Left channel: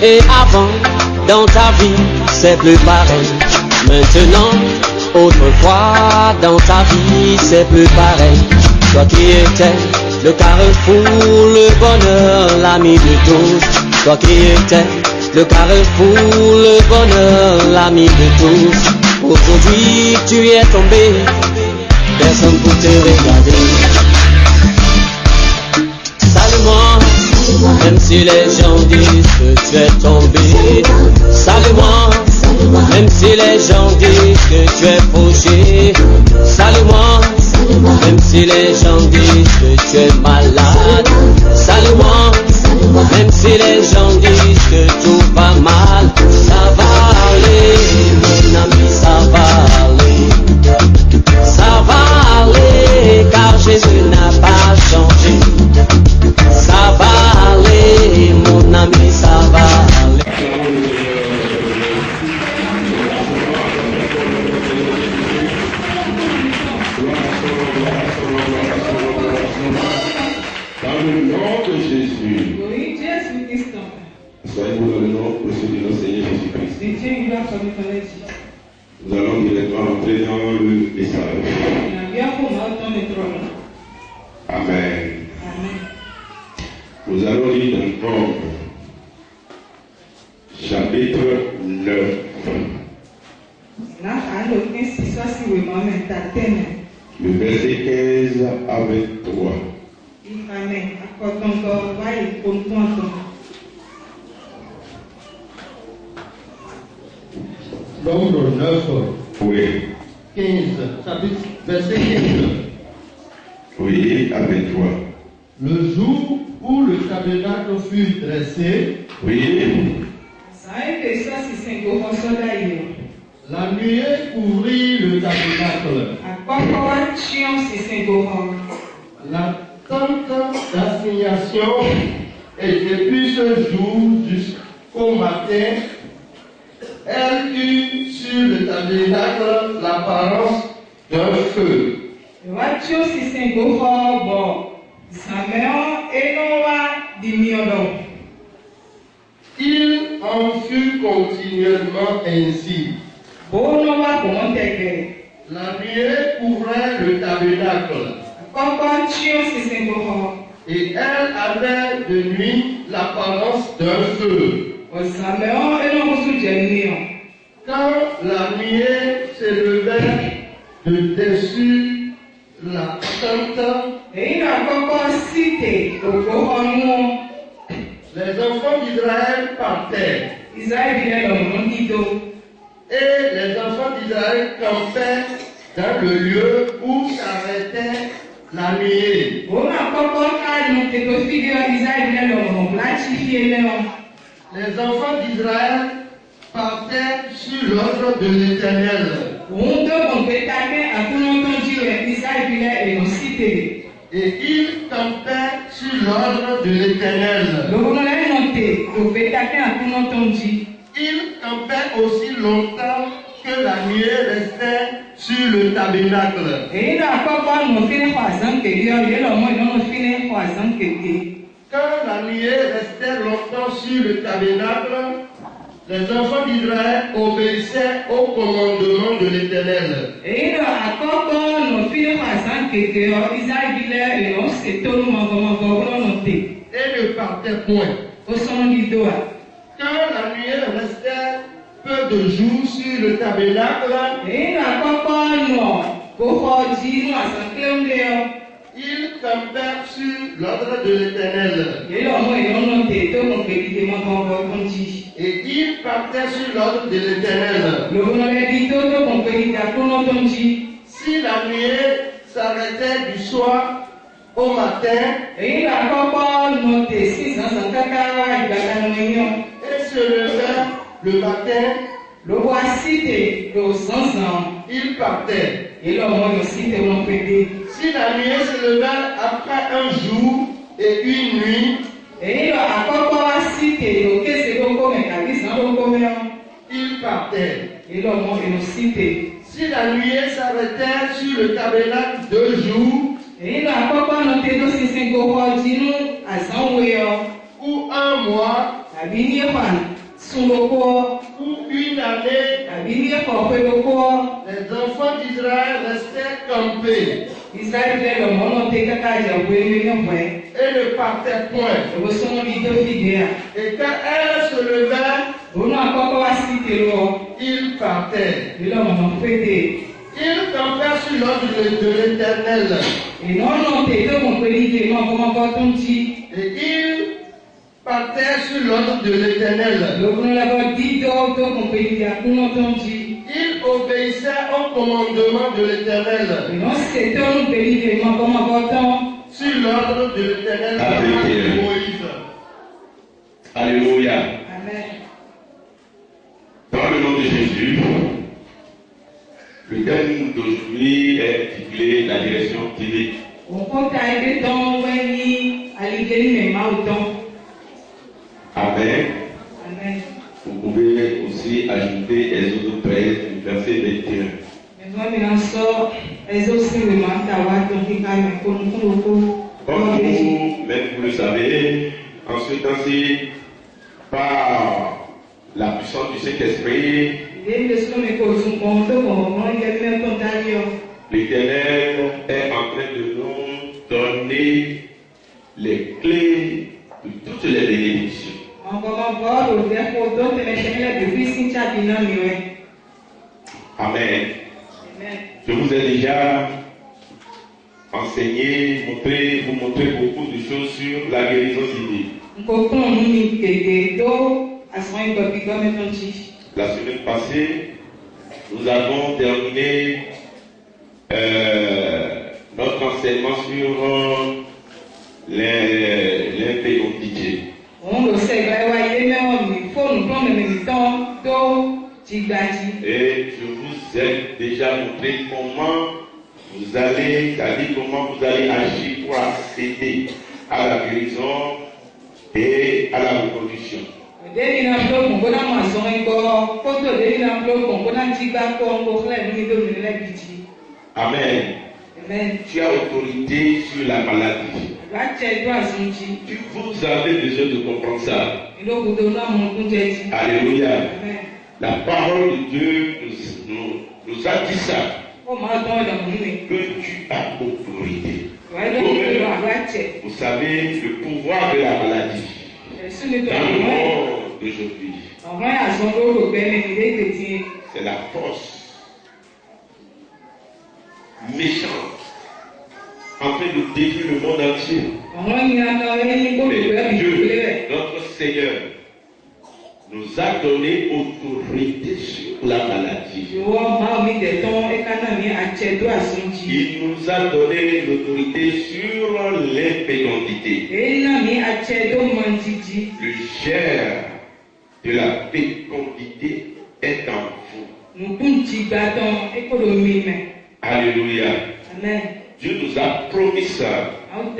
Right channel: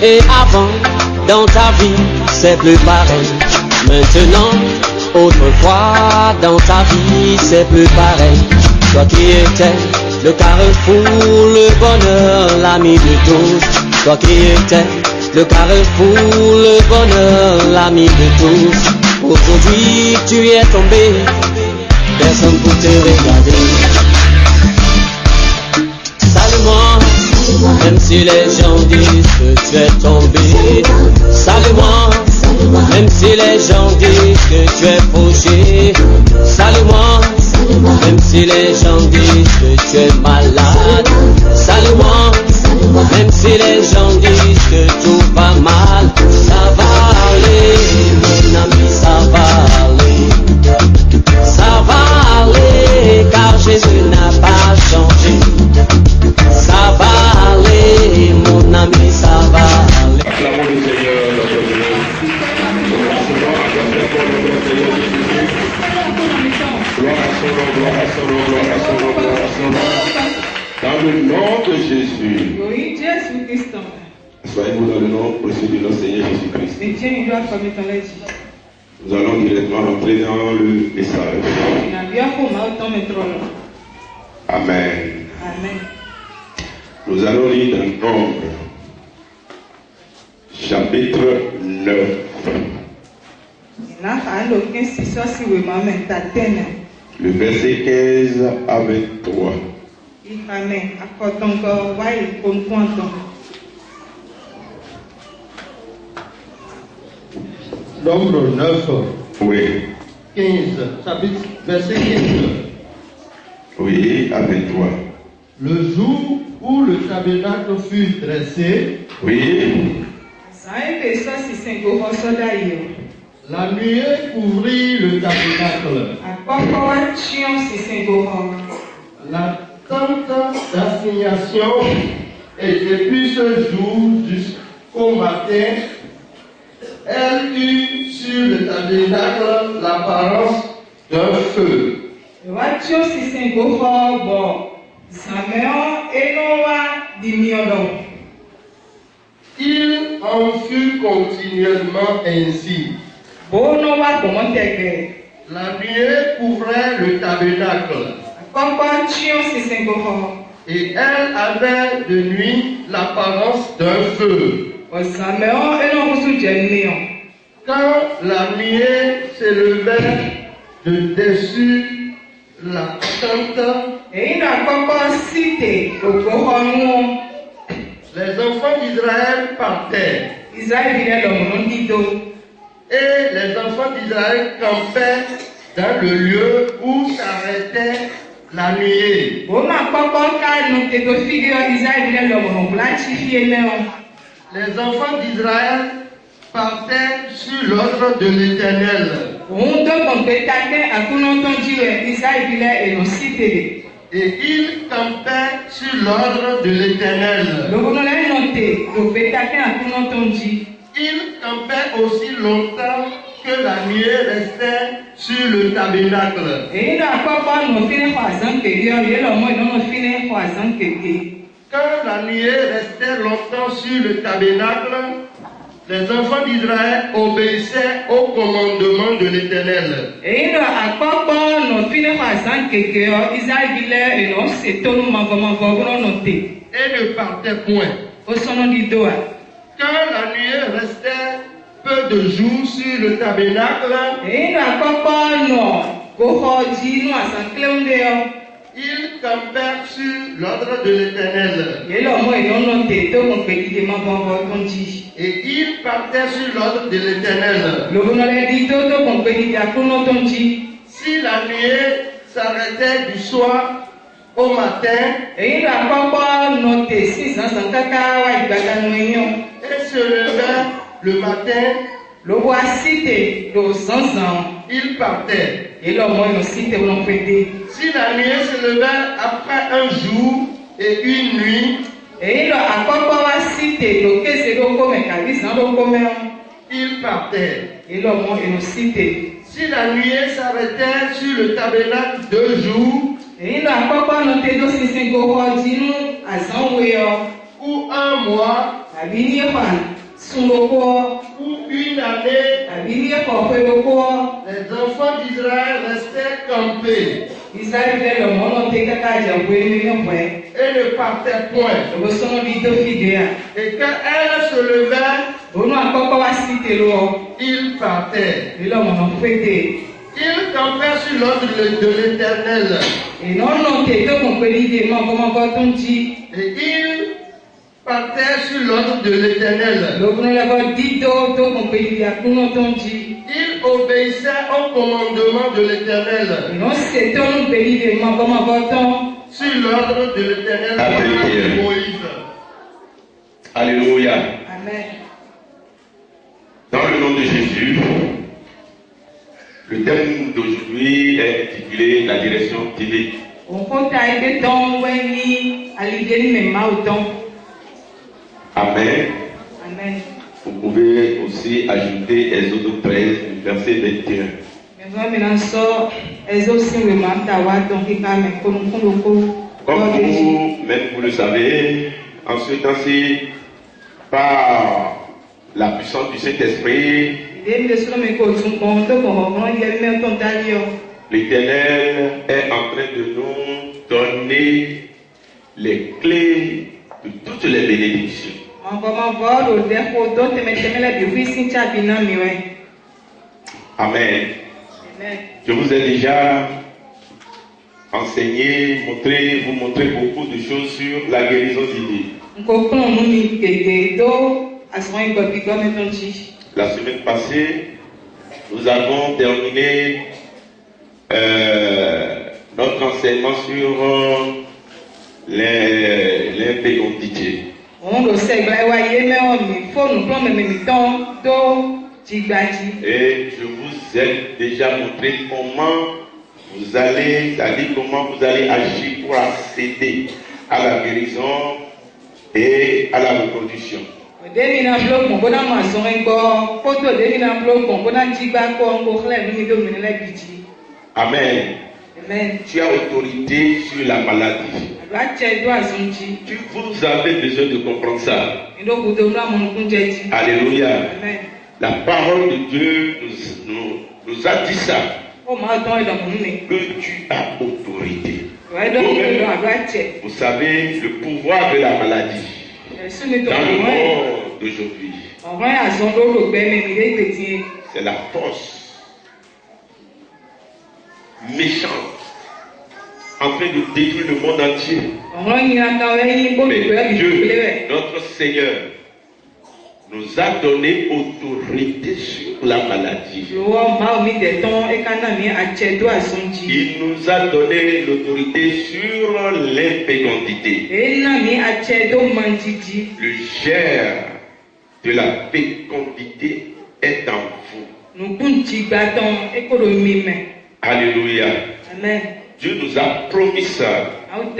Et avant, dans ta vie, c'est plus pareil. Maintenant, autrefois, dans ta vie, c'est plus pareil. Toi qui étais le carrefour, le bonheur, l'ami de tous. Toi qui étais le carrefour, le bonheur, l'ami de tous. Aujourd'hui, tu es tombé, personne pour te regarder. Salue-moi, même si les gens disent que tu es tombé. Salue-moi, même si les gens disent que tu es fauché. Salue-moi, même si les gens disent que tu es malade. Salue-moi, même si les gens disent que tout va mal. Ça va aller, mon ami, ça va aller. Ça va aller, car Jésus n'a pas changé. Ça va aller, mon ami, ça va aller. Dans le nom de Jésus. Oui, Jésus Christ. Soyez-vous dans le nom précieux de notre Seigneur Jésus-Christ. Nous allons directement rentrer dans le message. Amen. Amen. Nous allons lire dans Nombre, chapitre 9. Le verset 15 à 23. Nombre 9, Oui. 15, chapitre, verset 15. Oui, à 23. Le jour où le tabernacle fut dressé, Oui. la nuée couvrit le tabernacle. La tente d'assignation et depuis ce jour jusqu'au matin, elle eut sur le tabernacle l'apparence d'un feu. Il en fut continuellement ainsi. La nuée couvrait le tabernacle. Et elle avait de nuit l'apparence d'un feu. Quand la nuée s'élevait de dessus la tente, les enfants d'Israël partaient. Et les enfants d'Israël campaient dans le lieu où s'arrêtait la nuée. Les enfants d'Israël partaient sur l'ordre de l'Éternel. Et ils campaient sur l'ordre de l'Éternel. Ils campaient aussi longtemps que la nuée restait sur le tabernacle. Quand la nuée restait longtemps sur le tabernacle, les enfants d'Israël obéissaient au commandement de l'Éternel. Et ne partaient point. Quand la nuée restait peu de jours sur le tabernacle, ils campèrent sur l'ordre de l'Éternel. Et ils partaient sur l'ordre de l'Éternel. Si la nuée s'arrêtait du soir au matin, et se levait le matin, il partait. Si la nuée se levait après un jour et une nuit, il partait. Si la nuée s'arrêtait sur le tabernacle 2 jours, ou un mois, Pour une année, les enfants d'Israël restaient campés et ne partaient point. Et quand elle se levait, ils partaient. Ils campaient sur l'ordre de l'Éternel. Et ils partaient sur l'ordre de l'Éternel. Ils obéissaient au commandement de l'Éternel. Sur l'ordre de l'Éternel de Moïse. Alléluia. Amen. Dans le nom de Jésus, le thème d'aujourd'hui est intitulé La direction divine. Amen. Amen. Vous pouvez aussi ajouter Exode 13, verset 21. Comme vous-même vous le savez, en ce temps-ci, par la puissance du Saint-Esprit, l'Éternel est en train de nous donner les clés de toutes les bénédictions. Amen. Je vous ai déjà enseigné, vous montré beaucoup de choses sur la guérison divine. La semaine passée, nous avons terminé notre enseignement sur l'impédonité. Et je vous ai déjà montré comment vous allez, c'est-à-dire comment vous allez agir pour accéder à la guérison et à la reproduction. Amen. Amen. Tu as autorité sur la maladie. Vous avez besoin de comprendre ça. Alléluia. Amen. La parole de Dieu nous a dit ça. Que tu as autorité. Vous savez le pouvoir de la maladie dans le monde d'aujourd'hui. C'est la force méchante en train de détruire le monde entier. Mais Dieu, notre Seigneur, nous a donné autorité sur la maladie. Il nous a donné l'autorité sur l'impédonité. Le germe de la fécondité est en vous. Alléluia. Amen. Dieu nous a promis ça. Amen.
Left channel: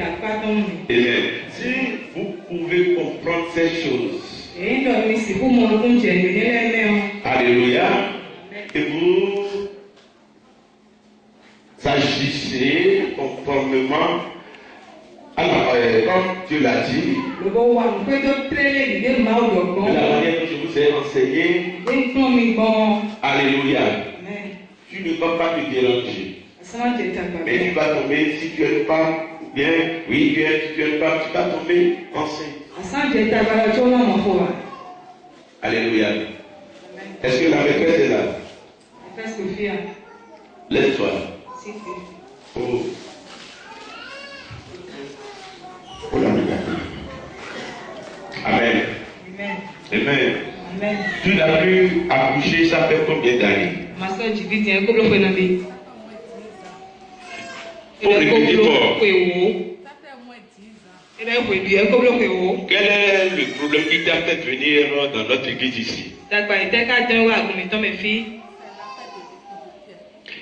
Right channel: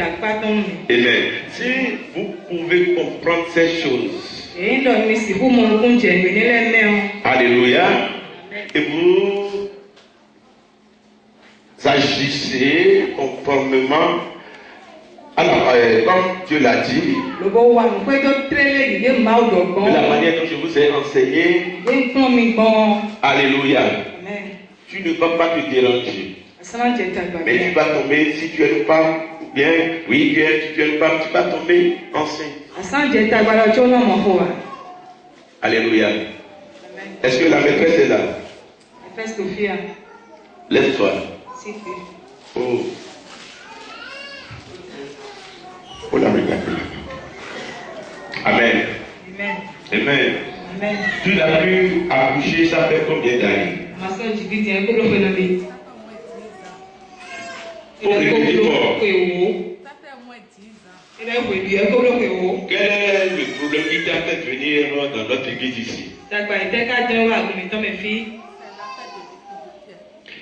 Si vous pouvez comprendre ces choses, alléluia, et vous agissez conformément à comme Dieu l'a dit, de la manière dont je vous ai enseigné. Alléluia. Tu ne vas pas te déranger. Mais tu vas tomber, si tu es une femme, bien, oui, si tu es une femme, tu vas tomber enceinte. Alléluia. Est-ce que la maîtresse est là? Laisse-toi. Oh. Oh la regarde. Amen. Amen. Amen. Tu l'as pu accoucher, ça fait combien d'années? Pour répéter fort. Ça fait au moins 10 ans. Quel est le problème qui t'a fait venir dans notre église ici?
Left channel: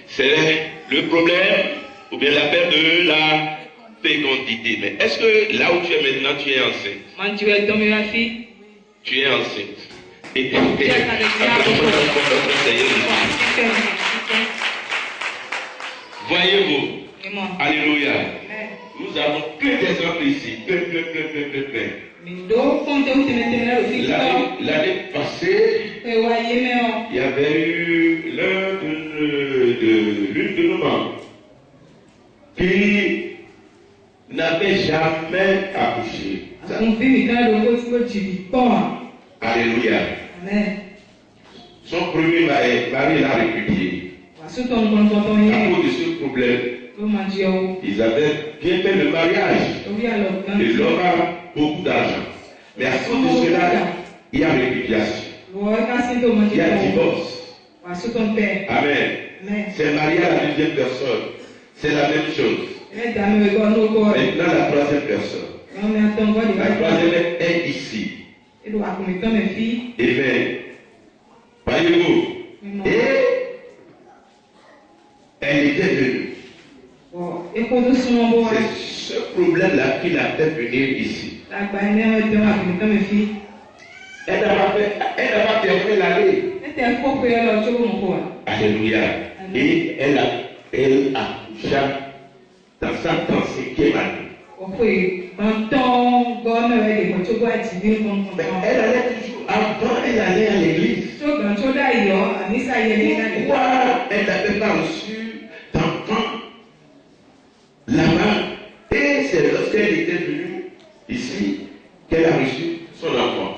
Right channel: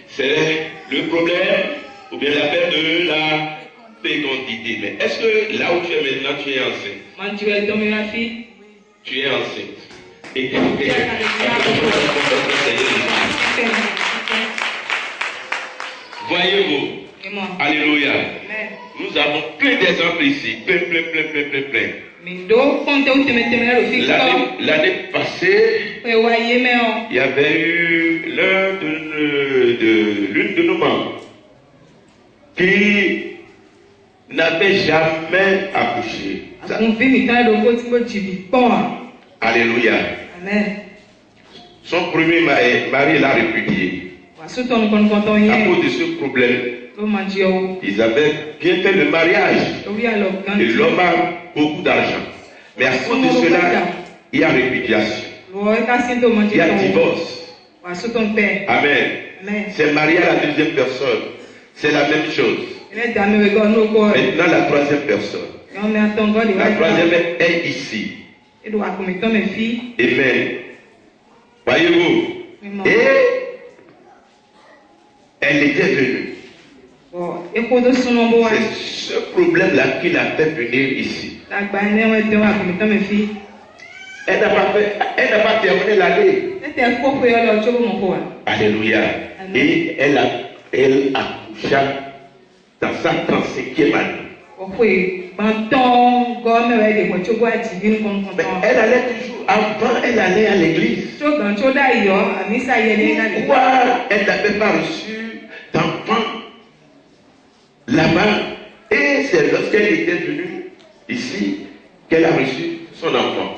C'est le problème ou bien la perte de la fécondité. Mais est-ce que là où tu es maintenant, tu es enceinte? Tu es enceinte. Et voyez-vous, alléluia. Nous nous avons plein d'exemples ici. Plein. L'année passée, il y avait eu l'une de nos membres qui n'avait jamais accouché. Alléluia. Amen. Son premier mari l'a répudié. À cause de ce problème, ils avaient bien fait le mariage. Et l'homme a beaucoup d'argent. Mais à cause de cela, il y a répudiation. Il y a divorce. Amen. C'est marié à la deuxième personne. C'est la même chose. Maintenant, la troisième personne. La troisième est ici. Amen. Voyez-vous? Et elle était venue. C'est ce problème-là qui l'a fait venir ici. Elle n'a pas terminé l'année. Alléluia. Et elle accoucha dans sa 35e année. Elle allait toujours, avant elle allait à l'église. Pourquoi elle n'avait pas reçu d'enfant là-bas? Et c'est lorsqu'elle était venue ici qu'elle a reçu son enfant.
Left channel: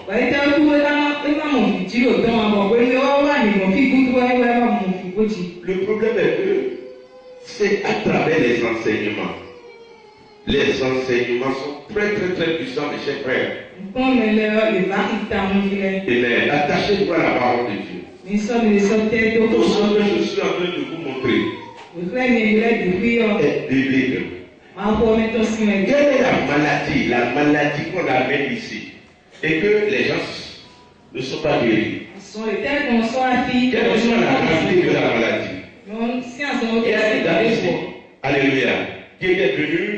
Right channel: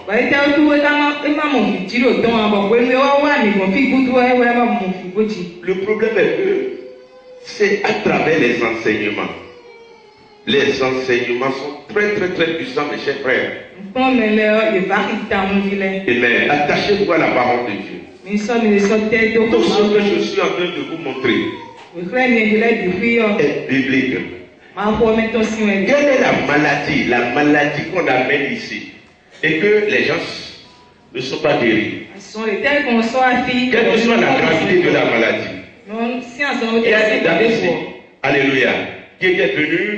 Le problème est que c'est à travers les enseignements. Les enseignements sont très puissants, mes chers frères. Amen. Attachez-vous à la parole de Dieu. Tout ce que je suis en train de vous montrer est biblique. Quelle est la maladie qu'on amène ici et que les gens ne sont pas guéris? Quelle que soit la gravité de la maladie. Il y a des dames ici, alléluia, qui était venue,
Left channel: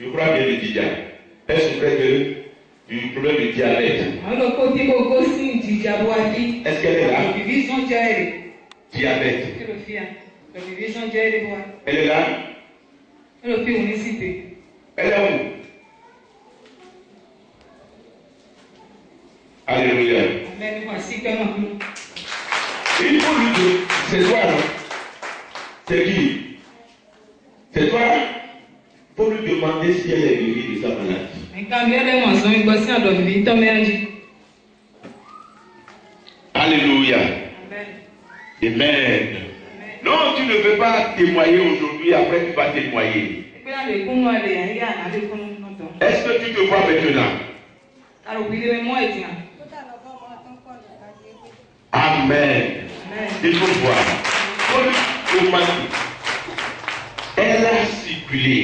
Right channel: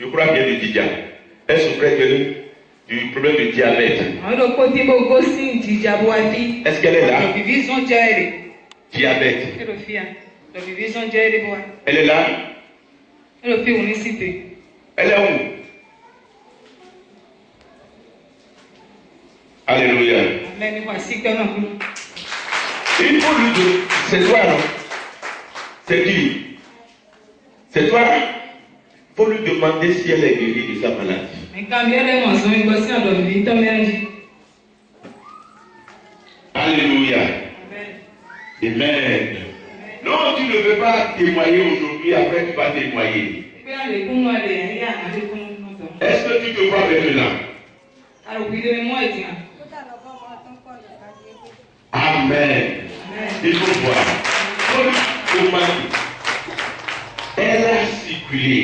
je crois bien du diabète. Elle souffrait du problème de diabète. Est-ce qu'elle est là? Diabète. Elle est là? Elle est où? Alléluia. Il faut lui dire, c'est toi, c'est qui? C'est toi? Il faut lui demander si elle est guérie de sa maladie. Alléluia. Amen. Non, tu ne veux pas témoigner aujourd'hui, après tu vas témoigner. Est-ce que tu te vois maintenant? Amen. Il faut voir. Elle a circulé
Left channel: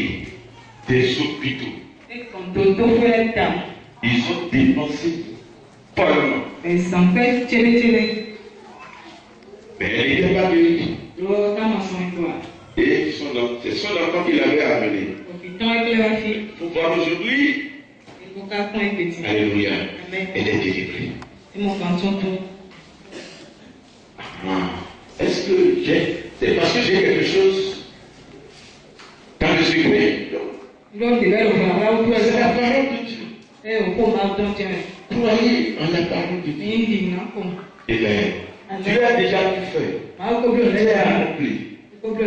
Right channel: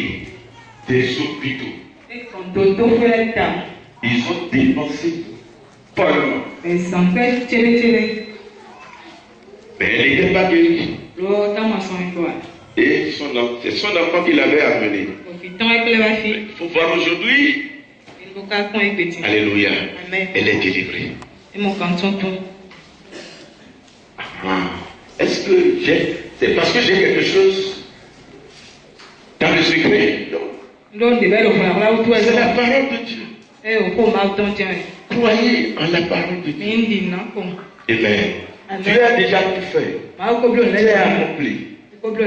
des hôpitaux. Ils ont dépensé follement. Mais elle n'était pas guérie. Et c'est son enfant qui l'avait amené. Il faut voir aujourd'hui. Alléluia. Elle est délivrée. Est-ce que c'est parce que j'ai quelque chose dans le secret? Non. C'est la parole de Dieu. Croyez en la parole de Dieu. Amen. Tu as déjà tout fait. Tu as accompli.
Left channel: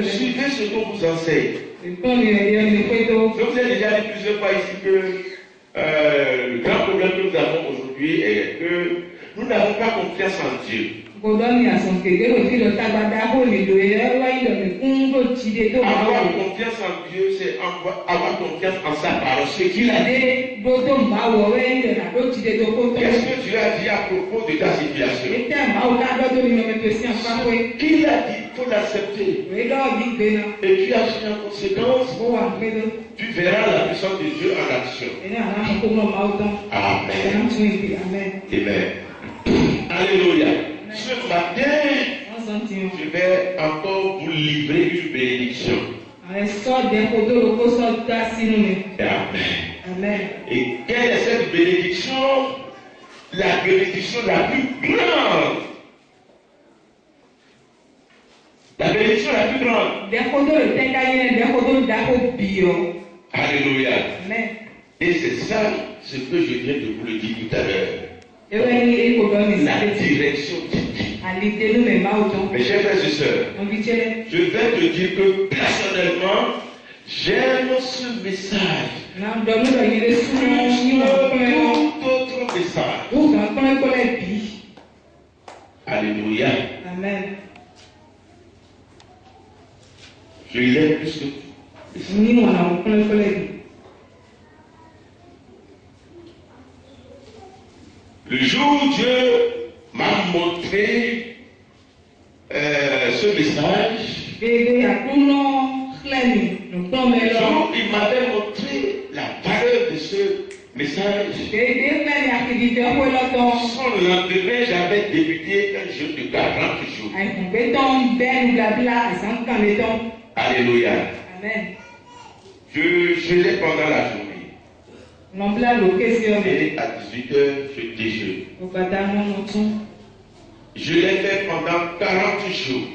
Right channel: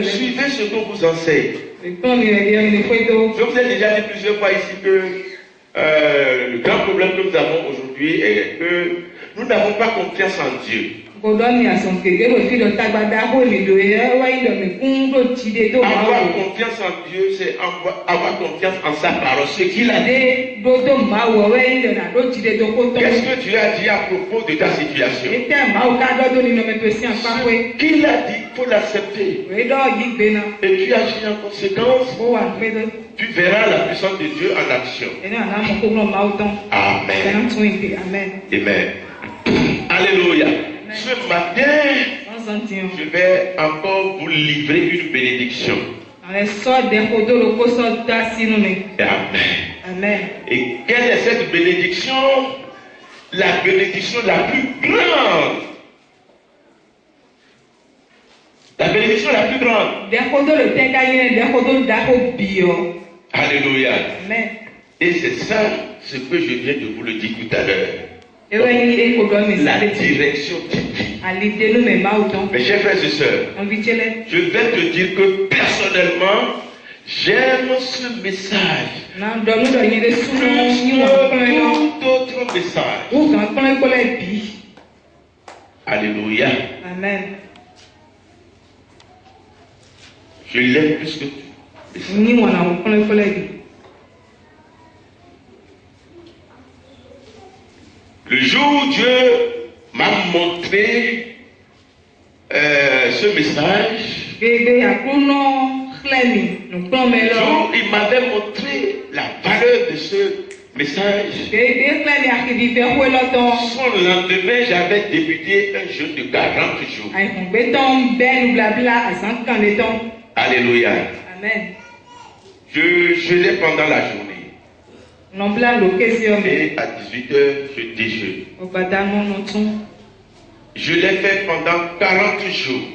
Suivez ce qu'on vous enseigne. Je vous ai déjà dit plusieurs fois ici que le grand problème que nous avons aujourd'hui est que nous n'avons pas confiance en Dieu. Avoir confiance en Dieu, c'est avoir confiance en sa parole, ce qu'il a dit. Qu'est-ce que Dieu a dit à propos de ta situation? Ce qu'il a dit, il faut l'accepter. Et tu agis en conséquence. Tu verras la puissance de Dieu en action. Amen. Amen. Alléluia. Ce matin, je vais encore vous livrer une bénédiction. Amen. Et quelle est cette bénédiction? La bénédiction la plus grande. La bénédiction la plus grande. Alléluia. Amen. Et c'est ça ce que je viens de vous le dire tout à l'heure. La direction divine. Mes chers frères et sœurs, je vais te dire que personnellement, j'aime ce message. Tout autre message. Alléluia. Amen. Je l'aime plus que tout. Le jour où Dieu m'a montré ce message, il m'avait montré la valeur de ce message. Son lendemain, j'avais débuté un jeûne de 40 jours. Alléluia. Amen. Je jeûnais pendant la journée. Et à 18h, je déjeune. Je l'ai fait pendant 40 jours.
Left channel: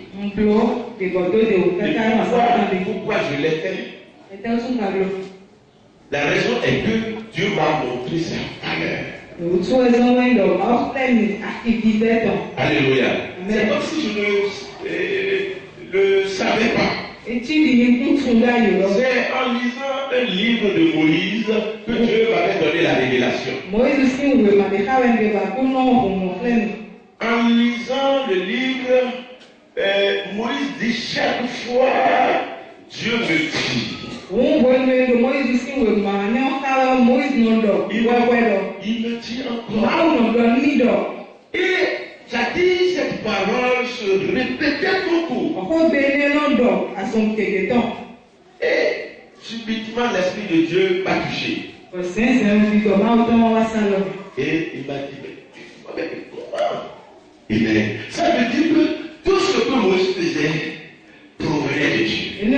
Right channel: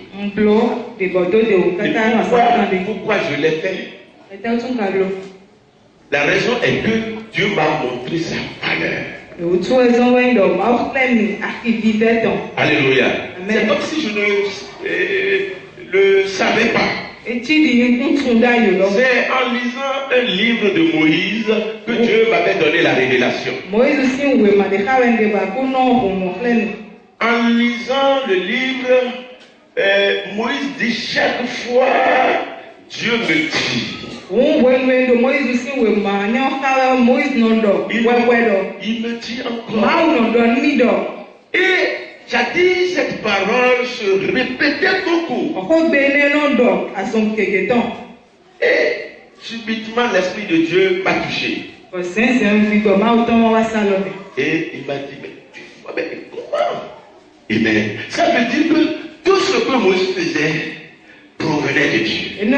Pourquoi je l'ai fait? La raison est que Dieu m'a montré sa valeur. Alléluia. C'est comme si je ne le savais pas. C'est en lisant un livre de Moïse que Dieu m'avait donné la révélation. En lisant le livre, Moïse dit chaque fois, Dieu me dit. Il me dit encore. Et jadis, cette parole se répétait beaucoup. Et subitement, l'Esprit de Dieu m'a touché. Et il m'a dit, mais comment? Et bien, ça veut dire que tout ce que Moïse faisait provenait de Dieu. Il ne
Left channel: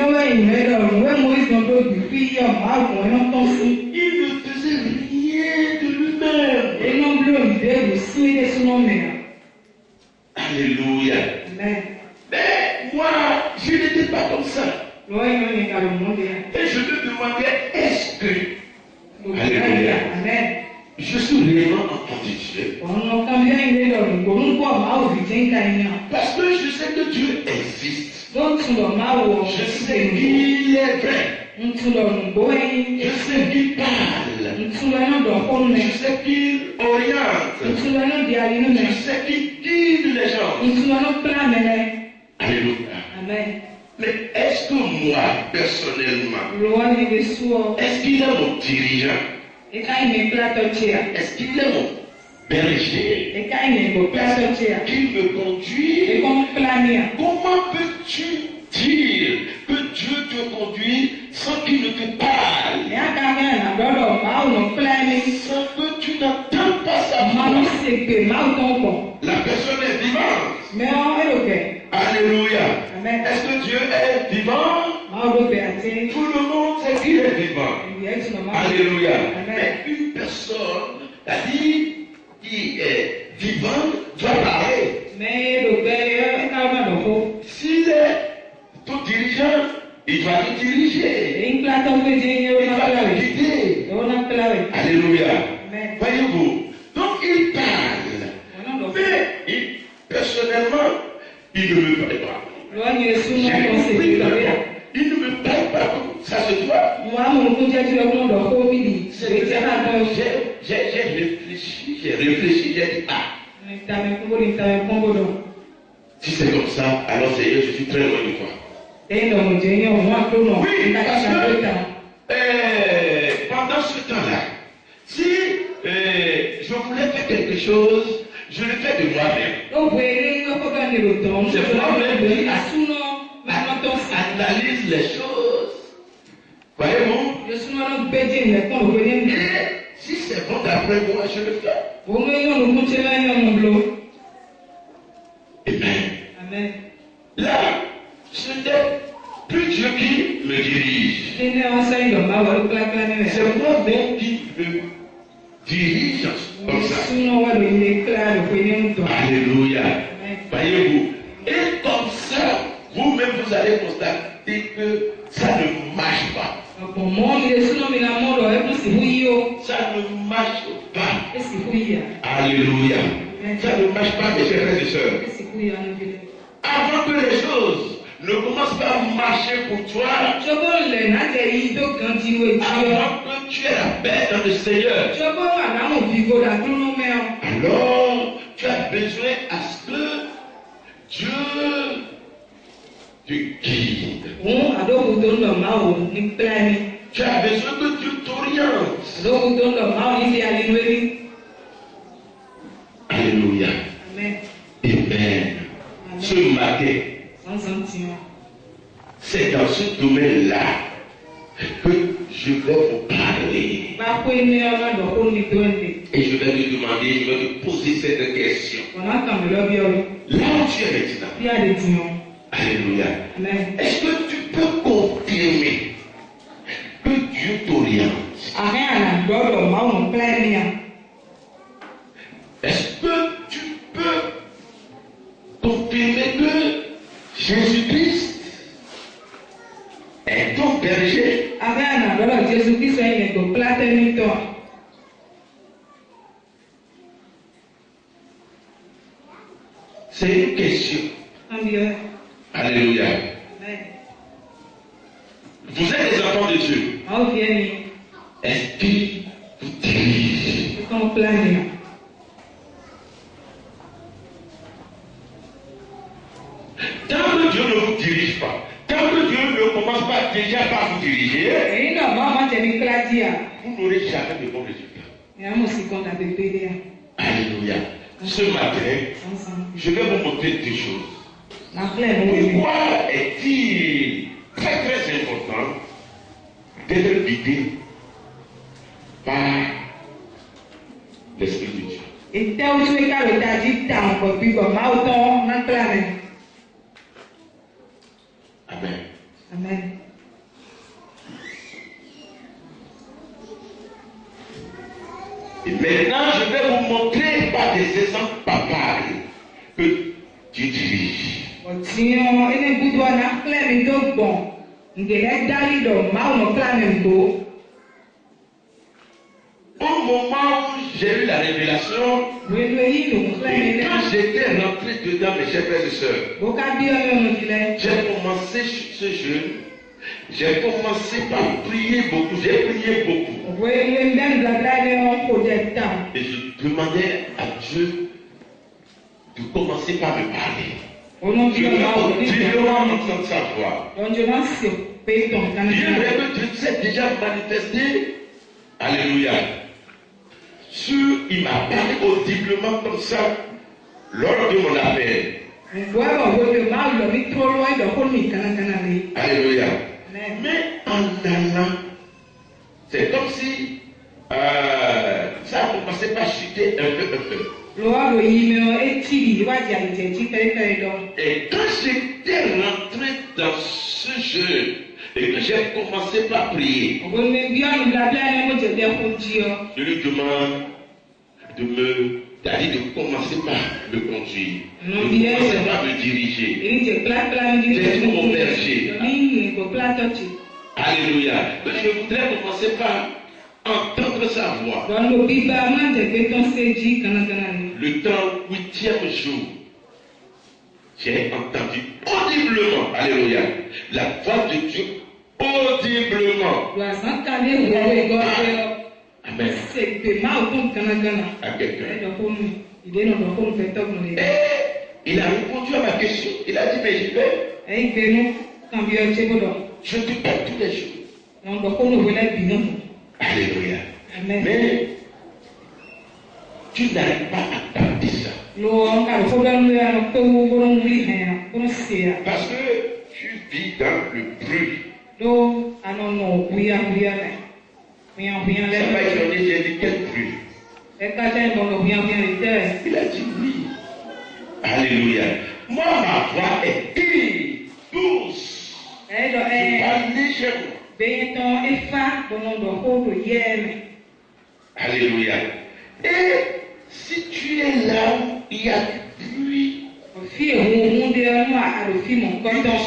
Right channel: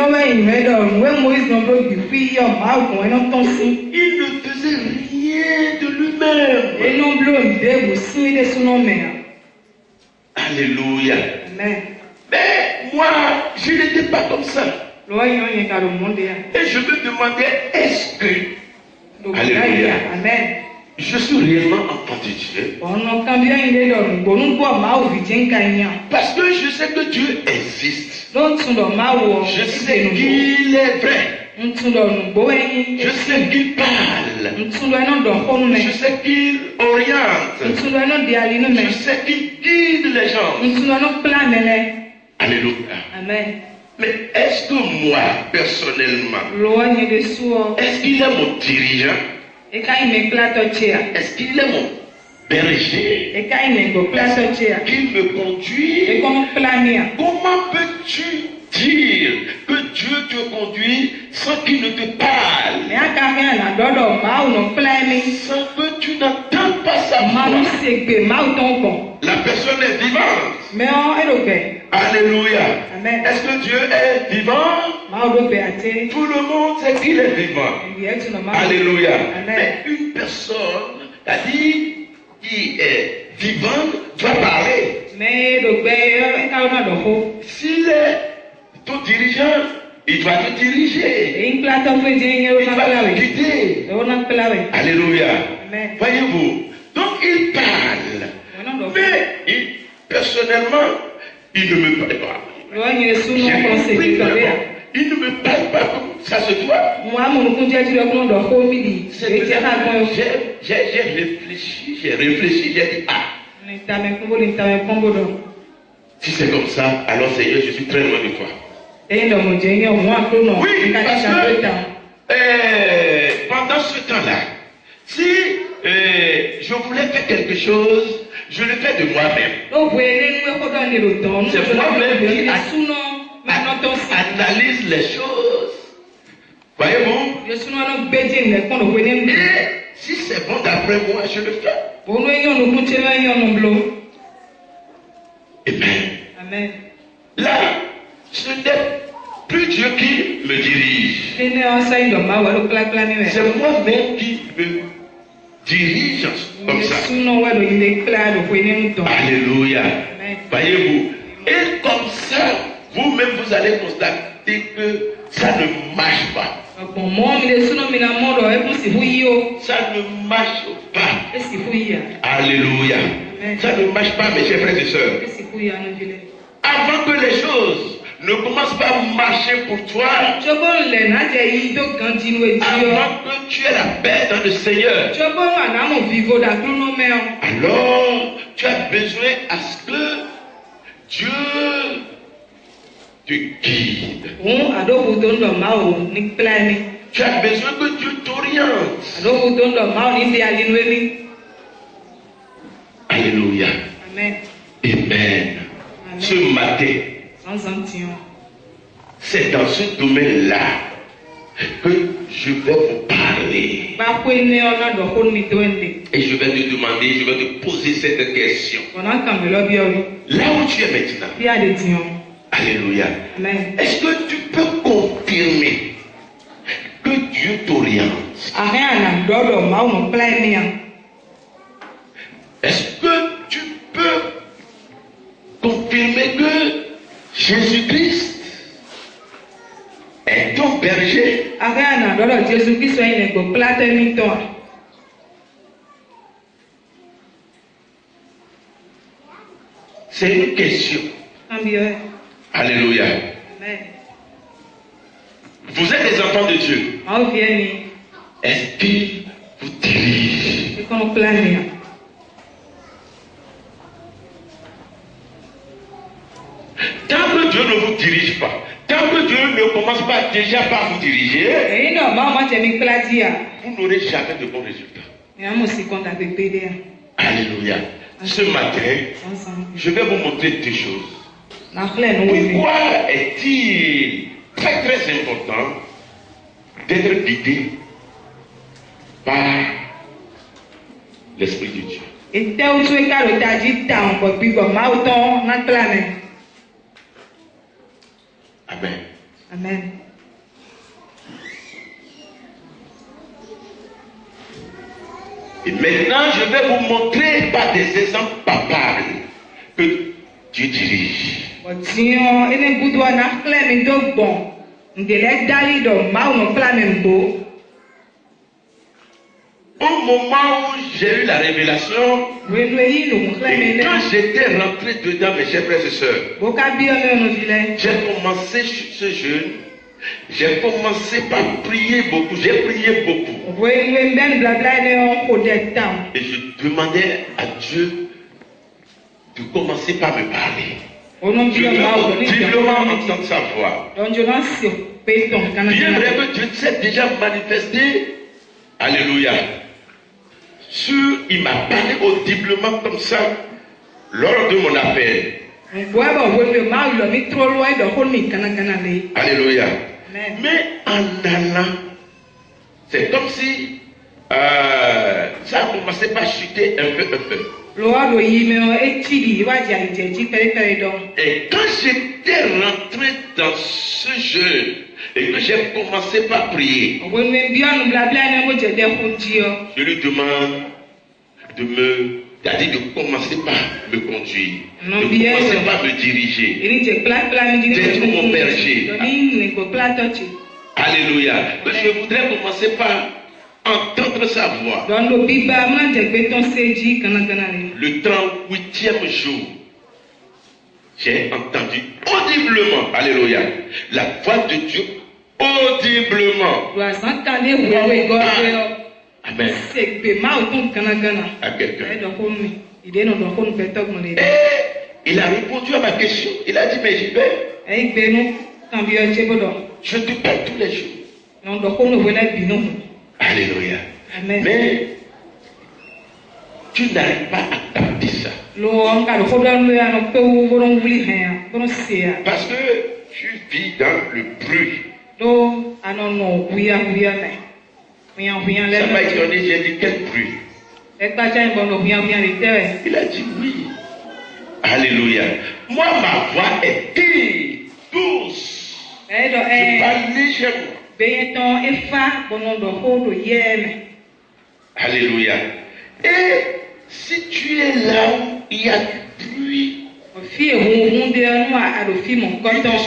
faisait rien de lui-même. Alléluia. Amen. Mais moi, je n'étais pas comme ça. Et je me demandais, est-ce que, alléluia, Amen. je suis réellement entendu Dieu? Parce que je sais que Dieu existe. Je sais qu'il est vrai. Je sais qu'il parle. Je sais qu'il oriente. Je sais qu'il guide les gens. Alléluia. Amen. Mais est-ce que moi, personnellement, est-ce qu'il est mon dirigeant? Est-ce qu'il est mon berger? Qu'il me conduit? Comment peux-tu dire que Dieu te conduit sans qu'il ne te parle? Sans que tu n'entends pas sa voix? La personne est vivante. Alléluia. Amen. Est-ce que Dieu est vivant? Tout le monde sait qu'il est vivant. Alléluia. Mais une personne, c'est-à-dire qui est vivante, doit parler. S'il est ton dirigeant, il doit te diriger. Il doit te guider. Alléluia. Amen. Voyez-vous, donc il parle. Mais personnellement, il ne me parle pas. Il ne me parle pas comme ça se doit. J'ai réfléchi, j'ai dit, ah. Si c'est comme ça, alors Seigneur, je suis très loin de toi. Oui, parce que pendant ce temps-là, si je voulais faire quelque chose, je le fais de moi-même. C'est moi-même qui analyse les choses. Voyez-vous? Et si c'est bon d'après moi, je le fais. Amen. Là, ce n'est plus Dieu qui me dirige. C'est moi-même qui me dirige comme ça. Alléluia. Voyez-vous. Et comme ça, vous-même, vous allez constater que ça ne marche pas. Ça ne marche pas. Alléluia. Ça ne marche pas, mes chers frères et sœurs. Avant que les choses ne commencent pas à marcher pour toi, avant que tu aies la paix dans le Seigneur, alors tu as besoin à ce que Dieu te guide. Tu as besoin que Dieu t'oriente. Alléluia. Amen. Amen. Ce matin, c'est dans ce domaine-là que je vais vous parler. Et je vais te demander, je vais te poser cette question. Là où tu es maintenant, alléluia. Est-ce que tu peux confirmer que Dieu t'oriente? Est-ce que tu peux confirmer que Jésus-Christ est ton berger? C'est une question. Alléluia. Vous êtes des enfants de Dieu. Est-ce qu'il vous dirige? Tant que Dieu ne vous dirige pas, tant que Dieu ne commence pas déjà par vous diriger, vous n'aurez jamais de bons résultats. Alléluia. Ce matin, je vais vous montrer deux choses. Pourquoi est-il très très important d'être guidé par l'Esprit de Dieu? Amen. Amen. Et maintenant, je vais vous montrer par des exemples palpables que Dieu dirige. Au moment où j'ai eu la révélation, et quand j'étais rentré dedans, mes chers frères et sœurs, j'ai commencé ce jeûne. J'ai commencé par prier beaucoup. J'ai prié beaucoup. Et je demandais à Dieu de commencer par me parler. Je veux audiblement entendre sa voix. J'aimerais que Dieu s'est déjà manifesté. Alléluia. Il m'a parlé audiblement comme ça lors de mon appel. Alléluia. Mais en allant, c'est comme si ça a commencé par chuter un peu. Et quand j'étais rentré dans ce jeu et que j'ai commencé par prier, je lui demande de commencer par me conduire, de commencer par me diriger, d'être mon berger. Alléluia. Mais je voudrais commencer par entendre sa voix. Le temps 8e jour, j'ai entendu audiblement, alléluia, la voix de Dieu audiblement. Amen. À quelqu'un. Et il a répondu à ma question. Il a dit, mais j'y vais. Je te parle tous les jours. Alléluia. Amen. Mais tu n'arrives pas à capter ça. Parce que tu vis dans le bruit. Ça m'a étonné, j'ai dit quel bruit? Il a dit oui. Alléluia. Moi, ma voix est douce. Je parle légèrement. Alléluia. Et si tu es là où il y a du bruit, Et il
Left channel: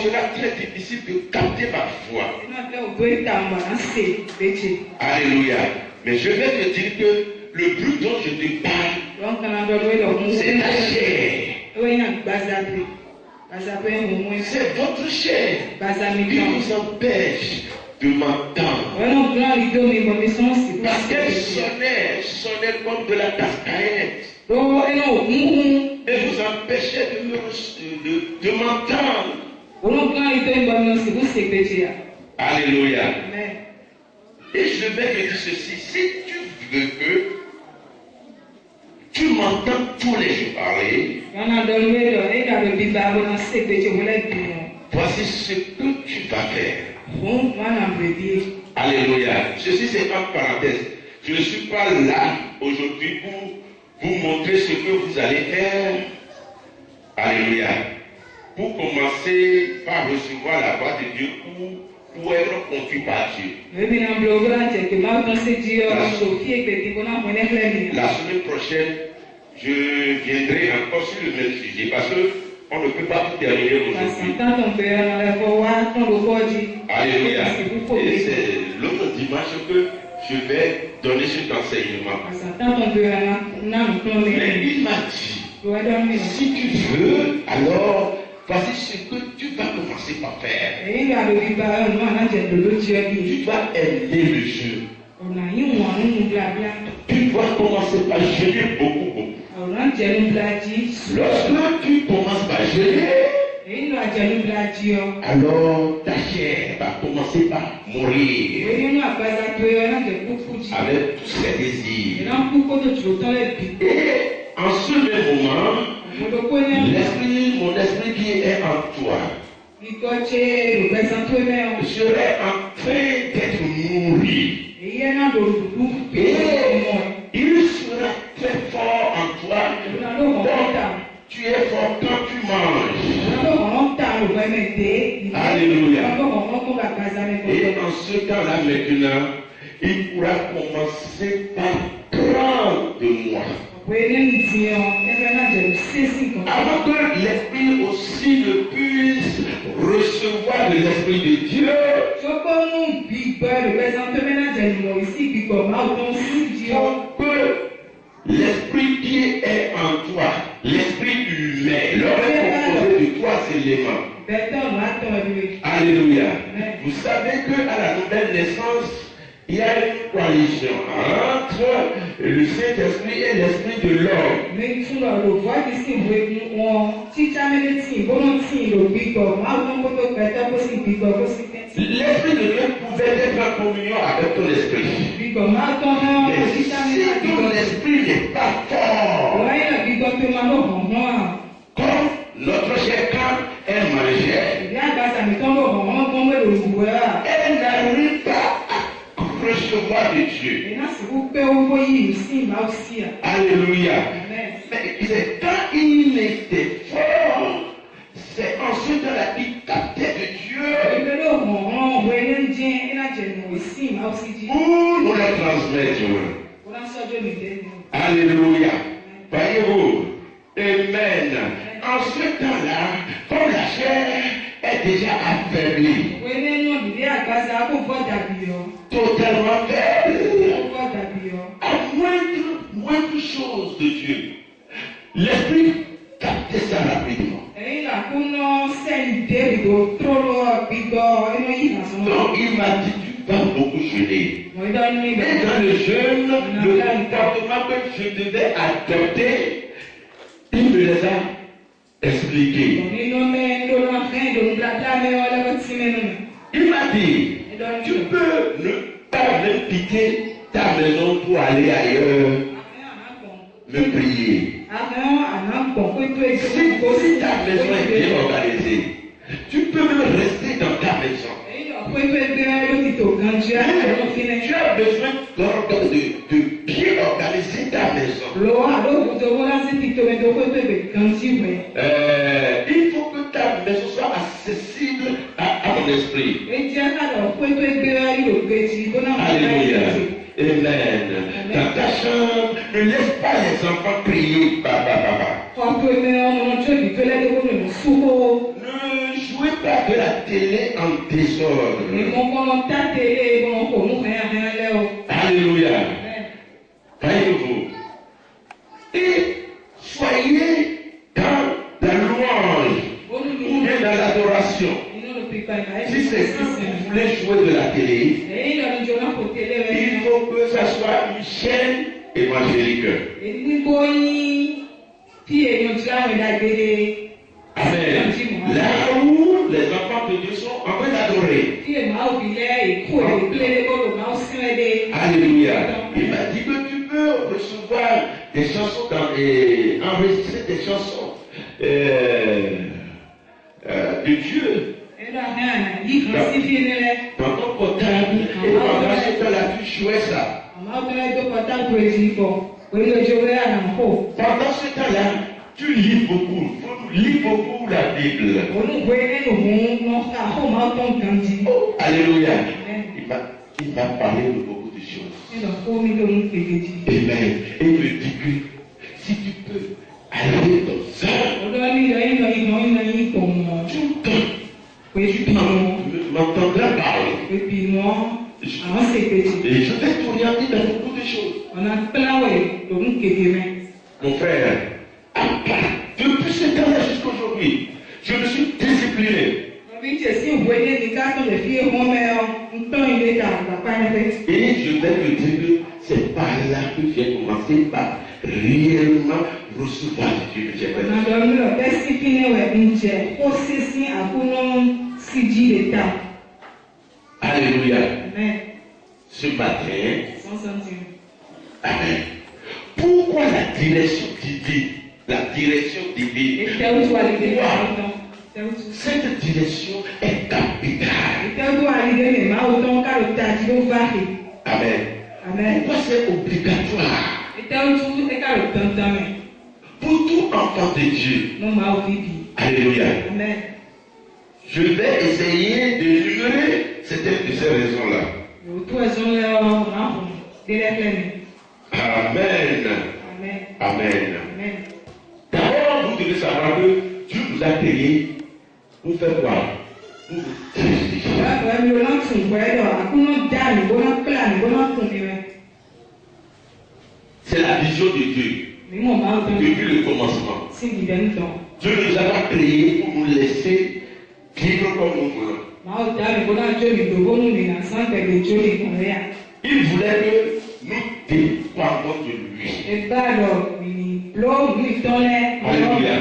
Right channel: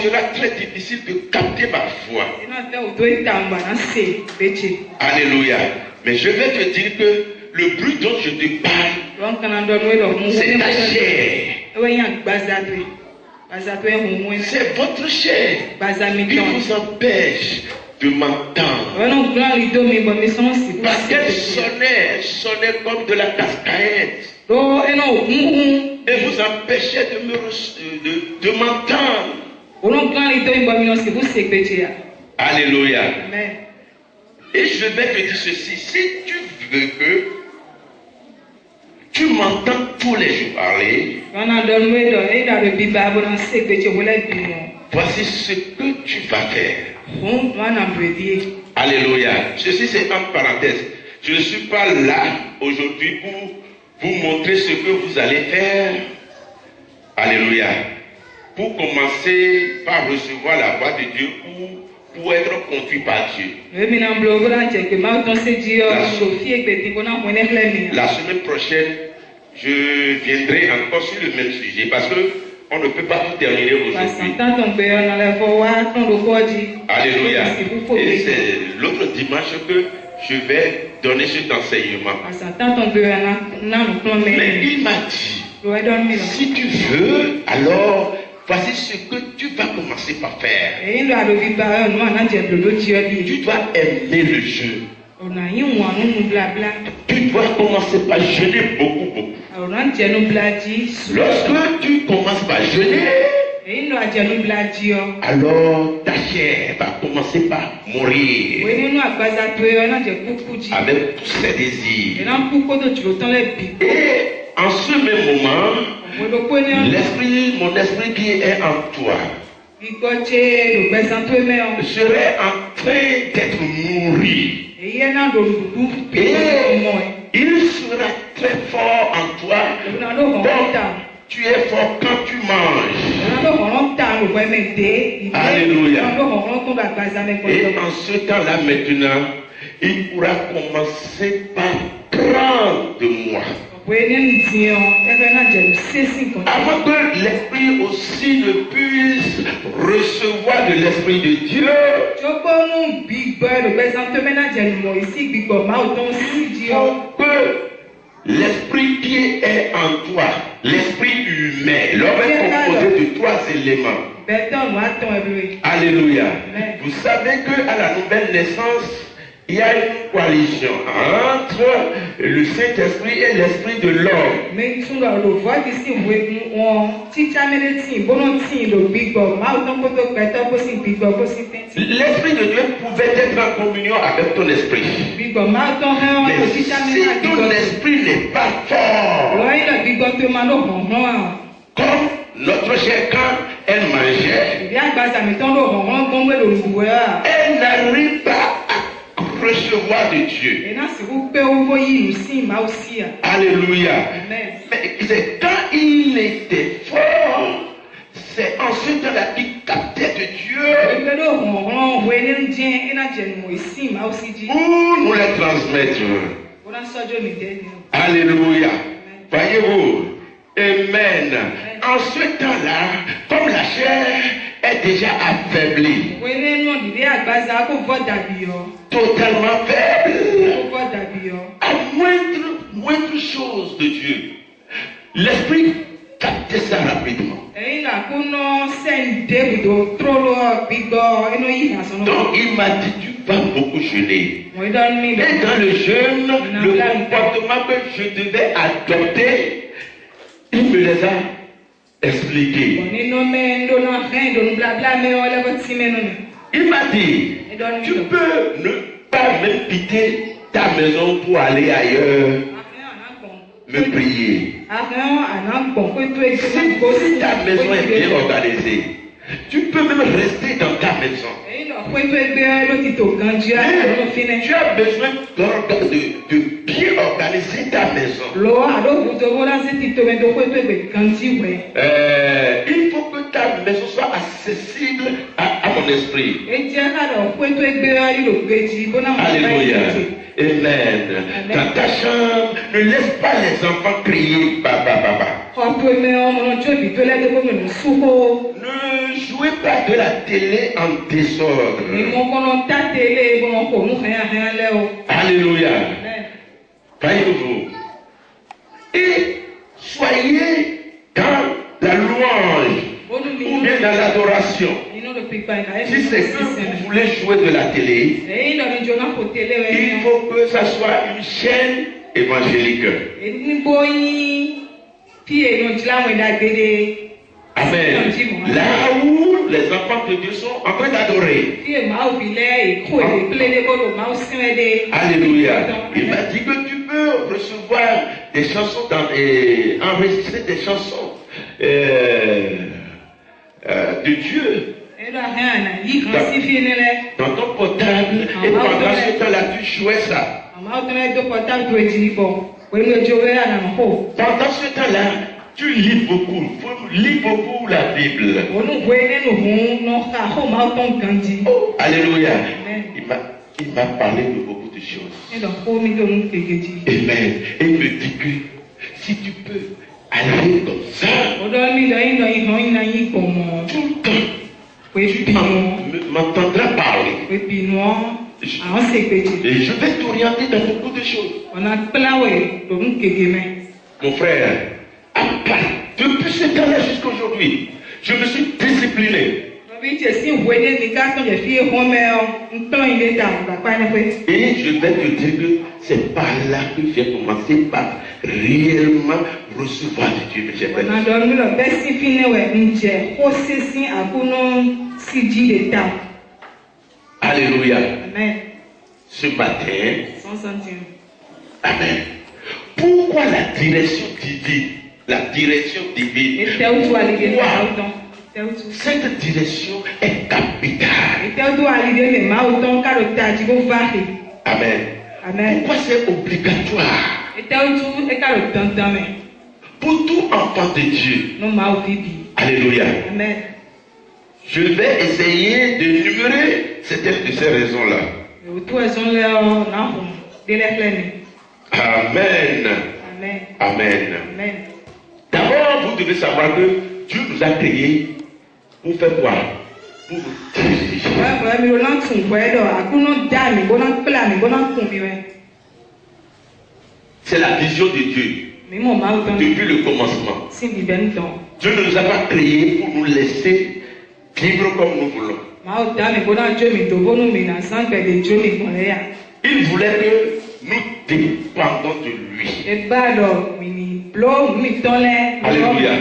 sera très difficile de capter ma voix. Alléluia. Mais je vais te dire que le bruit dont je te parle, c'est ta chair. C'est votre chair qui vous empêche de m'entendre. Parce qu'elle sonnait comme de la cascaette. Et vous empêchez de m'entendre. Alléluia. Et je vais te dire ceci. Si tu veux que tu m'entends tous les jours parler, voici ce que tu vas faire. Alléluia. Ceci c'est en parenthèse. Je ne suis pas là aujourd'hui pour vous montrer ce que vous allez faire. Alléluia. Pour commencer par recevoir la voix de Dieu pour être conduit par Dieu. La semaine prochaine, je viendrai encore sur le même sujet parce qu'on ne peut pas tout terminer aujourd'hui. Alléluia. Et c'est l'autre dimanche que je vais donner cet enseignement. Mais il m'a dit, si tu veux, alors voici ce que tu vas commencer par faire. Tu dois aimer le jeu. Tu dois commencer par jeûner beaucoup. Lorsque tu commences par jeûner, alors ta chair va commencer par mourir avec tous ses désirs. Et en ce même moment, mon esprit qui est en toi serait en train d'être nourri. Et il sera très fort en toi. Donc, tu es fort quand tu manges. Alléluia. Et en ce temps-là maintenant, il pourra commencer par prendre de moi. Avant que l'esprit aussi ne puisse recevoir de l'esprit de Dieu, que l'esprit qui est en toi, l'esprit humain, l'homme est composé de 3 éléments. Alléluia. Vous savez qu'à la nouvelle naissance, il y a une coalition entre le Saint-Esprit et l'Esprit de l'homme. L'Esprit de Dieu pouvait être en communion avec ton esprit. Mais si ton esprit n'est pas fort, comme notre chair quand elle mangeait, elle n'arrive pas recevoir de Dieu. Alléluia. Mais c'est quand il était fort, c'est en ce temps-là qu'il captait de Dieu pour nous les transmettre. Alléluia. Voyez-vous? Amen. En ce temps-là, comme la chair est déjà affaiblie, totalement faible, à moindre chose de Dieu, l'esprit captait ça rapidement. Donc il m'a dit, tu vas beaucoup jeûner. Et dans le jeûne, le comportement que je devais adopter, il me les a expliqués. Il m'a dit, tu peux ne pas même quitter ta maison pour aller ailleurs me prier. Si ta maison est bien organisée, tu peux même rester dans ta maison. Tu as besoin de bien organiser ta maison. Il faut que ta maison soit accessible à mon ton esprit. Alléluia. Amen. Dans ta chambre, ne laisse pas les enfants crier papa, papa. Ne jouez pas de la télé en désordre. Alléluia. Voyez-vous. Et soyez dans la louange ou bien dans l'adoration. Si c'est que vous voulez jouer de la télé, il faut que ça soit une chaîne évangélique. Amen. Là où les enfants de Dieu sont en train d'adorer. Alléluia. Il m'a dit que tu peux recevoir des chansons et enregistrer des chansons de Dieu dans ton portable, et pendant ce temps-là tu jouais ça. Pendant ce temps-là, tu lis beaucoup. Lis beaucoup la Bible. Oh, alléluia. Il m'a parlé de beaucoup de choses. Amen. Et il me dit que si tu peux aller comme ça, tout le temps, tu m'entendras parler. Et je vais t'orienter dans beaucoup de choses. Mon frère, depuis ce temps-là jusqu'à aujourd'hui, je me suis discipliné. Et je vais te dire que c'est par là que j'ai commencé par réellement recevoir de Dieu. Alléluia. Ce matin, amen. Pourquoi la direction divine? La direction divine. Cette direction est capitale. Amen. Pourquoi c'est obligatoire? Pour tout enfant de Dieu. Alléluia. Amen. Je vais essayer de numérer certaines de ces raisons-là. Amen. Amen. D'abord, vous devez savoir que Dieu nous a créés pour faire quoi? Pour vous diriger. C'est la vision de Dieu depuis le commencement. Dieu ne nous a pas créés pour nous laisser vivre comme nous voulons. Il voulait que nous dépendons de lui. Alléluia.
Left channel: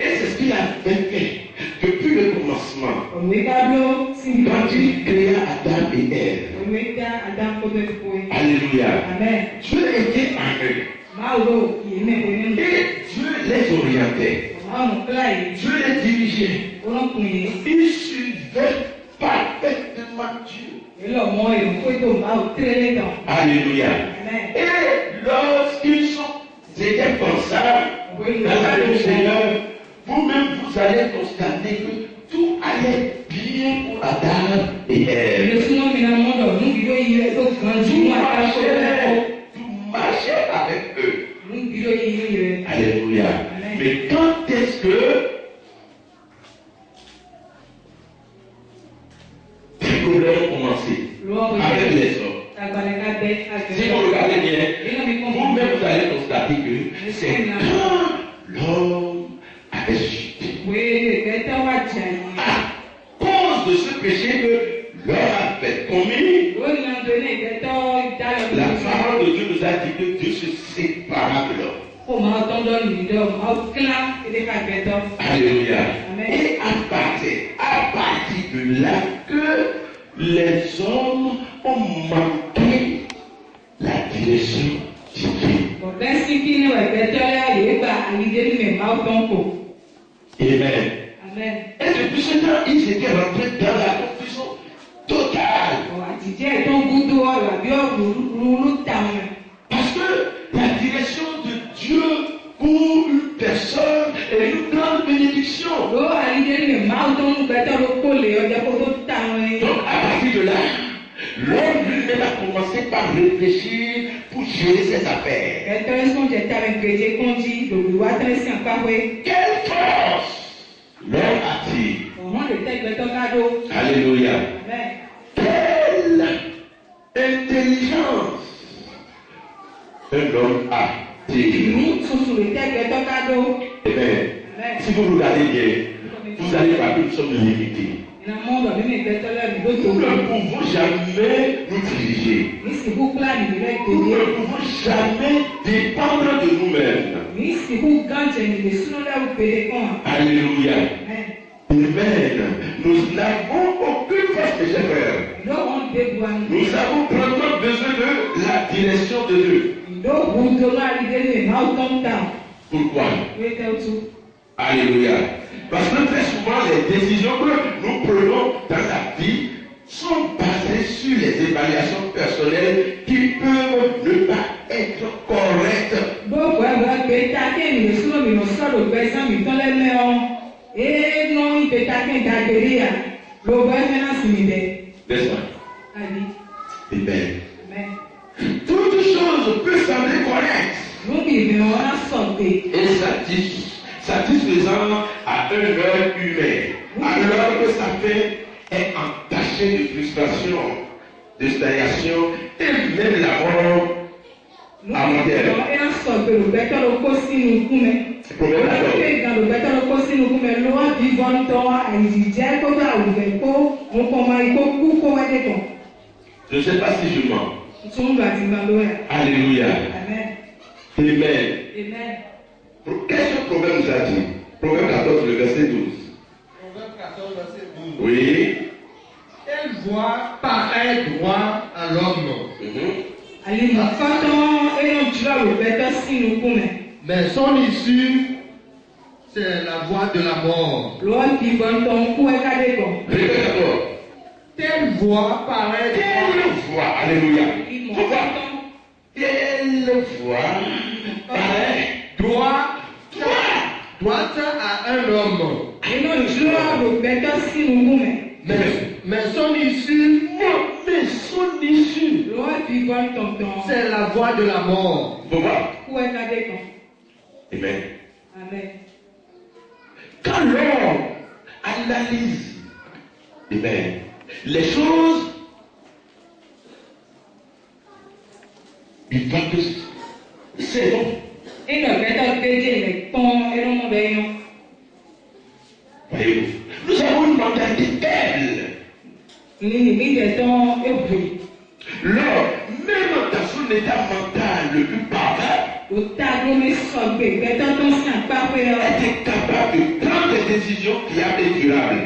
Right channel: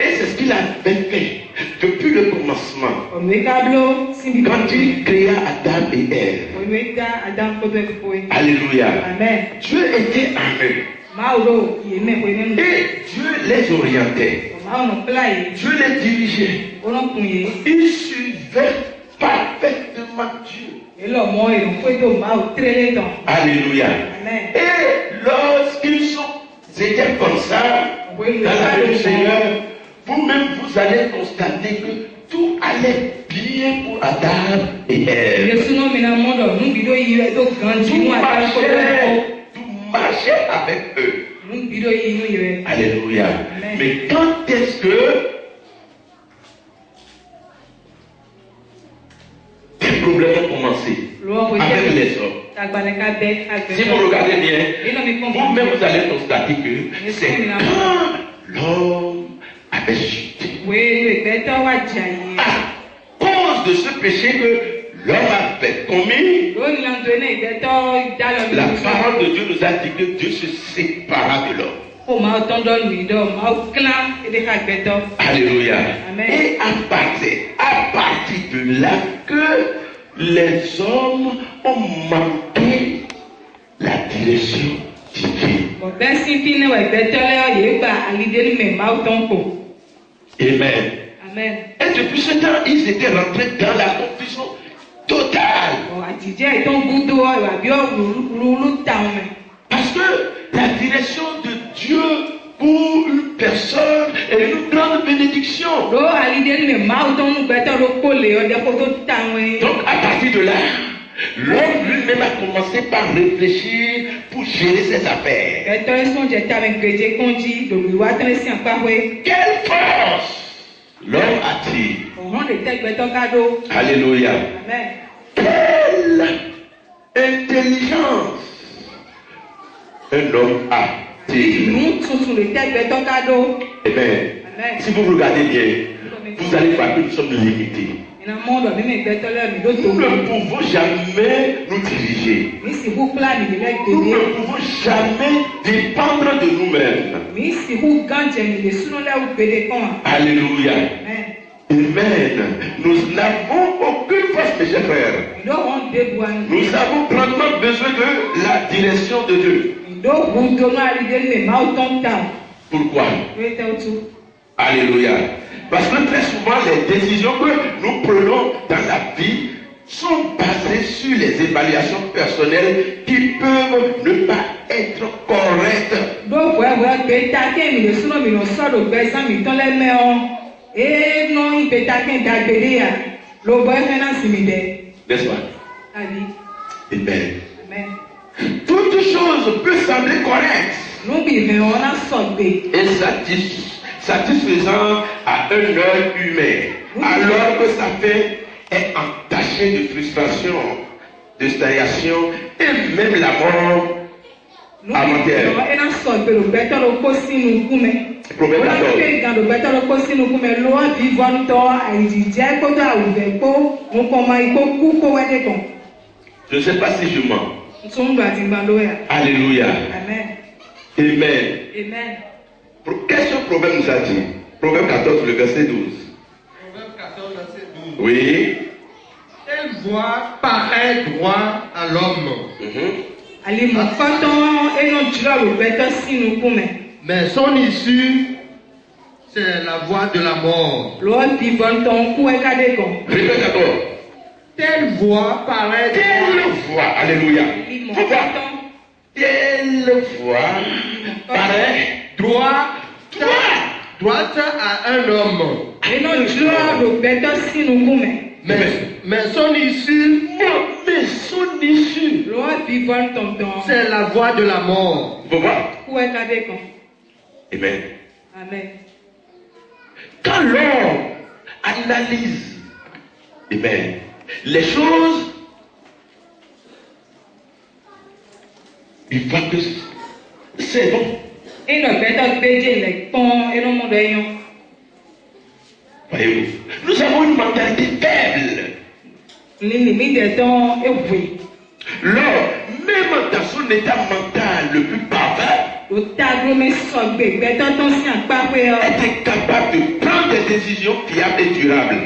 Et c'est ce qu'il avait fait depuis le commencement. Quand il créa Adam et Ève. Alléluia. Dieu était en eux. Et Dieu les orientait. Dieu les dirigeait. Ils suivaient parfaitement Dieu. Alléluia. Et lorsqu'ils étaient comme ça, dans la vie du Seigneur, vous-même vous allez constater que tout allait bien pour Adam et Ève. Tout marchait avec eux. Alléluia. Mais quand est-ce que les problèmes ont commencé avec les hommes? Si vous regardez bien, vous-même vous allez constater que c'est quand l'homme avait chuté. À cause de ce péché que l'homme avait commis, la parole de Dieu nous a dit que Dieu se sépara de l'homme. Alléluia. Et à partir de là que les hommes ont manqué la direction divine. Amen. Et depuis ce temps, ils étaient rentrés dans la confusion totale. Parce que la direction de Dieu pour une personne est une grande bénédiction. Donc à partir de là, l'homme lui-même a commencé par réfléchir pour gérer ses affaires. Quelle force l'homme a-t-il? Alléluia. Quelle intelligence un homme a-t-il? Eh bien, si vous regardez bien, vous allez voir que nous sommes limités. Nous ne pouvons jamais nous diriger. Nous ne pouvons jamais dépendre de nous-mêmes. Alléluia. Amen. Nous n'avons aucune force, mes chers frères. Nous avons vraiment besoin de la direction de Dieu. Pourquoi? Alléluia. Parce que très souvent, les décisions que nous prenons dans la vie sont basées sur les évaluations personnelles qui peuvent ne pas être correctes. N'est-ce pas? Amen. Toute chose peut sembler correcte et satisfaisant à un œil humain, alors que sa fin est entachée de frustration, de stagnation et même la mort amatère. Proverbe 14. Je ne sais pas si je mens. Alléluia. Amen. Amen. Amen. Qu'est-ce que le proverbe nous a dit? Proverbe 14, le verset 12. Proverbe 14, verset 12. Oui. Telle voie paraît droit à l'homme. Mais son issue, c'est la voie de la mort. Répète d'abord. Telle voie paraît Telle voie. Alléluia. Telle voie paraît droite à un homme. Mais son issue, c'est la voie de la mort. Vous voyez? Amen. Amen. Quand l'homme analyse, amen, les choses, il voit que c'est bon. Voyez-vous, nous avons une mentalité faible. L'homme, même dans son état mental le plus parfait, est capable de prendre des décisions fiables et durables.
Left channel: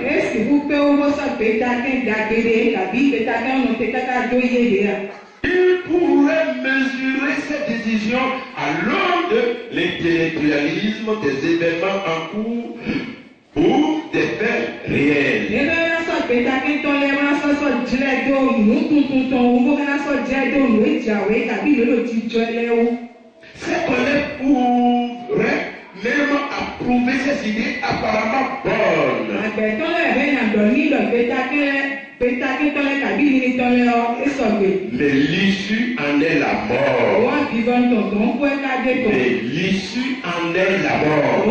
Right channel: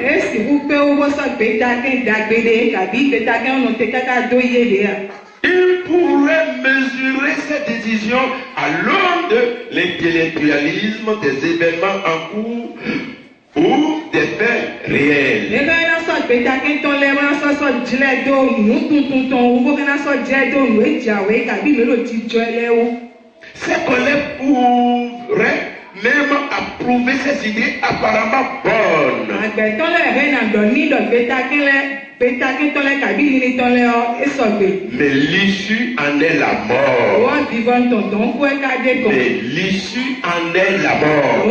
Il pourrait mesurer ses décisions à l'aune de l'intellectualisme des événements en cours ou des faits réels. Ces collègues pourraient même approuver ces idées apparemment bonnes. Mais l'issue en est la mort. Mais l'issue en est la mort.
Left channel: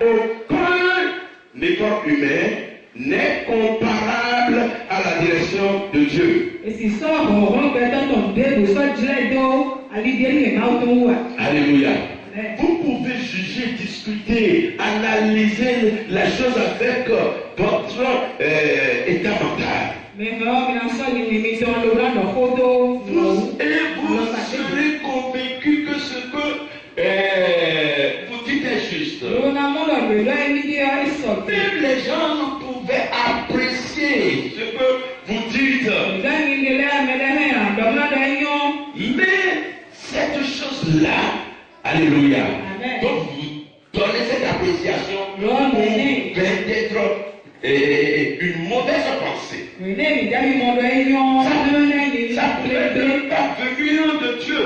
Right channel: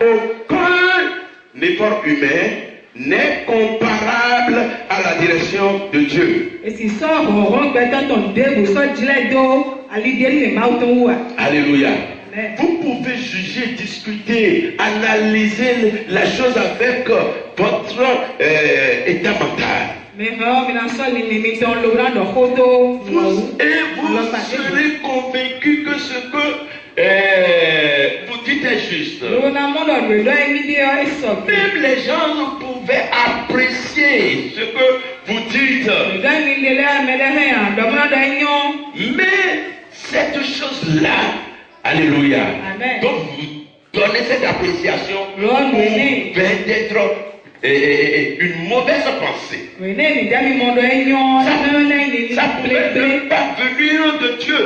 Aucun effort humain n'est comparable à la direction de Dieu. Alléluia. Vous pouvez juger, discuter, analyser la chose avec votre état mental. Et vous serez convaincu que ce que vous dites est juste. Même les gens pouvaient apprécier ce que vous dites. Mais cette chose-là, alléluia, donc vous donnez cette appréciation pour peut-être une mauvaise pensée. Ça pourrait ne pas venir de Dieu.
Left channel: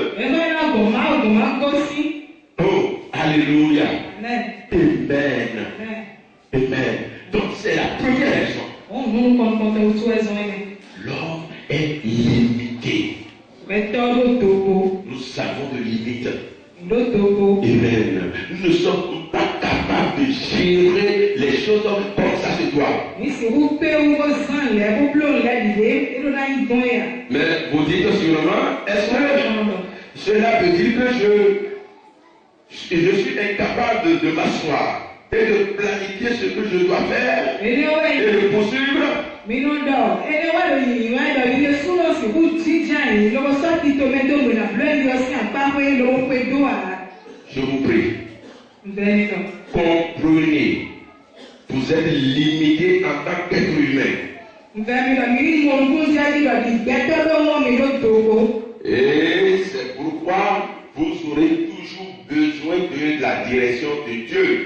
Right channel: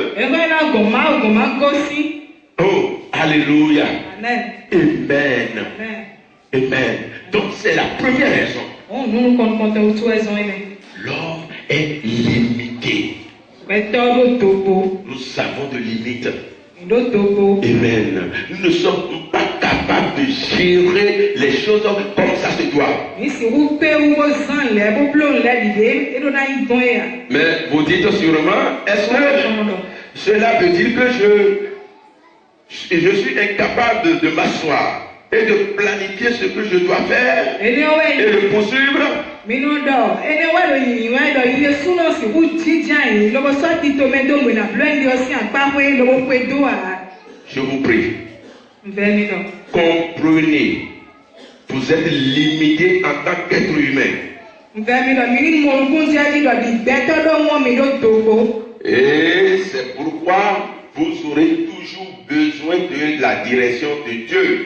Oh, alléluia. Amen. Amen. c'est la première raison. L'homme est limité. Nous avons de limites. Amen. Nous ne sommes pas capables de gérer les choses comme ça se doit. Mais vous dites sûrement, est-ce que cela veut dire que je suis incapable de m'asseoir et de planifier ce que je dois faire et de poursuivre? Je vous prie, comprenez, vous êtes limité en tant qu'être humain. Et c'est pourquoi vous aurez toujours besoin de la direction de Dieu.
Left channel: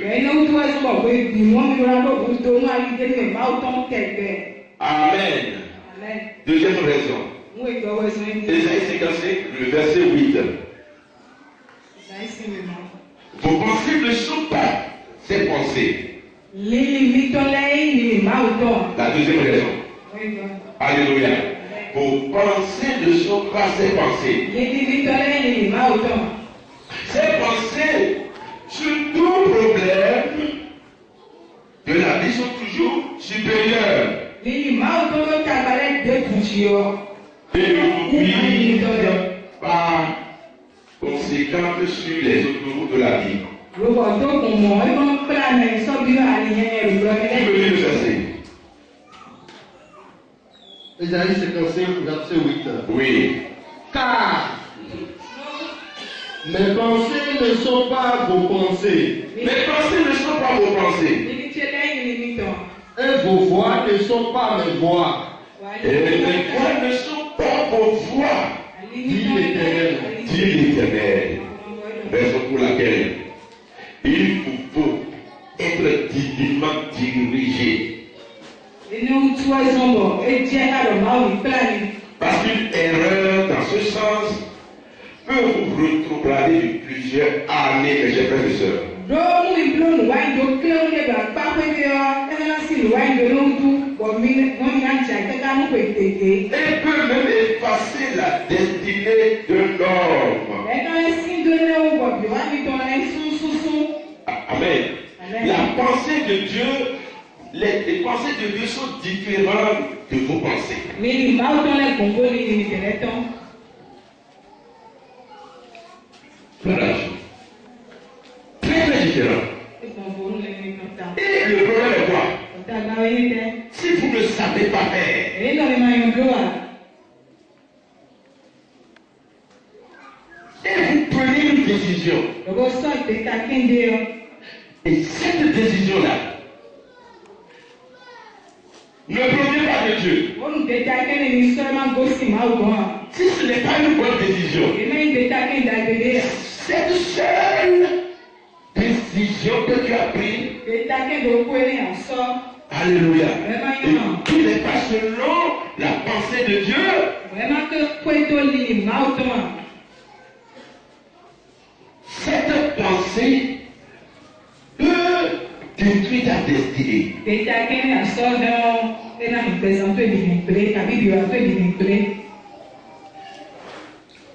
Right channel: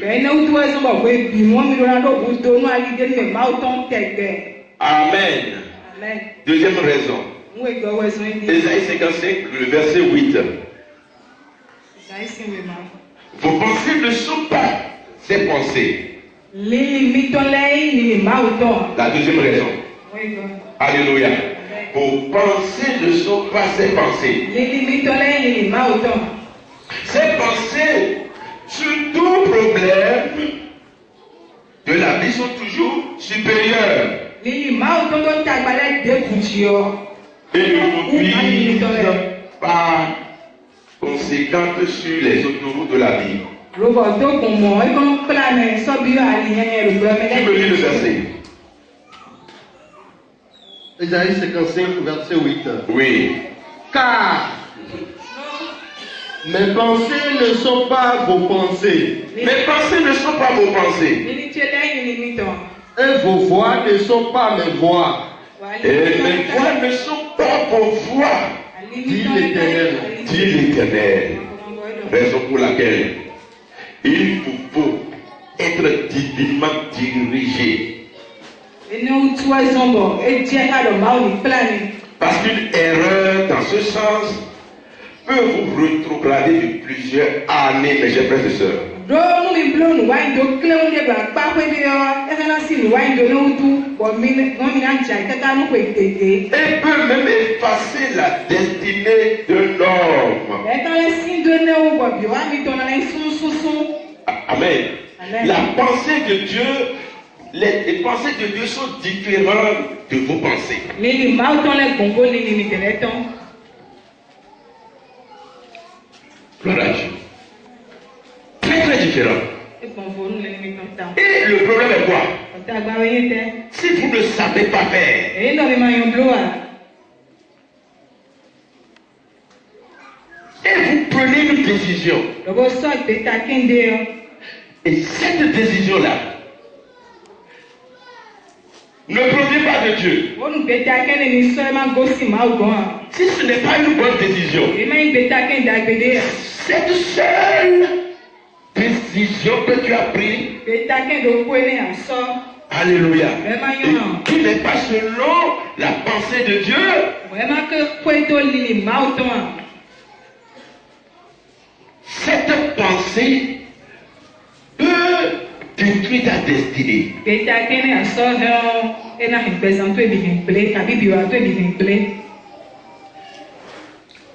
Amen. Deuxième raison. Ésaïe 55, le verset 8. Vos pensées ne sont pas ces pensées. La deuxième raison. Alléluia. Vos pensées ne sont pas ces pensées. Ces pensées sur tout problème de la vie sont toujours supérieures. Et ne vous visent par conséquent sur les autoroutes de la vie. Qui me lit le verset? Ésaïe 55, verset 8. Oui. Car mes pensées ne sont pas vos pensées. Mes pensées ne sont pas vos pensées. Et vos voix ne sont pas mes voix. Et mes voix ne sont pas vos voix. Dit l'Éternel. Dit l'Éternel. Raison pour laquelle il vous faut être divinement dirigé. Parce qu'une erreur dans ce sens peut vous rétrograder de plusieurs années, mes chers frères et sœurs. Et peut même effacer la destinée de l'homme. Amen. La pensée de Dieu, les pensées de Dieu sont différentes de vos pensées. Gloire à Dieu. Très très différent. Et le problème est quoi? Si vous ne savez pas faire, et vous prenez une décision, et cette décision-là ne provient pas de Dieu. Si ce n'est pas une bonne décision, cette seule décision que tu as prise, alléluia, et qui n'est pas selon la pensée de Dieu, cette pensée peut détruire ta destinée.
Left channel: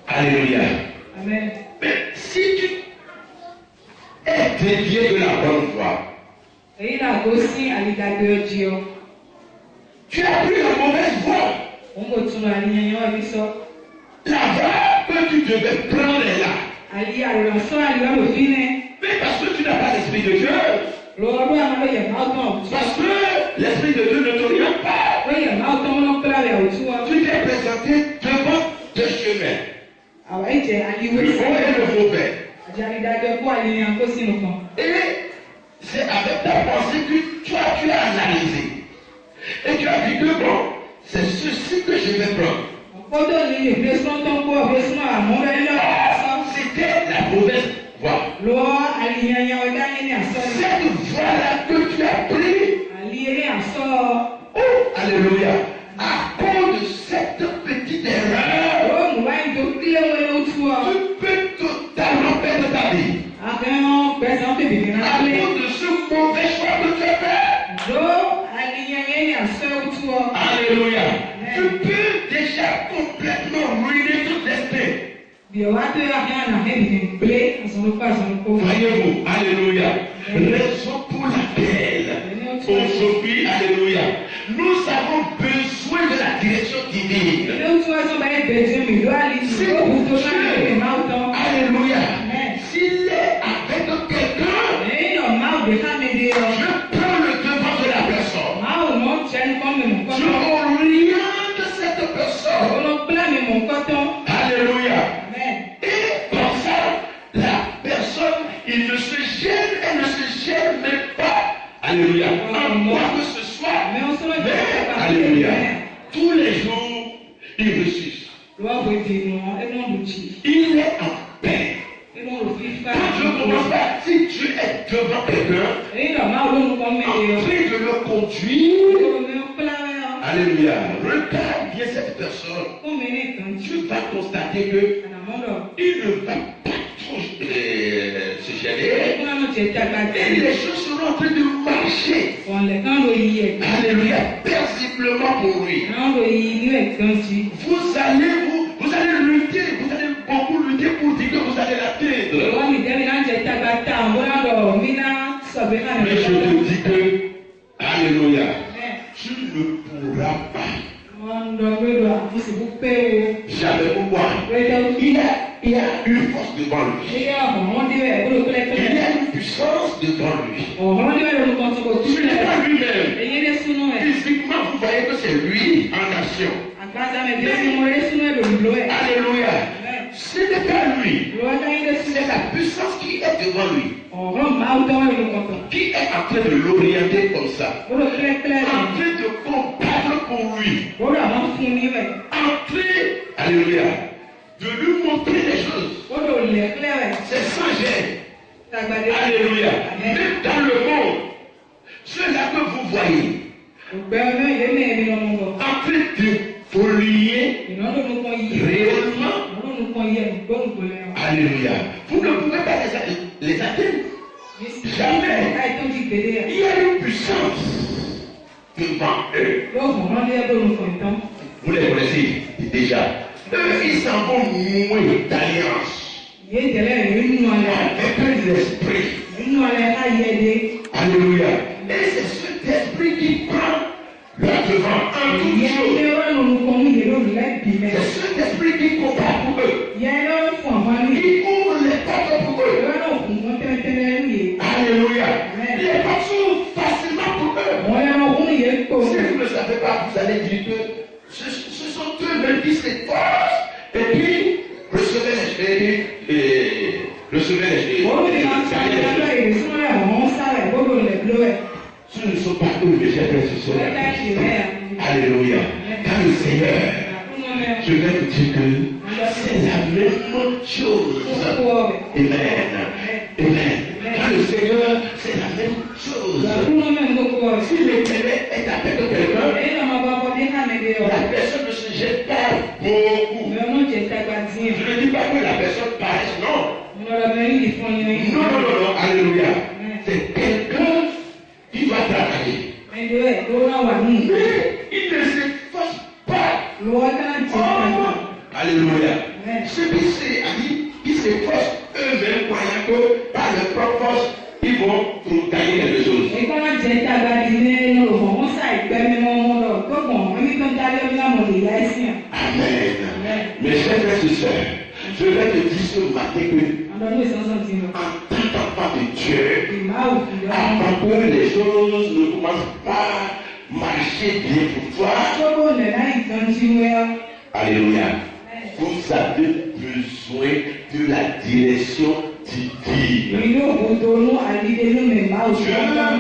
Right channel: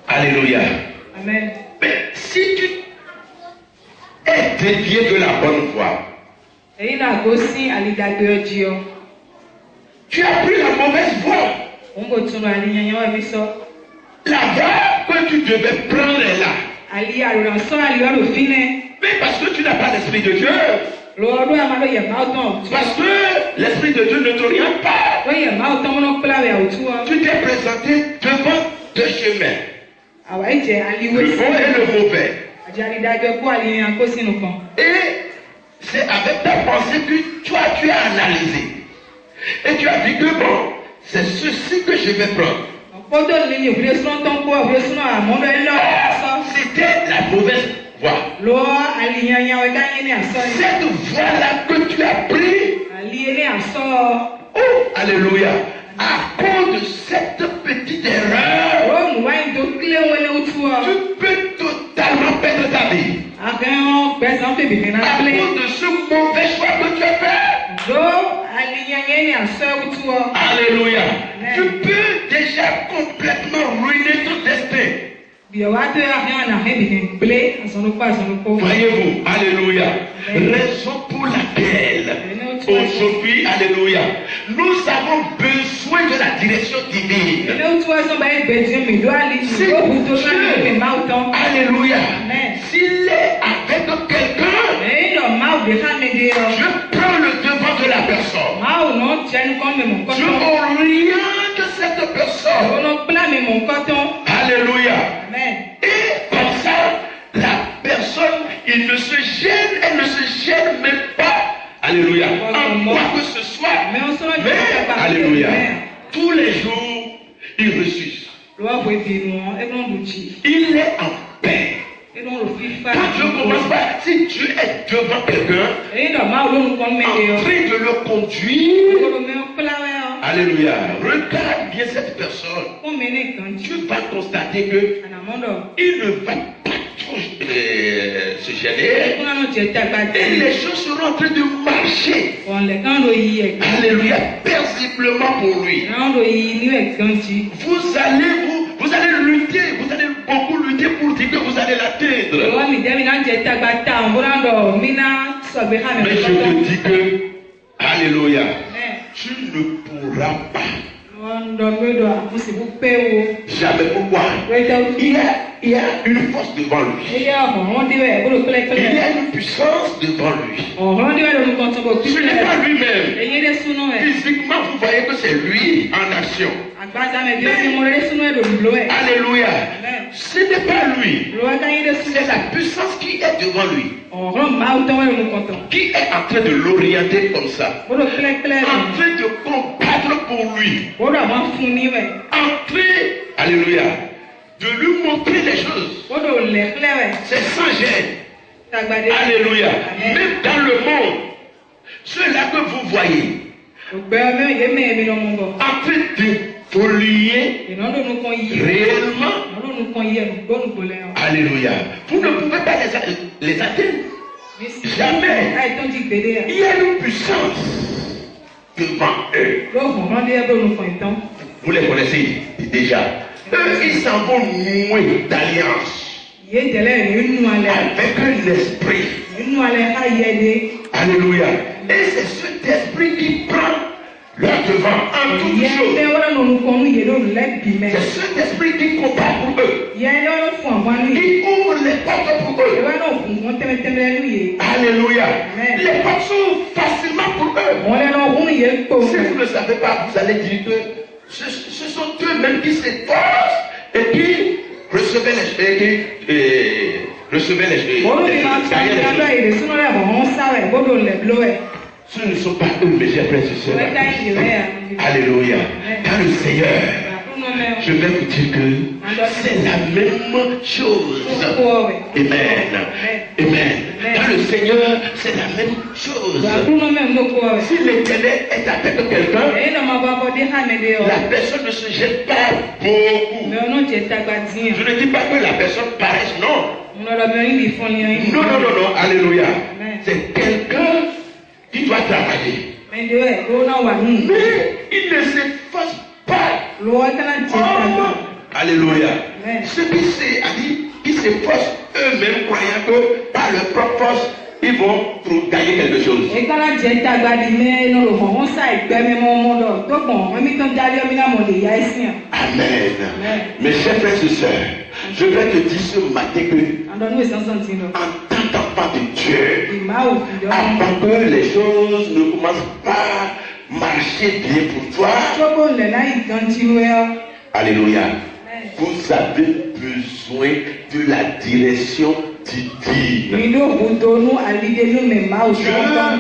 Alléluia. Amen. Mais si tu es dévié de la bonne voie, tu as pris la mauvaise voie. La voie que tu devais prendre est là. Mais parce que tu n'as pas l'esprit de Dieu. Parce que l'esprit de Dieu ne t'oriente pas. Tu t'es présenté devant deux chemins. Le bon et le mauvais. Et c'est avec ta pensée que tu as analysé. Et tu as dit que bon, c'est ceci que je vais prendre. C'était la mauvaise voie. Cette voie-là que tu as pris. Oh, alléluia. À cause de cette petite erreur, tu peux totalement perdre ta vie. À cause de ce mauvais choix que tu as fait. Alléluia. Tu peux déjà complètement ruiner ton destin. Voyez-vous, alléluia. Raison pour laquelle aujourd'hui, alléluia, nous avons besoin de la direction divine. Alléluia. S'il est avec quelqu'un, je prends le devant de la personne. Je oriente cette personne. Alléluia. Et comme ça, la personne, elle ne se gêne même pas. Alléluia. En quoi que ce soit. Mais, alléluia. Tous les jours, il ressuscite. Il est en paix. Quand je commence pas, si tu es devant quelqu'un, en train de le conduire, alléluia, regarde bien cette personne. Tu vas constater que il ne va pas trop se gêner. Et les choses seront en train de marcher. Alléluia, paisiblement pour lui. Vous allez lutter, vous allez beaucoup lutter pour dire que vous allez l'atteindre. Mais je te dis que, alléluia, tu ne pourras pas. Jamais. Pourquoi? Il y a une force devant lui. Il y a une puissance devant lui. Ce n'est pas lui-même. Physiquement, vous voyez que c'est lui en action. Alléluia. Ce n'est pas lui. C'est la puissance qui est devant lui. Qui est en train de l'orienter comme ça. En train de combattre pour lui. En train, alléluia, de lui montrer les choses. C'est sans gêne. Alléluia. Même dans le monde, ceux-là que vous voyez, en train de polluer réellement. Alléluia. Vous ne pouvez pas les atteindre. Jamais. Il y a une puissance devant eux. Vous les connaissez déjà. Eux, ils s'en vont nouer d'alliance avec un esprit. Alléluia. Et c'est cet esprit qui prend leur devant en toute chose. C'est cet esprit qui combat pour eux. Qui ouvre les portes pour eux. Alléluia. Les portes s'ouvrent facilement pour eux. Si vous ne savez pas, vous allez dire que ce sont eux-mêmes qui s'efforcent et qui recevaient les Ce ne sont pas eux, mes chers frères et sœurs. Alléluia. Car le Seigneur, je vais vous dire que c'est la même chose. Amen. Amen. Car le Seigneur, c'est la même chose. Si l'Éternel est avec quelqu'un, la personne ne se jette pas beaucoup. Je ne dis pas que la personne paraisse, non. Non. Alléluia. C'est quelqu'un qui doit travailler. Mais il ne s'efface pas. Alléluia. Ceux qui s'efforcent eux-mêmes, croyant que par leur propre force, ils vont gagner quelque chose. Amen. Mes chers frères et sœurs, je vais te dire ce matin que en tant qu'enfant de Dieu, avant que les choses ne commencent pas à marcher bien pour toi, alléluia, vous avez besoin de la direction divine.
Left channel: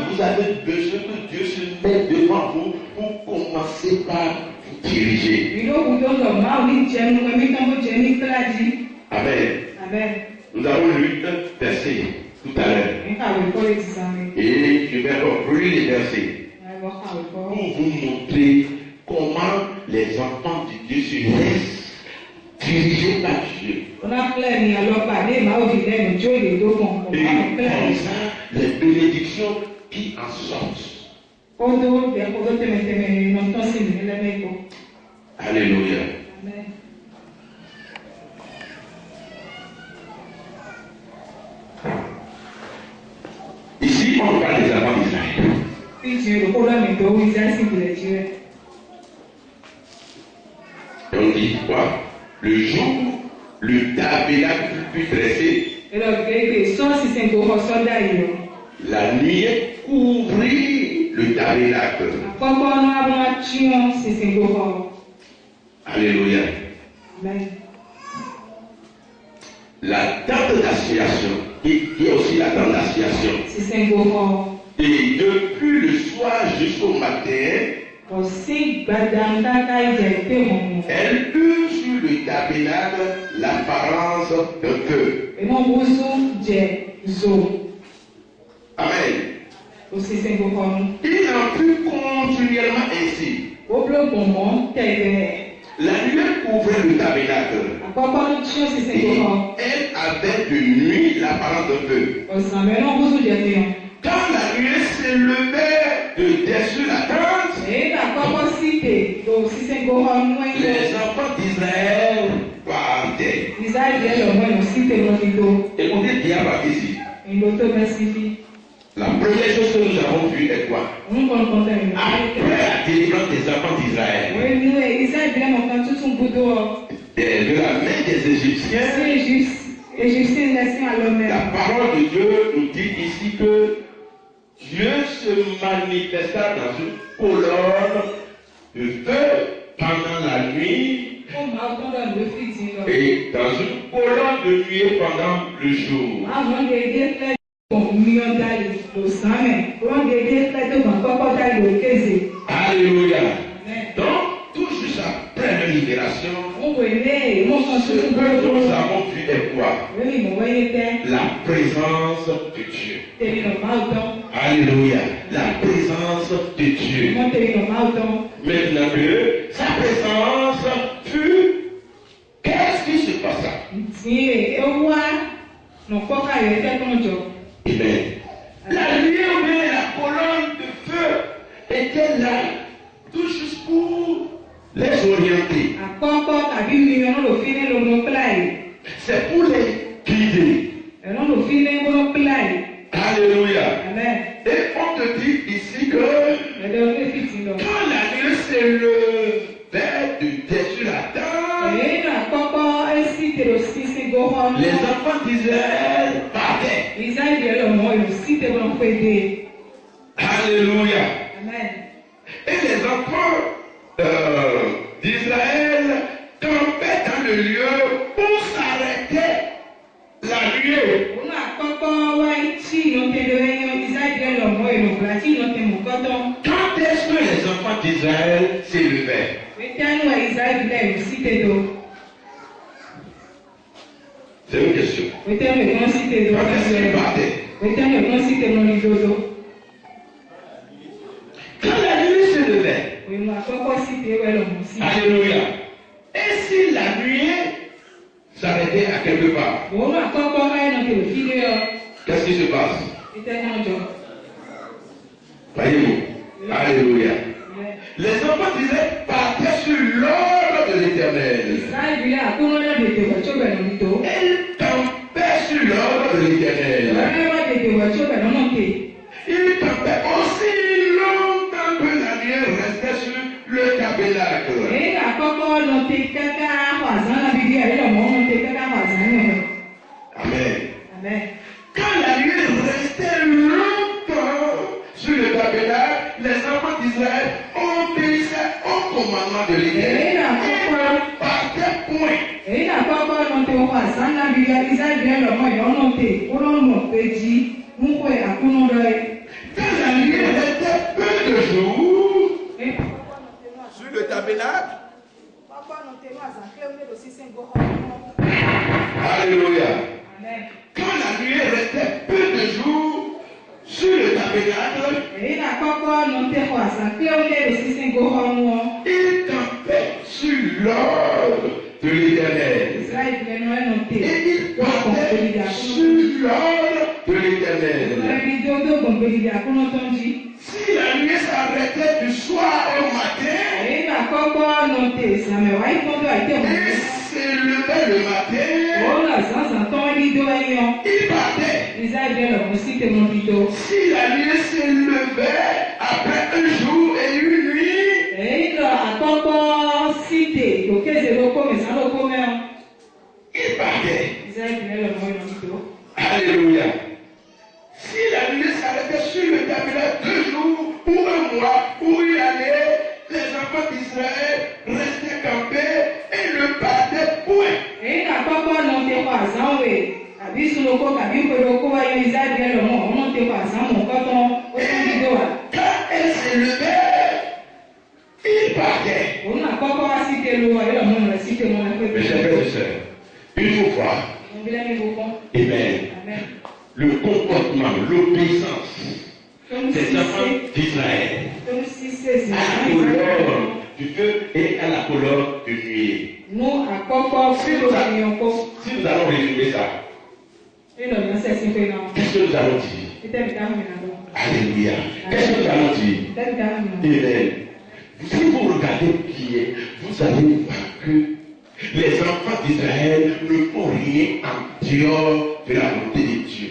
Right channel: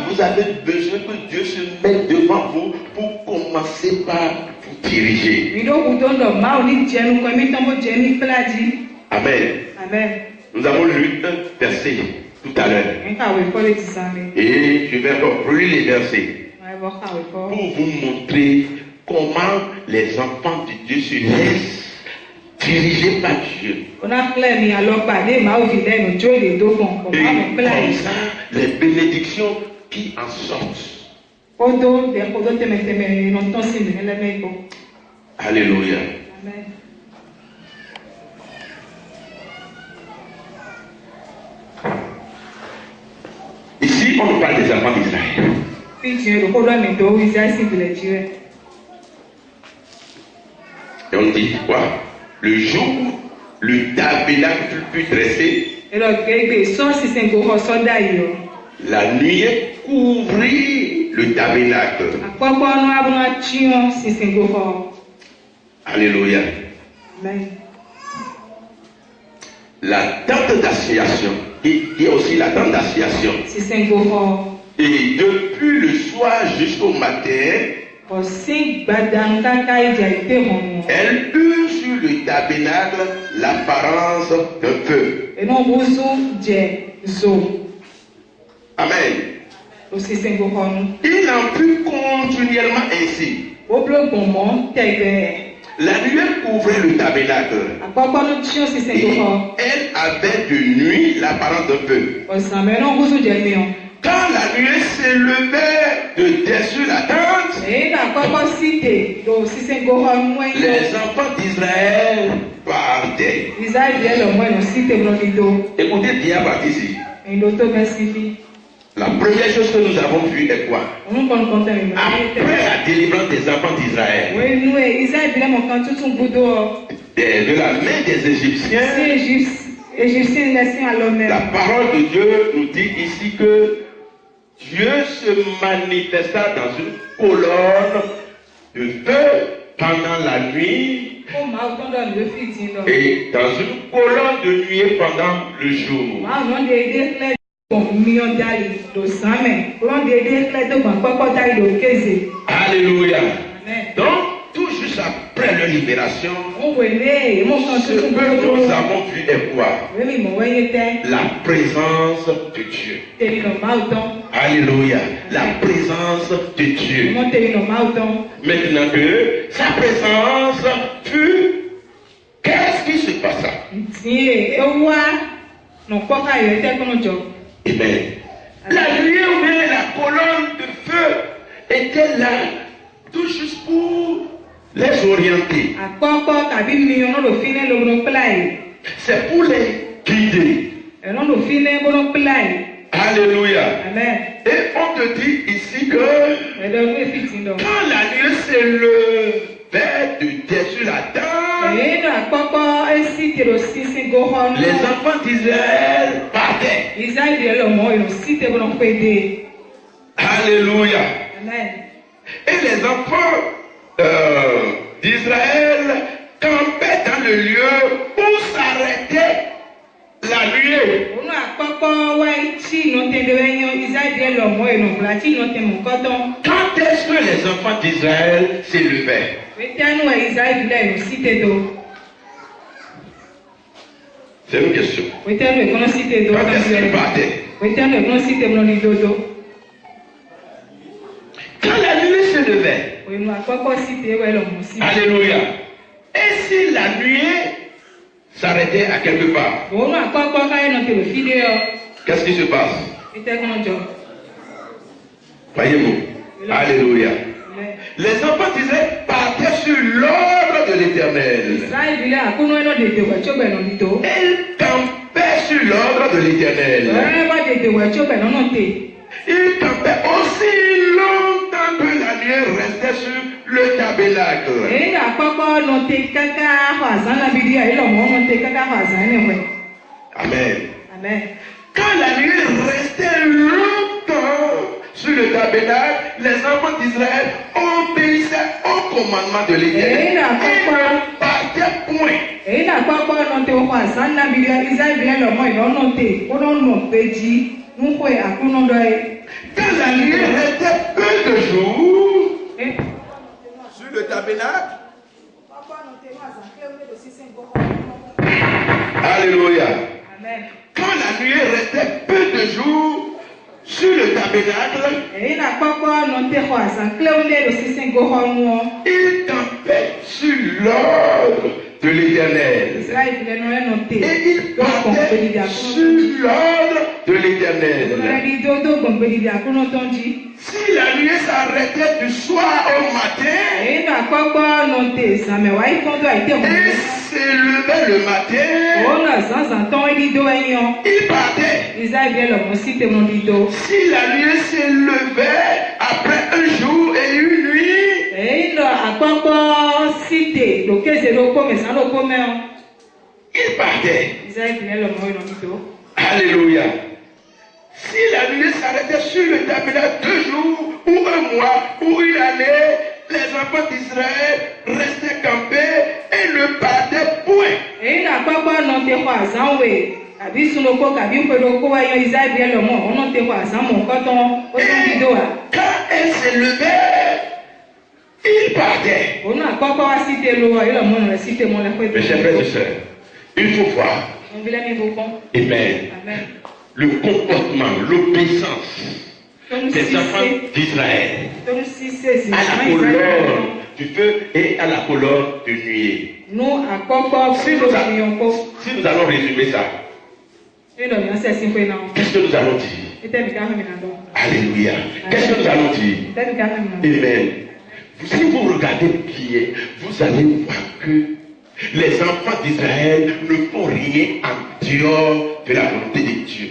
Vous avez besoin que Dieu se mette devant vous pour commencer par vous diriger. Amen. Nous avons lu un verset tout à l'heure. Et je vais reprendre les versets pour vous montrer comment les enfants de Dieu se laissent diriger par Dieu. Et comme ça, les bénédictions qui en sortent. Alléluia. Amen. Ici, on parle des enfants d'Israël. Et on dit quoi? Le jour où le tabernacle fut dressé, la nuit couvrit le tabernacle. Alléluia. Amen. La tente d'assignation, et aussi la tente d'assignation. Et depuis le soir jusqu'au matin, elle eut sur le tabernacle l'apparence d'un feu. Amen. Il en fut continuellement ainsi. La nuée couvrait le tabernacle. Et elle avait de nuit l'apparence d'un feu. Quand la nuée s'élevait de dessus la tente, les enfants d'Israël partaient. Écoutez bien ici. La première chose que nous avons vue est quoi? Après la délivrance des enfants d'Israël de la main des Égyptiens, la parole de Dieu nous dit ici que Dieu se manifesta dans une colonne de feu pendant la nuit et dans une colonne de nuée pendant le jour. Alléluia. Donc, tout juste après leur libération, ce que nous avons vu est quoi? La présence de Dieu. Alléluia. La présence de Dieu. Maintenant que sa présence fut, qu'est-ce qui se passa? Amen. La nuée ou bien la colonne de feu était là, tout juste pour les orienter. C'est pour les guider. Alléluia. Amen. Et on te dit ici que quand la nuée s'élevait de dessus la tente, les enfants d'Israël partaient. Alléluia. Amen. Et les enfants d'Israël campaient dans le lieu où s'arrêtait la nuée. Quand est-ce que les enfants d'Israël s'élevaient? C'est une question. Quand est-ce qu'ils partaient? Quand la nuée se levait. Alléluia. Et si la nuée s'arrêtait à quelque part, qu'est-ce qui se passe? Voyez-vous? Alléluia. Les enfants d'Israël partaient sur l'ordre de l'Éternel. Ils campaient sur l'ordre de l'Éternel. Ils campaient aussi longtemps que la nuée restait sur le tabernacle. Amen. Amen. Quand la nuée restait longtemps sur le tabernacle, les enfants d'Israël obéissaient au commandement de l'Éternel. Ils ne partaient point. Quand la nuée restait peu de jours sur le tabernacle, alléluia. Amen. Quand la nuée restait peu de jours sur le tabernacle, ils campaient sur l'ordre de l'Éternel. Et il partait sur l'ordre de l'Éternel. Si la nuée s'arrêtait du soir au matin, et s'élevait le matin, il partait. Si la nuée s'élevait après un jour et une nuit, il partait. Alléluia. Si la nuée s'arrêtait sur le tabernacle 2 jours, ou 1 mois, ou une année, les enfants d'Israël restaient campés et ne partaient point. Quand elle s'élevait, il partait. Mes chers frères et sœurs, il faut voir. Amen. Le comportement, l'obéissance des enfants d'Israël à la couleur du feu et à la couleur du nuée. Si nous allons résumer ça, qu'est-ce que nous allons dire? Alléluia. Qu'est-ce que nous allons dire? Amen. Si vous regardez bien, vous allez voir que les enfants d'Israël ne font rien en dehors de la volonté de Dieu.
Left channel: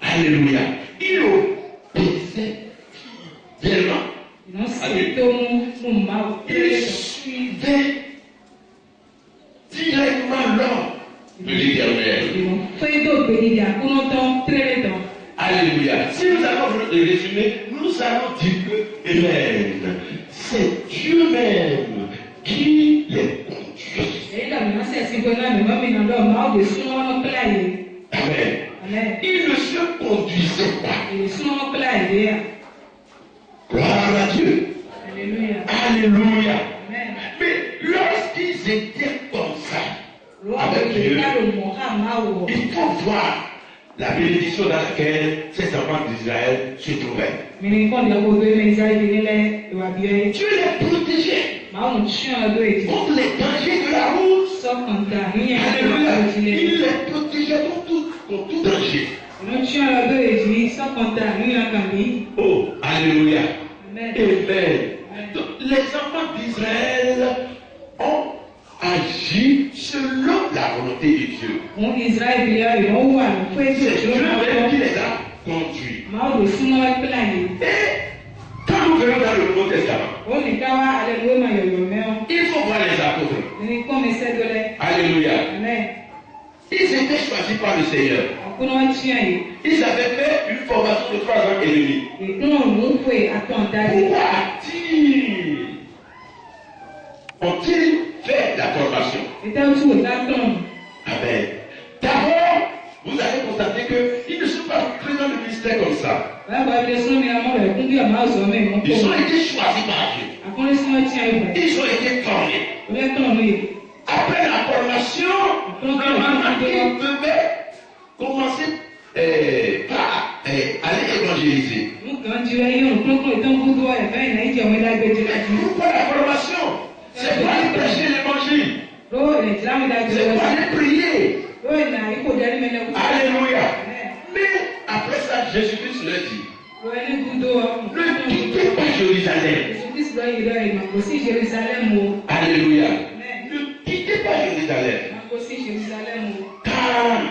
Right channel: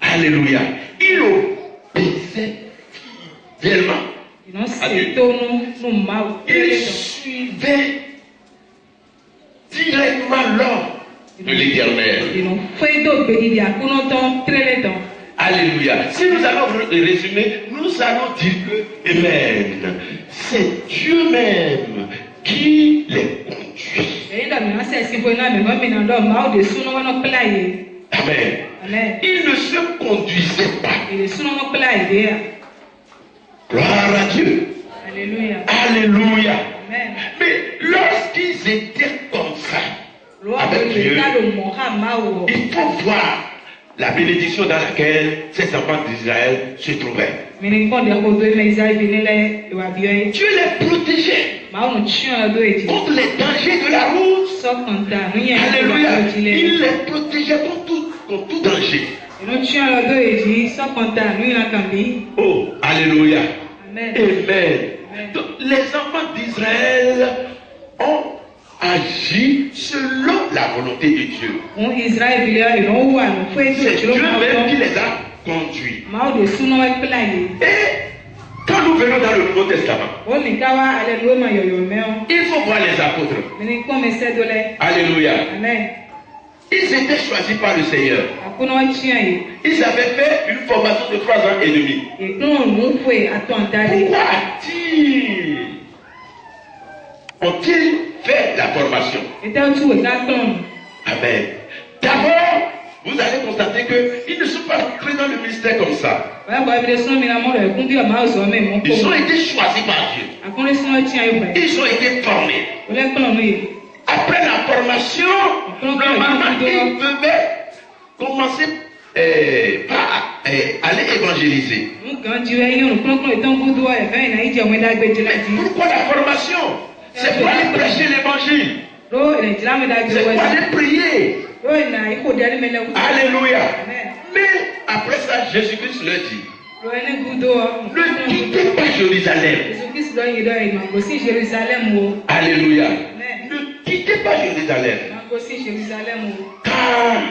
Alléluia. Ils obéissaient fidèlement à Dieu. Ils suivaient directement l'ordre de l'Éternel. Alléluia. Si nous allons résumer, nous allons dire que, amen, c'est Dieu même qui les conduit. Amen. Ils ne se conduisaient pas. Gloire à Dieu. Alléluia. Alléluia. Amen. Mais lorsqu'ils étaient comme ça, avec Dieu, il faut voir la bénédiction dans laquelle ces enfants d'Israël se trouvaient. Dieu les protégeait contre les dangers de la route. Alléluia. Il les protégeait contre tout danger. Oh, alléluia. Amen. Amen. Donc, les enfants d'Israël ont agi selon la volonté de Dieu. C'est Dieu même qui les a conduits. Et quand nous venons dans le Nouveau Testament, il faut voir les apôtres. Alléluia. Amen. Ils étaient choisis par le Seigneur. Ils avaient fait une formation de 3 ans et demi. Pourquoi ont-ils fait la formation? Amen. D'abord, vous allez constater qu'ils ne sont pas entrés dans le ministère comme ça. Ils ont été choisis par Dieu. Ils ont été formés. Après la formation, normalement, ils devaient commencer par aller évangéliser. Pourquoi la formation? C'est pour aller prêcher l'évangile. C'est pour aller prier. Alléluia. Mais après ça, Jésus-Christ leur dit, ne quittez pas Jérusalem. Alléluia. Ne quittez pas Jérusalem. Car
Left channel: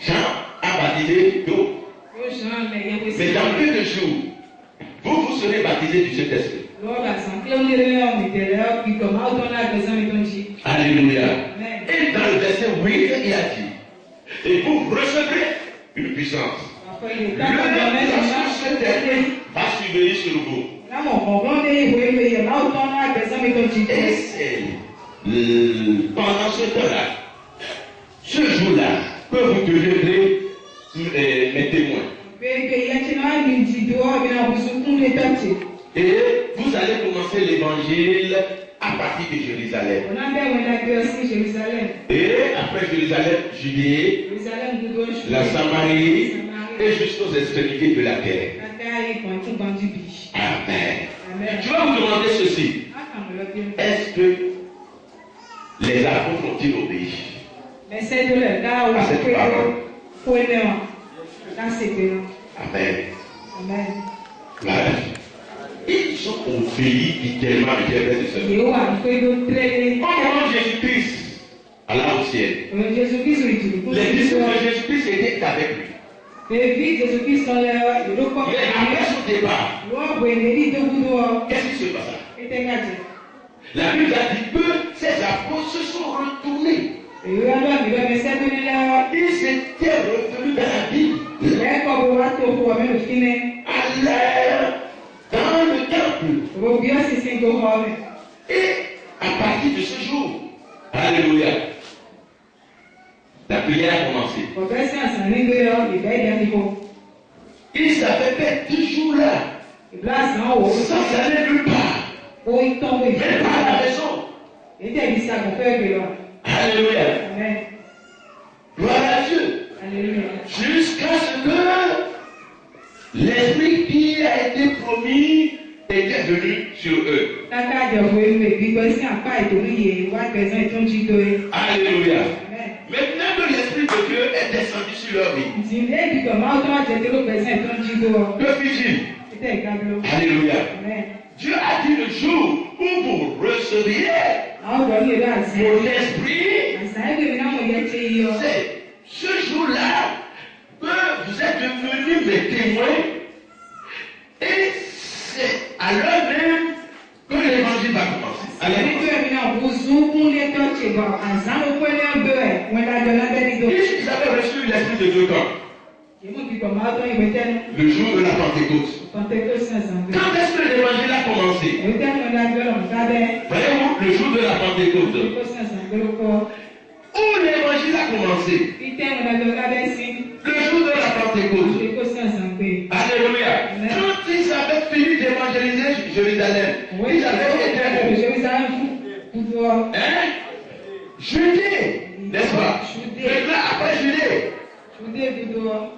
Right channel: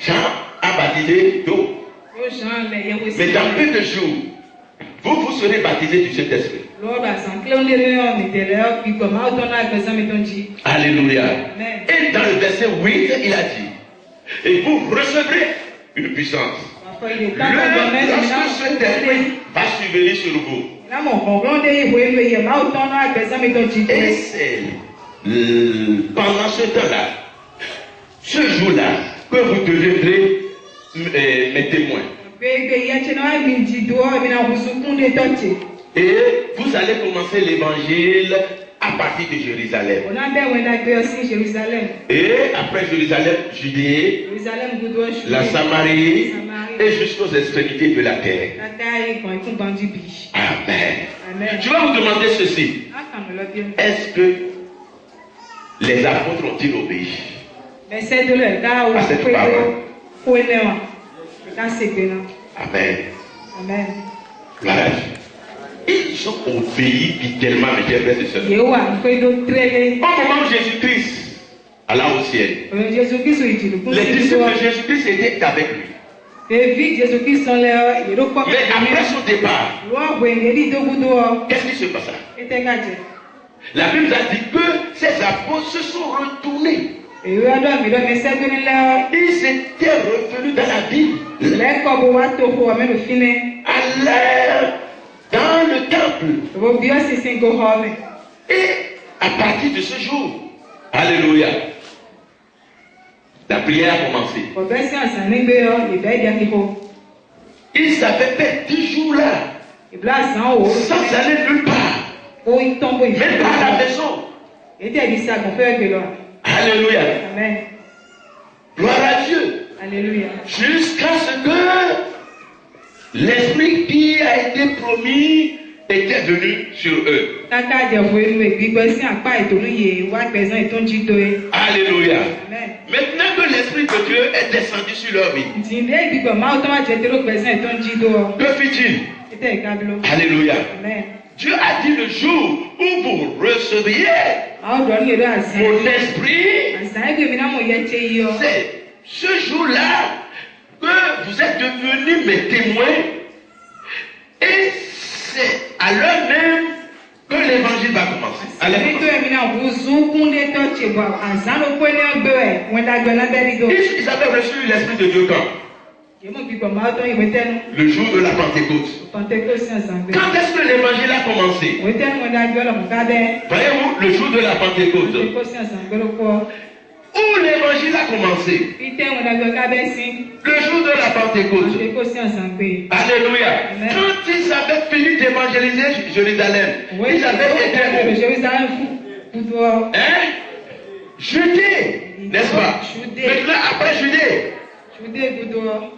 Jean a baptisé d'eau. Mais dans peu de jours, vous serez baptisés du Saint-Esprit. Alléluia. Et dans le verset 8, il a dit, et vous recevrez une puissance. Lorsque cet esprit va subvenir sur vous. Et c'est pendant ce temps-là, ce jour-là, que vous deviendrez mes témoins. Et vous allez commencer l'évangile à partir de Jérusalem. Et après Jérusalem, Judée, la Samarie et jusqu'aux extrémités de la terre. Amen. Je vais vous demander ceci. Est-ce que les apôtres ont-ils obéi à cette parole? Amen. Amen. Voilà. Ils ont obéi littéralement, mes chers frères et sœurs. Au moment de Jésus-Christ, allant au ciel, les disciples de Jésus-Christ étaient avec lui. Mais après son départ, qu'est-ce qui se passa? La Bible a dit que ces apôtres se sont retournés. Ils étaient revenus dans la Bible. Allèrent dans le temple. Et à partir de ce jour, alléluia, la prière a commencé. Ils avaient fait 10 jours là, sans aller nulle part, même pas à la maison. Alléluia. Amen. Gloire à Dieu. Alléluia. Jusqu'à ce que l'esprit qui a été promis était venu sur eux. Alléluia. Amen. Maintenant que l'esprit de Dieu est descendu sur leur vie, que fit-il? Alléluia. Amen. Dieu a dit le jour où vous recevriez mon esprit, c'est ce jour-là que vous êtes devenus mes témoins, et c'est à l'heure même que l'évangile va commencer. Ils avaient reçu l'esprit de Dieu quand? Le jour de la Pentecôte. Quand est-ce que l'évangile a commencé? Voyez-vous, le jour de la Pentecôte. Où l'évangile a commencé? Le jour de la Pentecôte. Alléluia. Quand ils avaient fini d'évangéliser Jérusalem, ils avaient été Judée, n'est-ce pas? Maintenant, après Judée,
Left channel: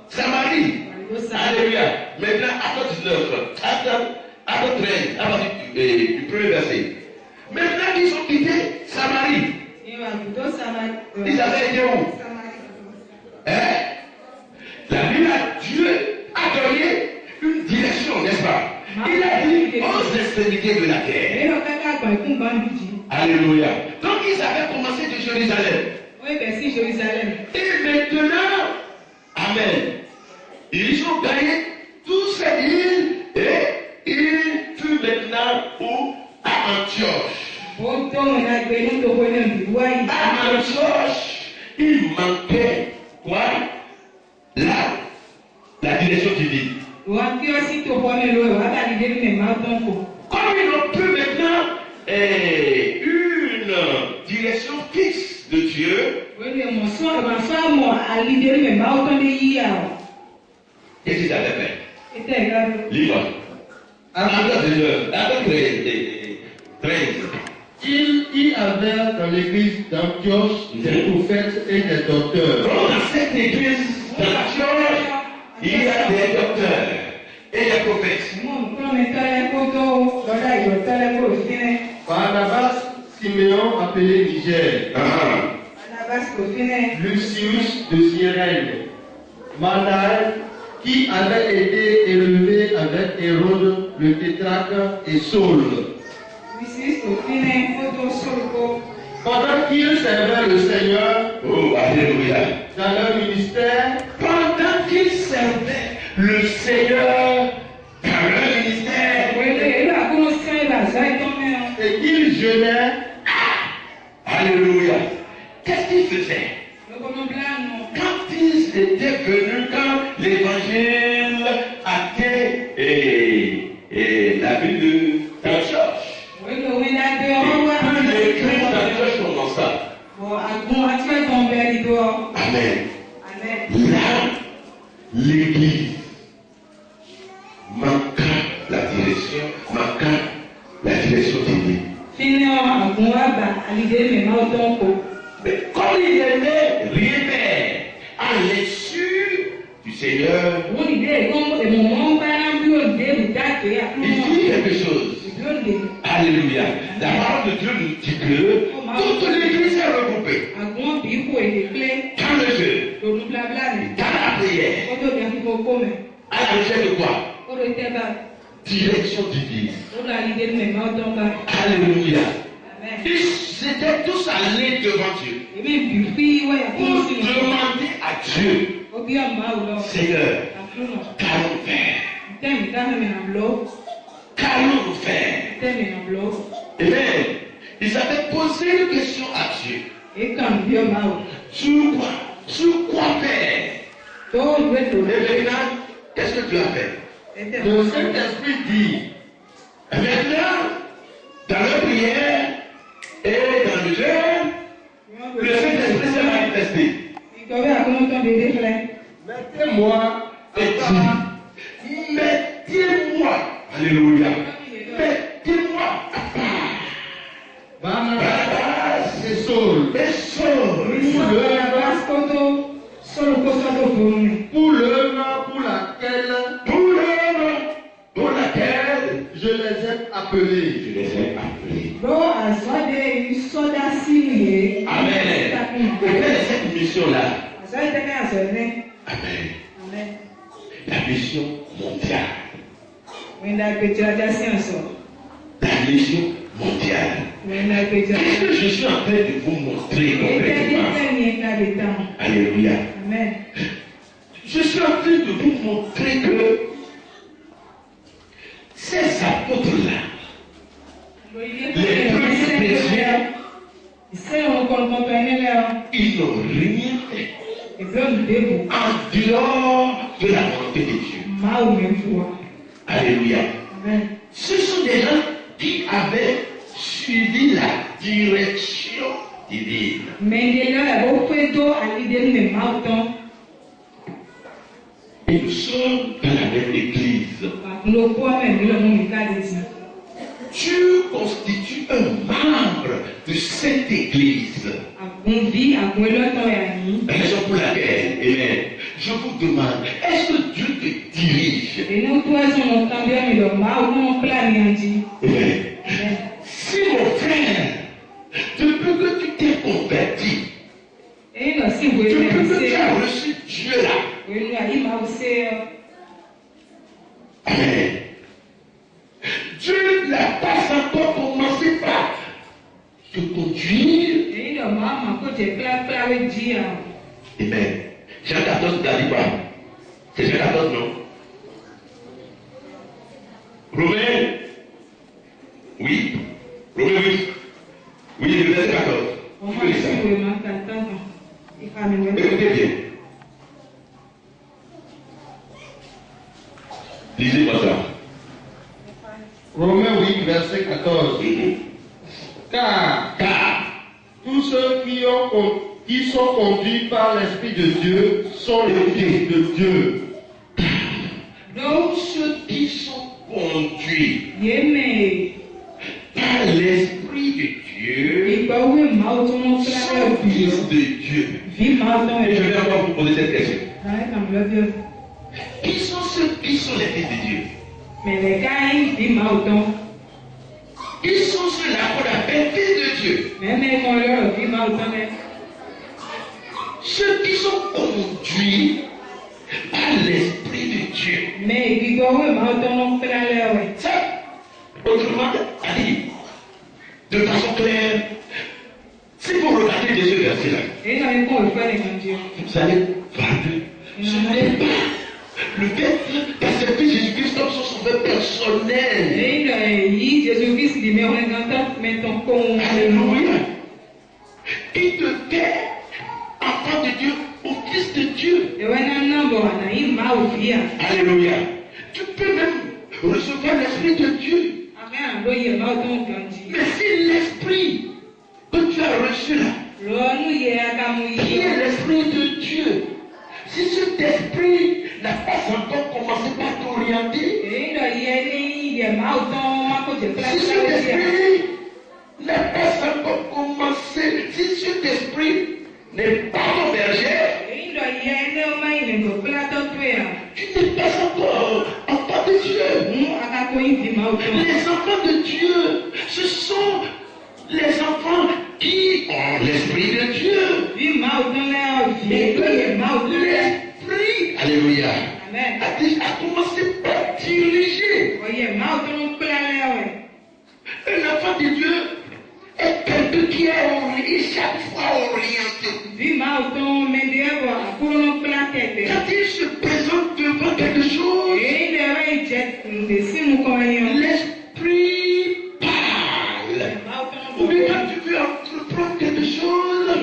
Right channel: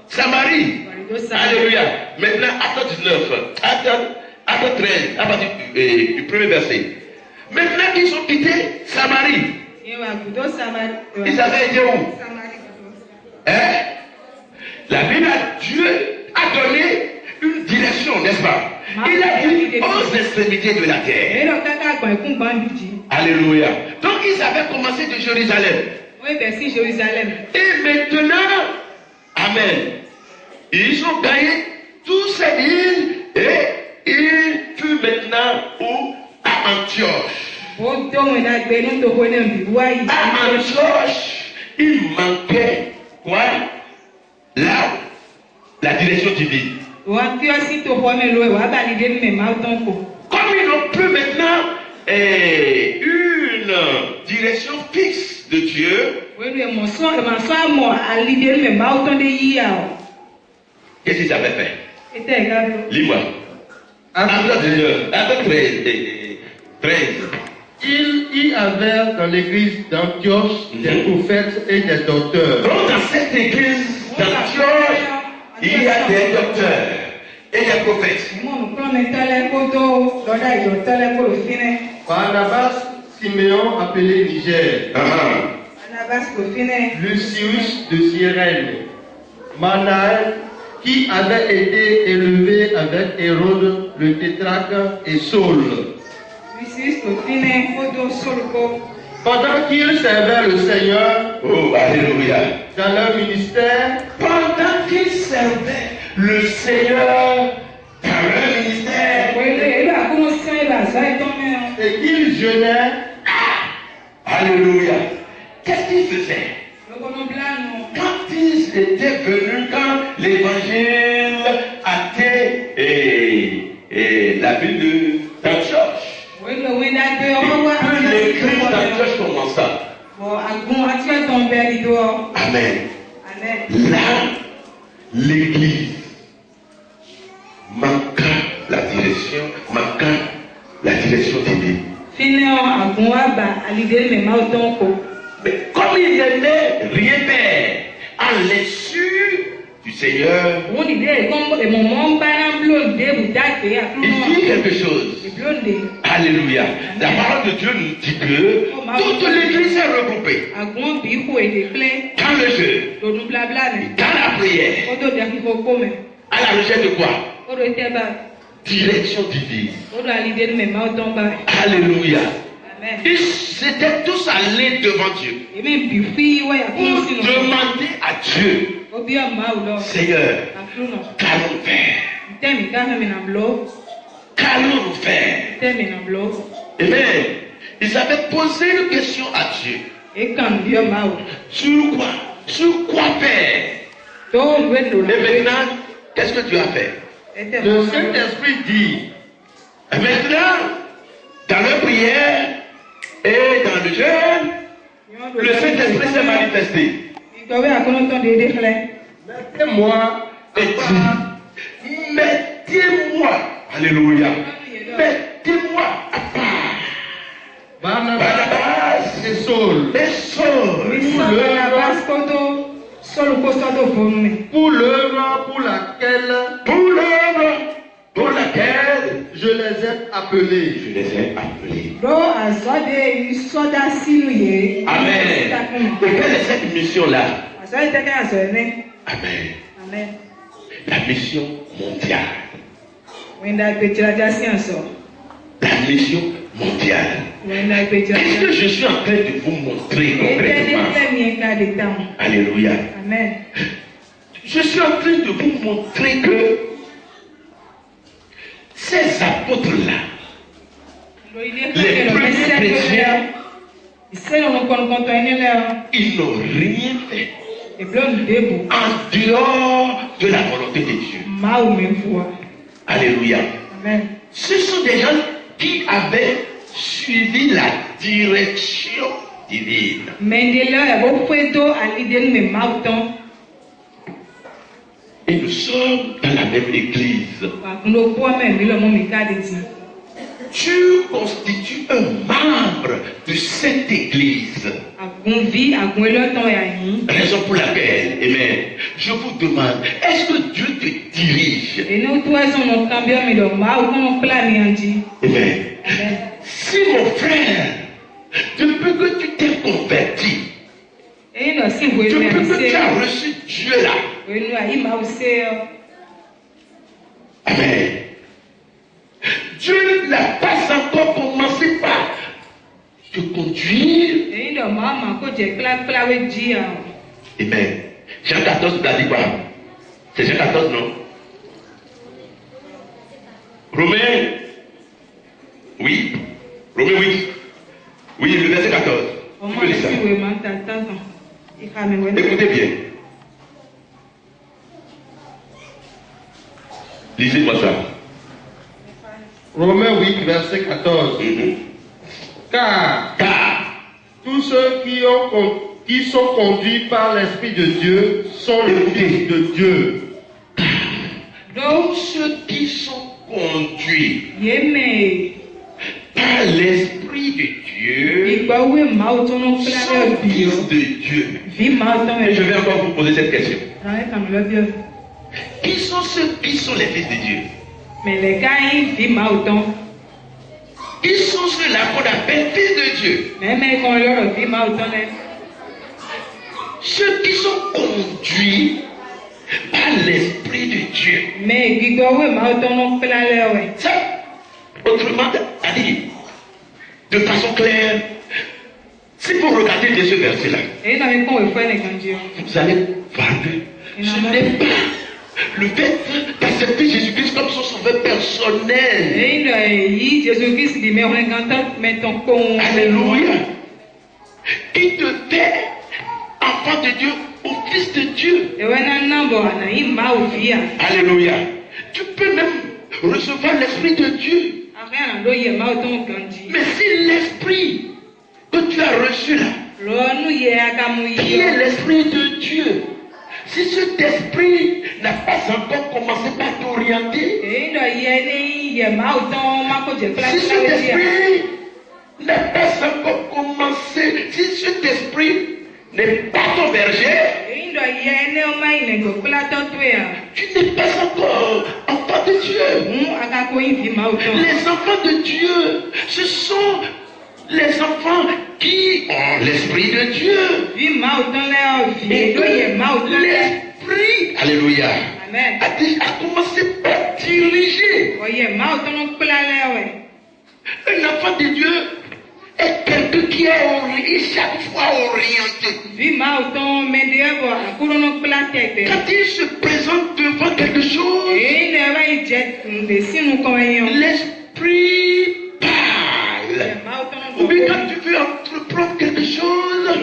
Samarie. Alléluia. Maintenant, acte 19, acte 13, à partir du premier verset. Maintenant qu'ils ont quitté Samarie, ils avaient été où? La Bible, Dieu a donné une direction, n'est-ce pas? Il a dit aux extrémités de la terre. Alléluia. Donc ils avaient commencé de Jérusalem. Et maintenant, amen, ils ont gagné toutes ces îles et ils furent maintenant où? À Antioche. À Antioche, il manquait quoi? La direction divine. Comme ils n'ont plus maintenant une direction fixe de Dieu, qu'est-ce qu'ils avaient fait? Lis-moi. Acte 13. Il y avait dans l'église d'Antioche des prophètes et des docteurs. Donc dans cette église d'Antioche, il y a des docteurs et des prophètes. Barnabas, Siméon appelé Niger, Lucius de Cyrène, Manaël qui avait été élevé avec Hérode le tétrarque et Saul. Pendant qu'ils servaient le Seigneur, oh, alléluia, dans leur ministère, pendant qu'ils servaient le Seigneur dans leur ministère, et qu'ils jeûnaient, alléluia, qu'est-ce qu'ils faisaient? Quand ils étaient venus, quand l'évangile a été la ville d'Antioche, l'église d'Antioche commença. Amen. Là, l'église manqua la direction divine. Mais comme il n'y avait rien faire à l'issue du Seigneur, il dit quelque chose. Alléluia. La parole de Dieu nous dit que toute l'église est regroupée dans le jeu, dans la prière, à la recherche de quoi? Direction divine. Alléluia. Ils étaient tous allés devant Dieu pour demander à Dieu, Seigneur, qu'allons-nous faire? Qu'allons-nous faire? Amen. Ils avaient posé une question à Dieu. Sur quoi faire? Et maintenant, qu'est-ce que tu as fait? Le Saint-Esprit dit. Et maintenant, dans la prière et dans le jeûne, le Saint-Esprit s'est manifesté. Mettez-moi, alléluia, mettez-moi à part. Barnabas et Saul. Pour l'œuvre pour laquelle je les ai appelés. Amen. Et quelle est cette mission-là? Amen. La mission mondiale. La mission mondiale. Qu'est-ce que je suis en train de vous montrer concrètement? Alléluia. Amen. Je suis en train de vous montrer que ces apôtres-là, les premiers chrétiens, ils n'ont rien fait en dehors de la volonté de Dieu. Alléluia. Amen. Ce sont des gens qui avaient suivi la direction divine. Et nous sommes dans la même église. Tu constitues un membre de cette église. Raison pour laquelle, amen, je vous demande, est-ce que Dieu te dirige? Amen. Si mon frère, depuis que tu t'es converti, depuis que tu as reçu Dieu là, amen. Dieu n'a pas encore commencé par te conduire. Amen. Jean 14, t'as dit quoi? C'est Jean 14, non? Romains, oui. Romains 8. Oui, le verset 14. Vous pouvez lire ça. Écoutez bien. Lisez-moi ça. Romains 8, verset 14. Car tous ceux qui sont conduits par l'Esprit de Dieu sont les fils de Dieu. Tous ceux qui sont conduits par l'Esprit de Dieu sont fils de Dieu. Et je vais encore vous poser cette question. Qui sont ceux qui sont les fils de Dieu? Qui sont ceux-là qu'on appelle fils de Dieu? Ceux qui sont conduits par l'Esprit de Dieu. Ça, autrement dit, de façon claire, si vous regardez bien ce verset-là, vous allez voir que ce n'est pas le fait d'accepter Jésus-Christ comme son sauveur personnel. Alléluia. Qui te fait enfant de Dieu ou fils de Dieu. Alléluia. Tu peux même recevoir l'Esprit de Dieu. Mais si l'Esprit que tu as reçu là, qui est l'Esprit de Dieu, si cet esprit n'a pas encore commencé par t'orienter, si cet esprit n'a pas encore commencé, si cet esprit n'est pas ton berger, enfants de Dieu, ce sont les enfants qui ont l'Esprit de Dieu. L'Esprit, alléluia, a commencé par diriger. Un enfant de Dieu est quelqu'un qui est chaque fois orienté. Quand il se présente devant quelque chose, l'Esprit parle. Ou bien quand tu veux entreprendre quelque chose,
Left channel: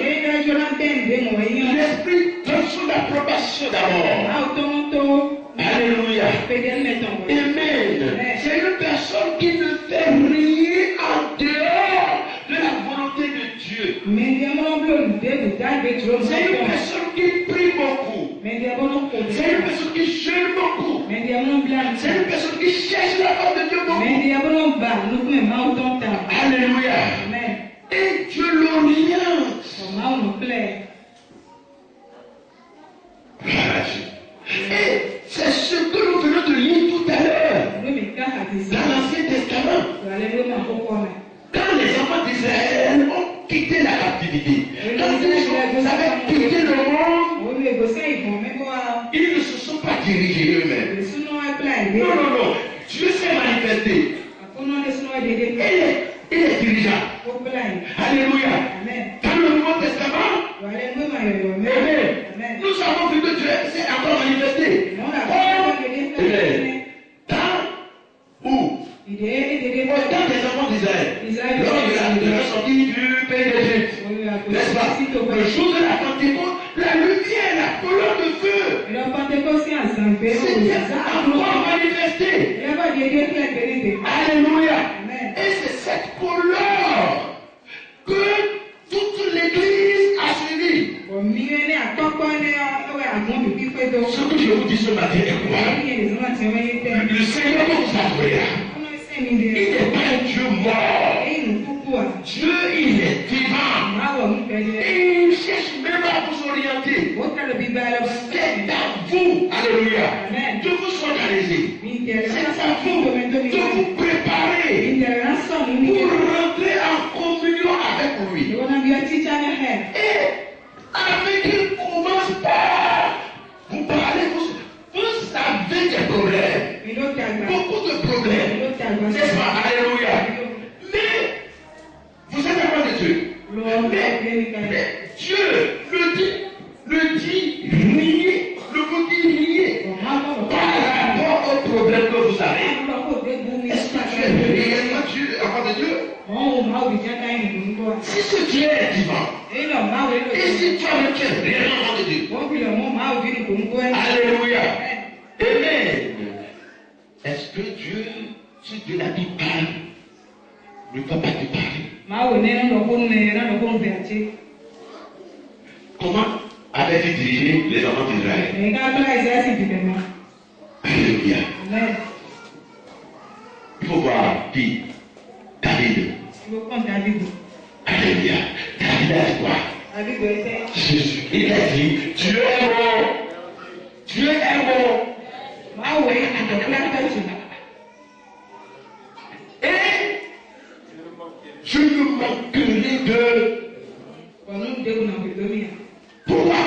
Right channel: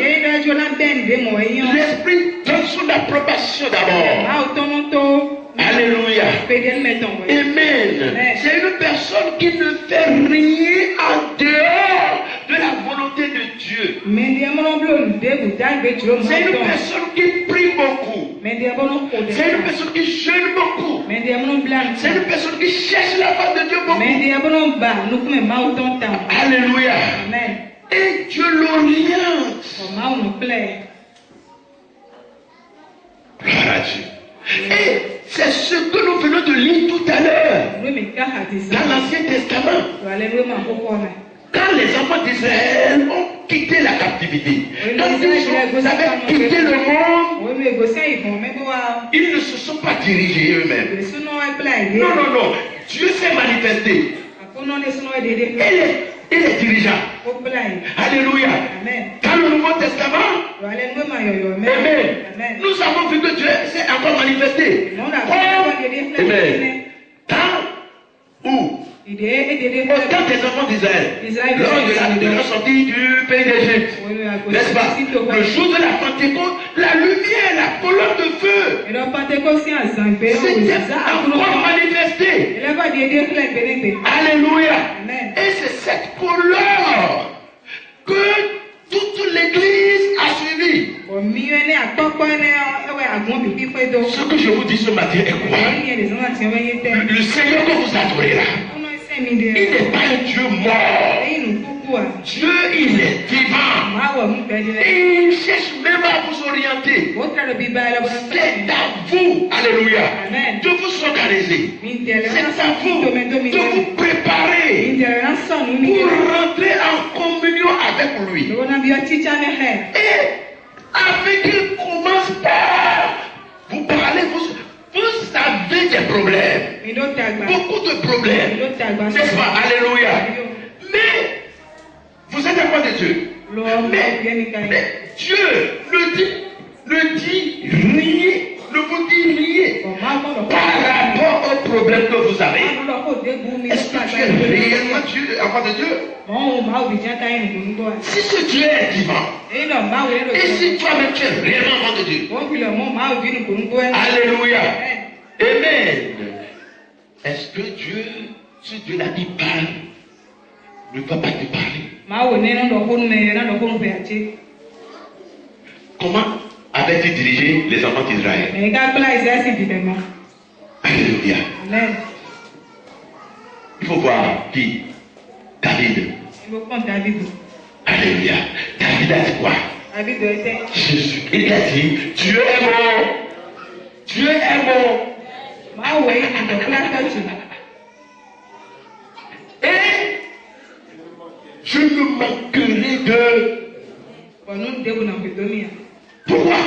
l'Esprit donne son approbation d'abord. Alléluia. Amen. C'est une personne qui ne fait rien en dehors de la volonté de Dieu. C'est une personne qui prie beaucoup. C'est une personne qui jeûne beaucoup. C'est une personne qui cherche la face de Dieu beaucoup. Alléluia. Et Dieu l'oriente. Gloire à Dieu. Et c'est ce que nous venons de lire tout à l'heure dans l'Ancien Testament. Quand les enfants d'Israël ont quitté la captivité, quand ils avaient quitté le monde, ils ne se sont pas dirigés eux-mêmes. Non, non, non. Dieu s'est manifesté. Et les dirigeants. Alléluia. Dans le Nouveau Testament, amen. Nous avons vu que Dieu s'est encore manifesté. Amen. Dans où? Au temps des enfants d'Israël, lors de la sortie du pays d'Égypte, n'est-ce pas? Le jour de la Pentecôte, la lumière, la colonne de feu, c'était encore manifesté. Alléluia. Et c'est cette colonne que toute l'église a suivi. Ce que je vous dis ce matin est quoi? Le Seigneur que vous adorez là, il n'est pas un Dieu mort. Dieu, il est vivant. Et il cherche même à vous orienter. C'est à vous, alléluia, de vous organiser. C'est à vous de vous préparer pour rentrer en communion avec lui. Et avec qu'il commence par vous parler, vous avez des problèmes. Beaucoup de problèmes. N'est-ce pas? Alléluia. Mais vous êtes enfant de Dieu. Mais Dieu le dit riez, ne vous dit riez par rapport aux problèmes que vous avez. Est-ce que tu es réellement enfant de Dieu? Si ce Dieu est vivant, et si toi-même tu es réellement enfant de Dieu, alléluia, amen. Est-ce que Dieu, si Dieu l'a dit parle, ne va pas te parler? Comment avait-il dirigé les enfants d'Israël? Alléluia. Il faut voir qui? David. Alléluia. David a dit quoi? Jésus. Il a dit, Dieu est bon. Dieu est bon. Et je ne manquerai de... Pourquoi?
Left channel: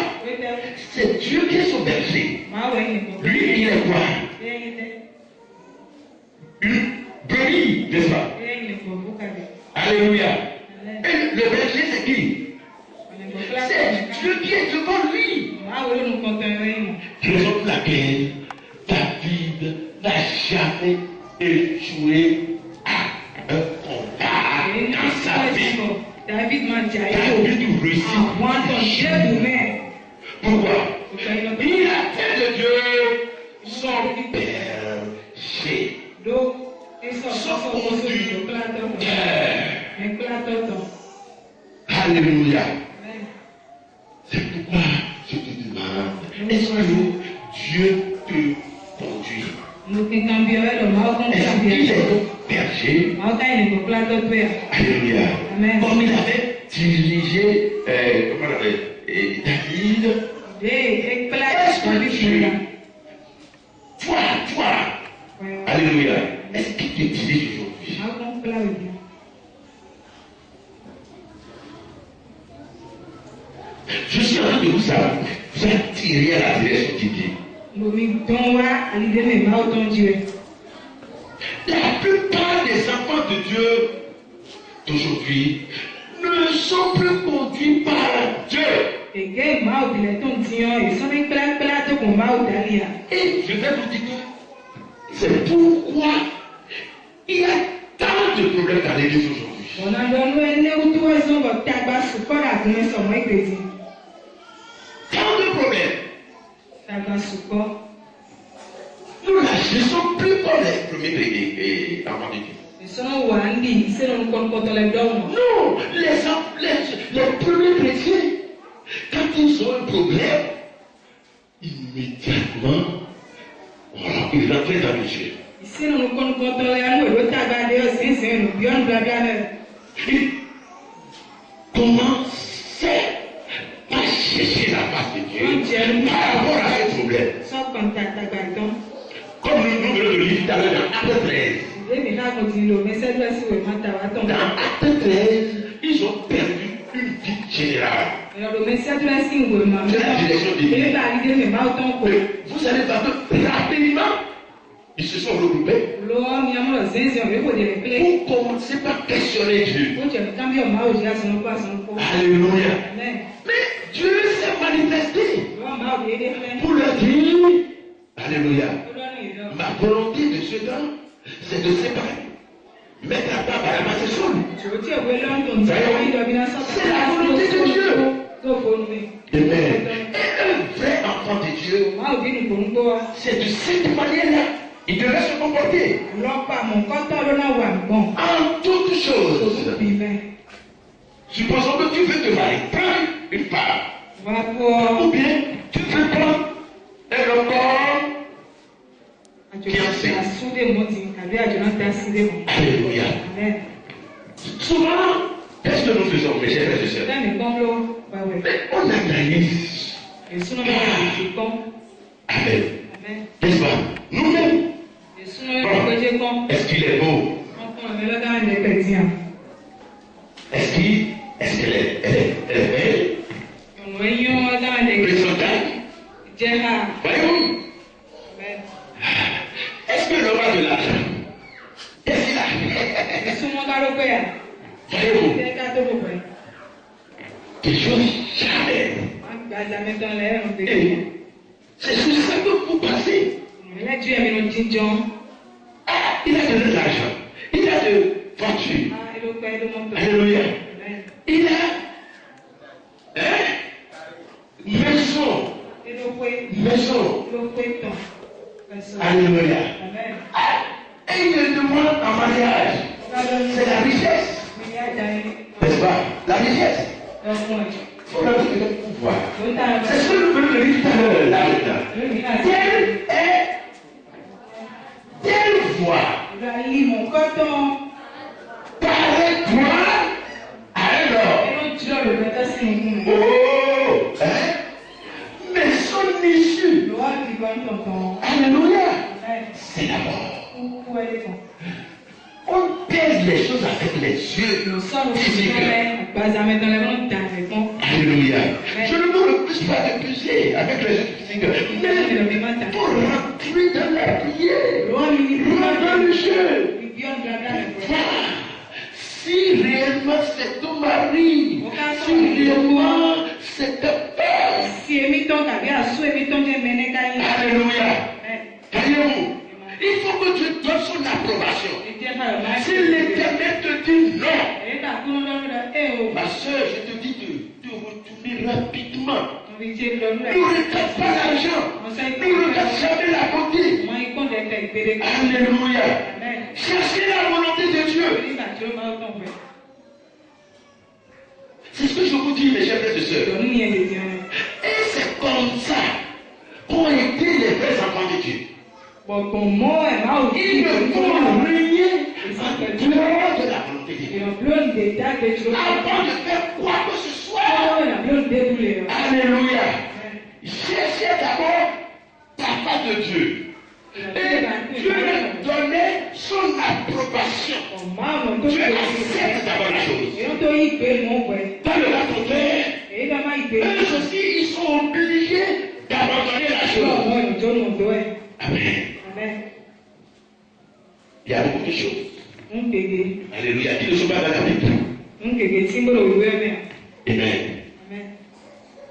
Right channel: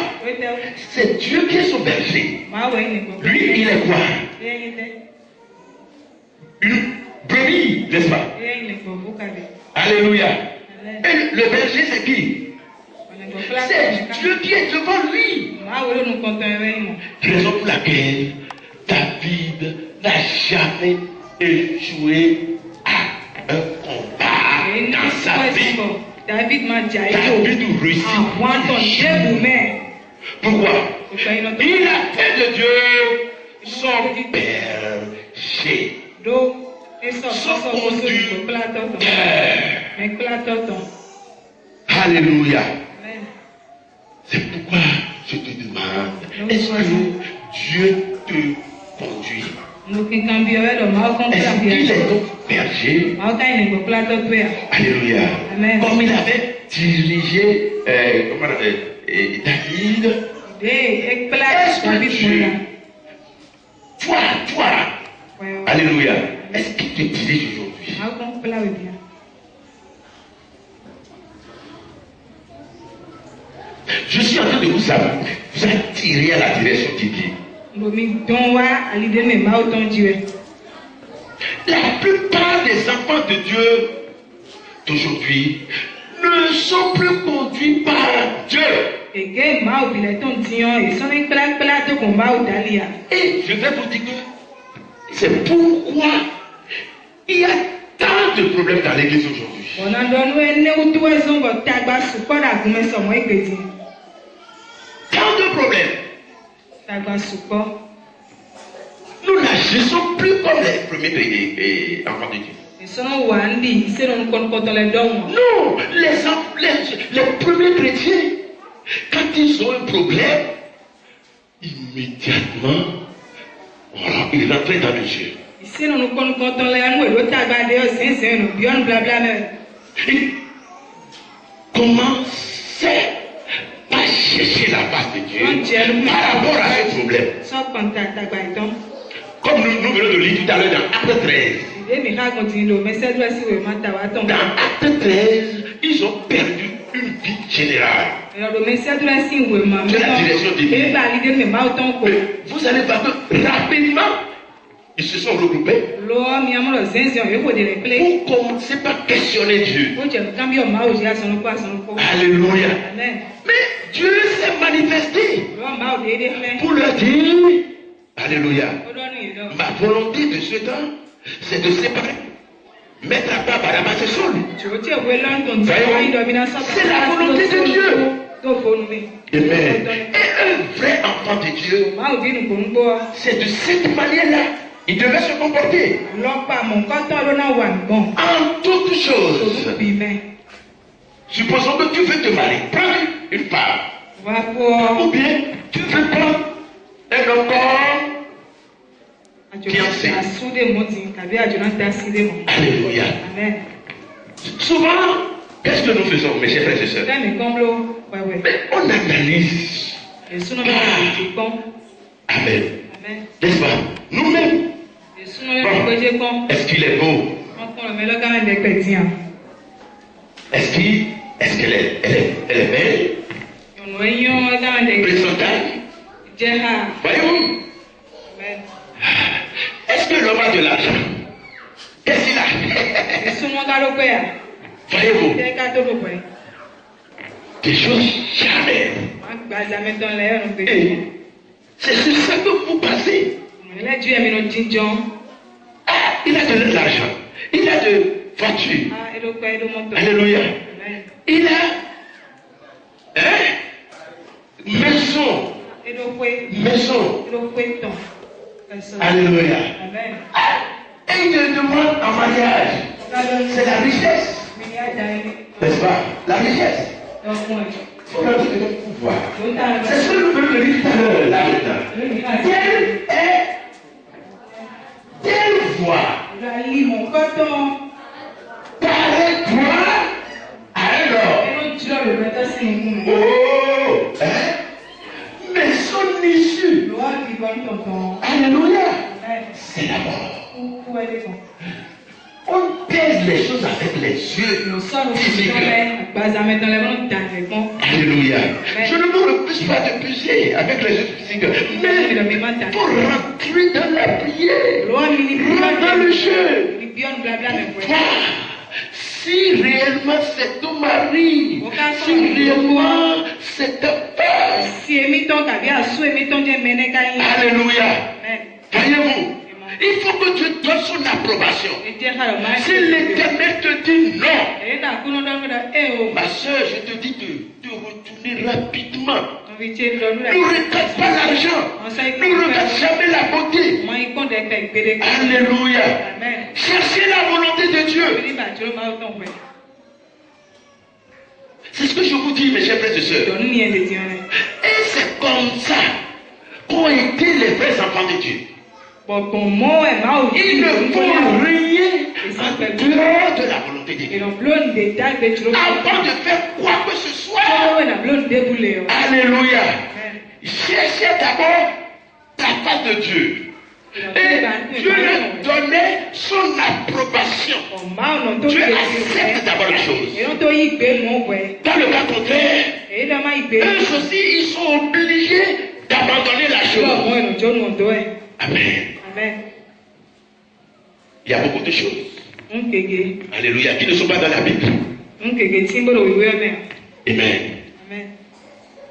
C'est Dieu qui est son berger. Lui, il est quoi? Une brebis, n'est-ce pas? Alléluia. Et le berger, c'est qui? C'est Dieu qui est devant lui. Raison pour laquelle David n'a jamais échoué à un combat dans sa vie. David réussit. Pourquoi? Il a fait de Dieu son berger. Son conducteur. Alléluia. C'est pourquoi je te demande, est-ce que Dieu te conduit? Est-ce qu'il est ton berger? Alléluia. Comme il avait dirigé David, est-ce que Dieu, toi, alléluia, est-ce qu'il te dirige aujourd'hui? Je suis en train de vous attirer à la direction divine. La plupart des enfants de Dieu d'aujourd'hui ne sont plus conduits par Dieu. Et je vais vous dire que c'est pourquoi il y a tant de problèmes dans l'église aujourd'hui. Tant de problèmes. Nous n'agissons plus comme les premiers enfants de Dieu. Non, les premiers chrétiens, quand ils ont un problème, immédiatement, voilà, ils rentrent dans le jeu. Ils commençaient à chercher la face de Dieu par rapport à ce problème. Comme nous venons de lire tout à l'heure dans Acte 13. Dans Acte 13, ils ont perdu une vie générale de la direction divine. Vous allez voir que rapidement, ils se sont regroupés pour commencer par questionner Dieu. Alléluia. Mais Dieu s'est manifesté pour leur dire, alléluia, ma volonté de ce temps, c'est de séparer, mettre à part Barnabas et Saul. C'est la volonté de Dieu. Amen. Et un vrai enfant de Dieu, c'est de cette manière-là il devait se comporter. En toutes choses. Supposons que tu veux te marier, prends une femme. Ou bien tu veux prendre un homme fiancé. Alléluia. Souvent, qu'est-ce que nous faisons, mes chers frères et sœurs? Mais on analyse. Amen. N'est-ce pas? Nous-mêmes. Bon. Est-ce qu'il est beau? Est-ce qu'elle est belle? Présentable? Voyons. Est-ce que l'homme a de l'argent? Qu'est-ce qu'il a? Voyez-vous? Des choses jamais. Et c'est sur ça que vous passez. Il a de l'argent. Il a de voiture. Alléluia. Il a maison. Alléluia. Et il le demande en mariage. C'est la richesse. N'est-ce pas? La richesse. C'est ce que nous venons de dire tout à l'heure, là-dedans. Quelle voix paraît-toi à un homme? Oh, hein? Mais son issue, alléluia, c'est la mort. On pèse les choses avec les yeux physiques. Alléluia. Je ne me refuse pas de peser avec les yeux physiques, mais pour rentrer dans la prière, rentrer dans le jeu. Si réellement c'est ton mari, si réellement c'est ta femme. Alléluia. Voyez-vous, il faut que Dieu donne son approbation. Si l'Éternel te dit non, ma soeur, je te dis de retourner rapidement. Ne regarde pas l'argent. Ne regarde jamais la beauté. Alléluia. Cherchez la volonté de Dieu. C'est ce que je vous dis, mes chers frères et sœurs. Et c'est comme ça qu'ont été les vrais enfants de Dieu. Ils ne font rien en dehors de la volonté de Dieu. Avant de faire quoi que ce soit. Alléluia. Cherchez d'abord la face de Dieu. Et Dieu leur donnait son approbation. l'action. Tu acceptes d'abord les choses. Dans le cas contraire, eux aussi, ils sont obligés d'abandonner la chose. Amen. Il y a beaucoup de choses. Alléluia. Qui ne sont pas dans la Bible. Amen.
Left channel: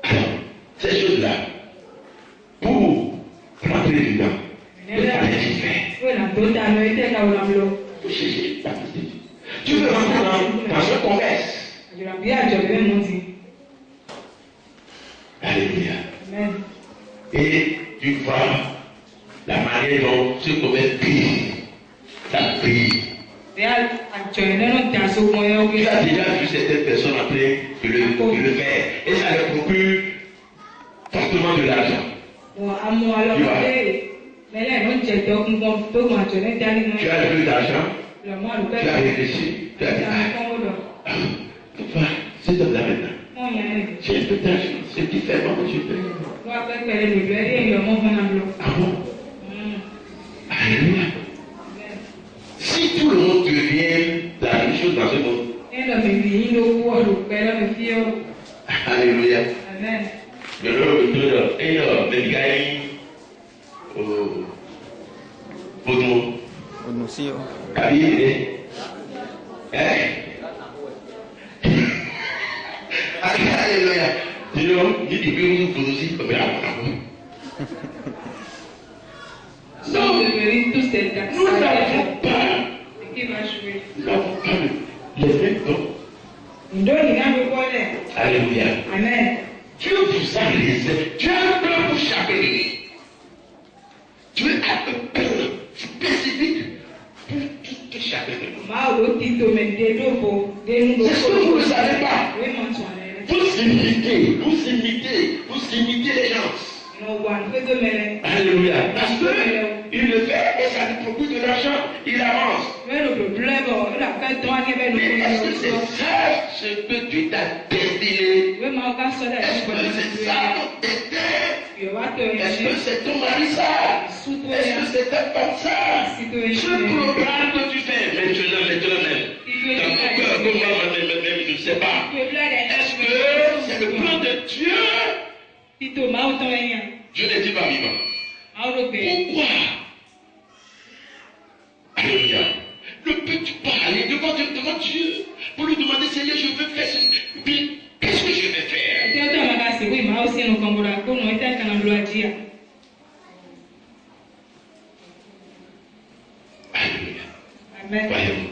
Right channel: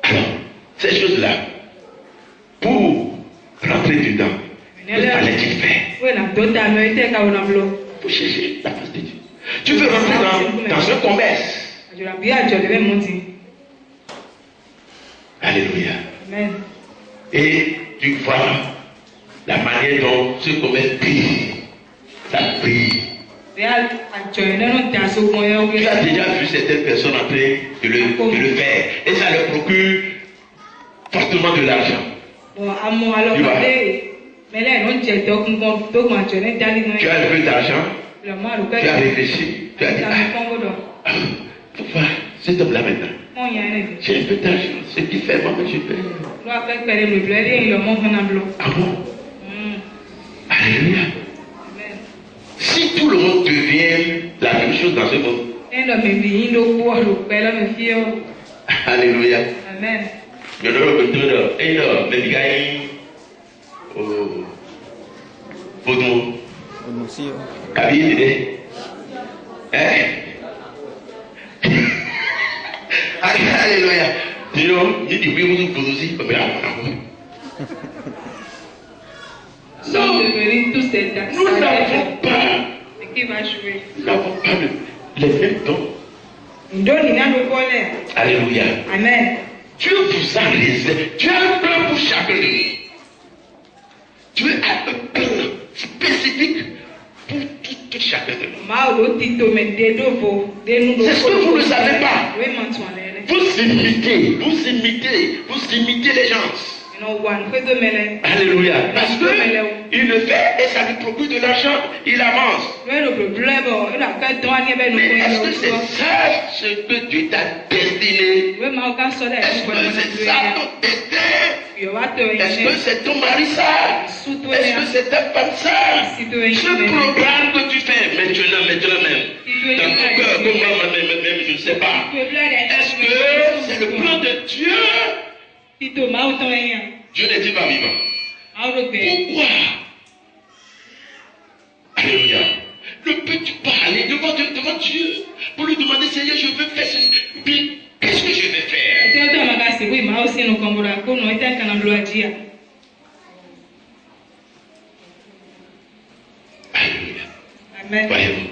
Alors, ces choses-là, pour rentrer dedans, il fallait-il faire? Faut chercher la face de Dieu. Tu veux rentrer dans un commerce. Alléluia. Et tu vois la manière dont ce commerce brille. Ça brille. Tu as déjà vu certaines personnes en train de le faire. Et ça leur procure fortement de l'argent. Tu as le plus d'argent. Tu as réfléchi. Tu as dit, tu vois, cet homme-là maintenant. J'ai un peu d'argent. C'est différent que je fais. Ah bon? Alléluia. Si tout le monde devient la même chose dans ce monde. Alléluia. Amen. Alléluia. Non, nous n'avons pas les mêmes dons. Alléluia. Amen. Dieu vous a réservé. Dieu a un plan pour chacun de nous. Dieu a un plan spécifique pour tout chacun de nous. C'est ce que vous ne savez pas. Vous imitez les gens. Alléluia. Parce qu'il le fait et ça lui procure de l'argent, il avance. Mais est-ce que c'est ça ce que Dieu t'a destiné? Est-ce que c'est ça ton destin? Est-ce que c'est ton mari ça? Est-ce que c'est ta femme ça? Ce programme que tu fais maintenant même, dans ton cœur, que moi-même, je ne sais pas. Est-ce que c'est le plan de Dieu? Dieu n'est pas vivant. Pourquoi? Alléluia. Ne peux-tu pas aller devant Dieu pour lui demander, Seigneur, je veux faire ceci. Puis, qu'est-ce que je vais faire? Alléluia. Voyez-vous.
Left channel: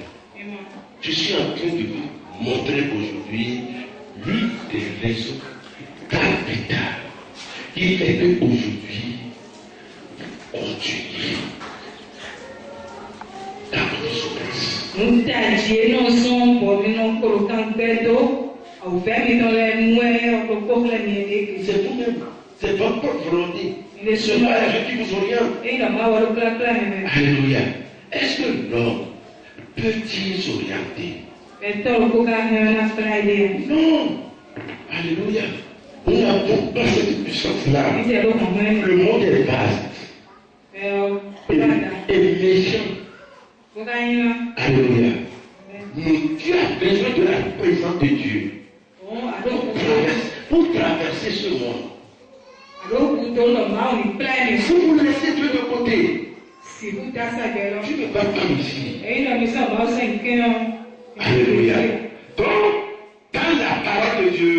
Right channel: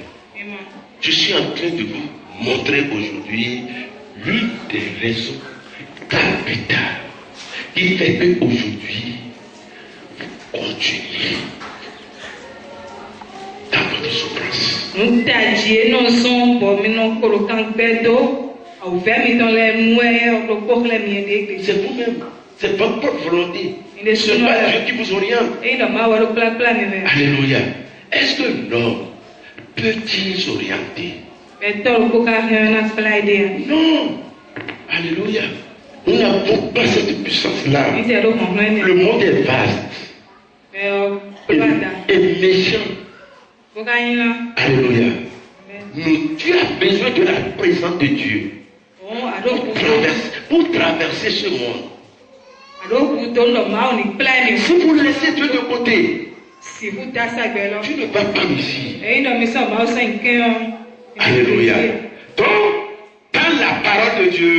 Je suis en train de vous montrer aujourd'hui l'une des raisons capitales qui fait qu'aujourd'hui, continuez dans votre souffrance. C'est vous-même, c'est votre propre volonté. Ce n'est pas Dieu qui vous oriente. Alléluia. Est-ce que l'homme peut-il s'orienter? Non. Alléluia. Nous n'avons pas cette puissance-là. Le monde est vaste et méchant. Alléluia. Tu as besoin de la présence de Dieu pour traverser ce monde. Si vous laissez Dieu de côté, tu ne vas pas ici. Alléluia. Donc, dans la parole de Dieu,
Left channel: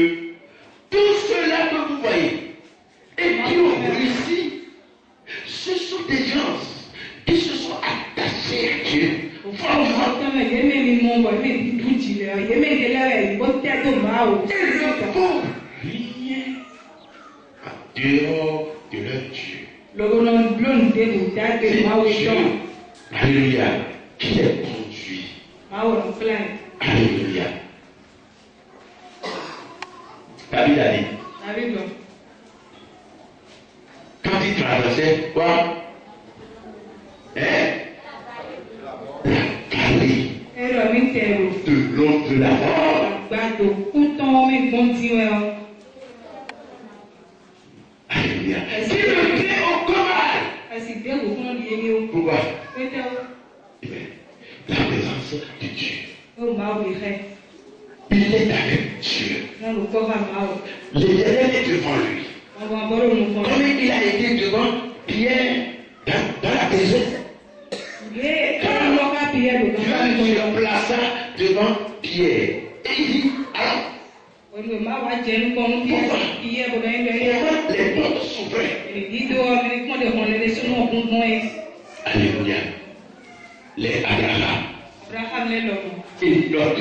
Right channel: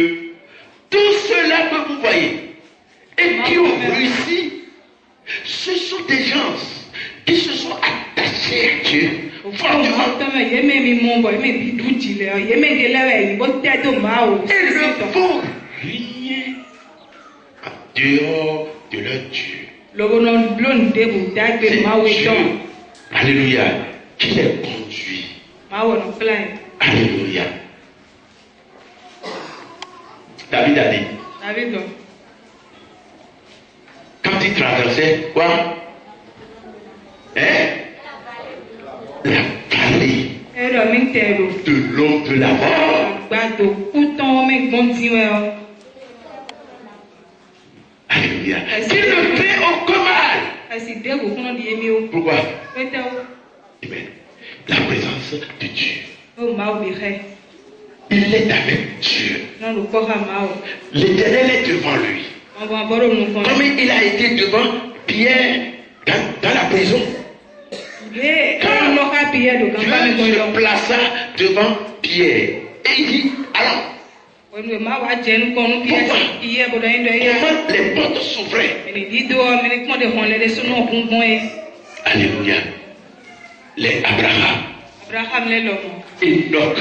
tous ceux-là que vous voyez et qui ont réussi, ce sont des gens qui se sont attachés à Dieu. Fortement. Et ne font rien en dehors de leur Dieu. C'est Dieu. Alléluia. Qui les conduit. Alléluia. David a dit. Quand il traversait quoi? La vallée de l'homme de la mort. Alléluia. Qui ne fait aucun mal. Pourquoi? Amen. La présence présence de Dieu. Il est avec Dieu. L'Éternel est devant lui. Comme il a été devant Pierre dans la prison. Quand Dieu se plaça devant Pierre. Et il dit, alors, pourquoi les portes s'ouvraient? Alléluia. Les Abraham, Enoch,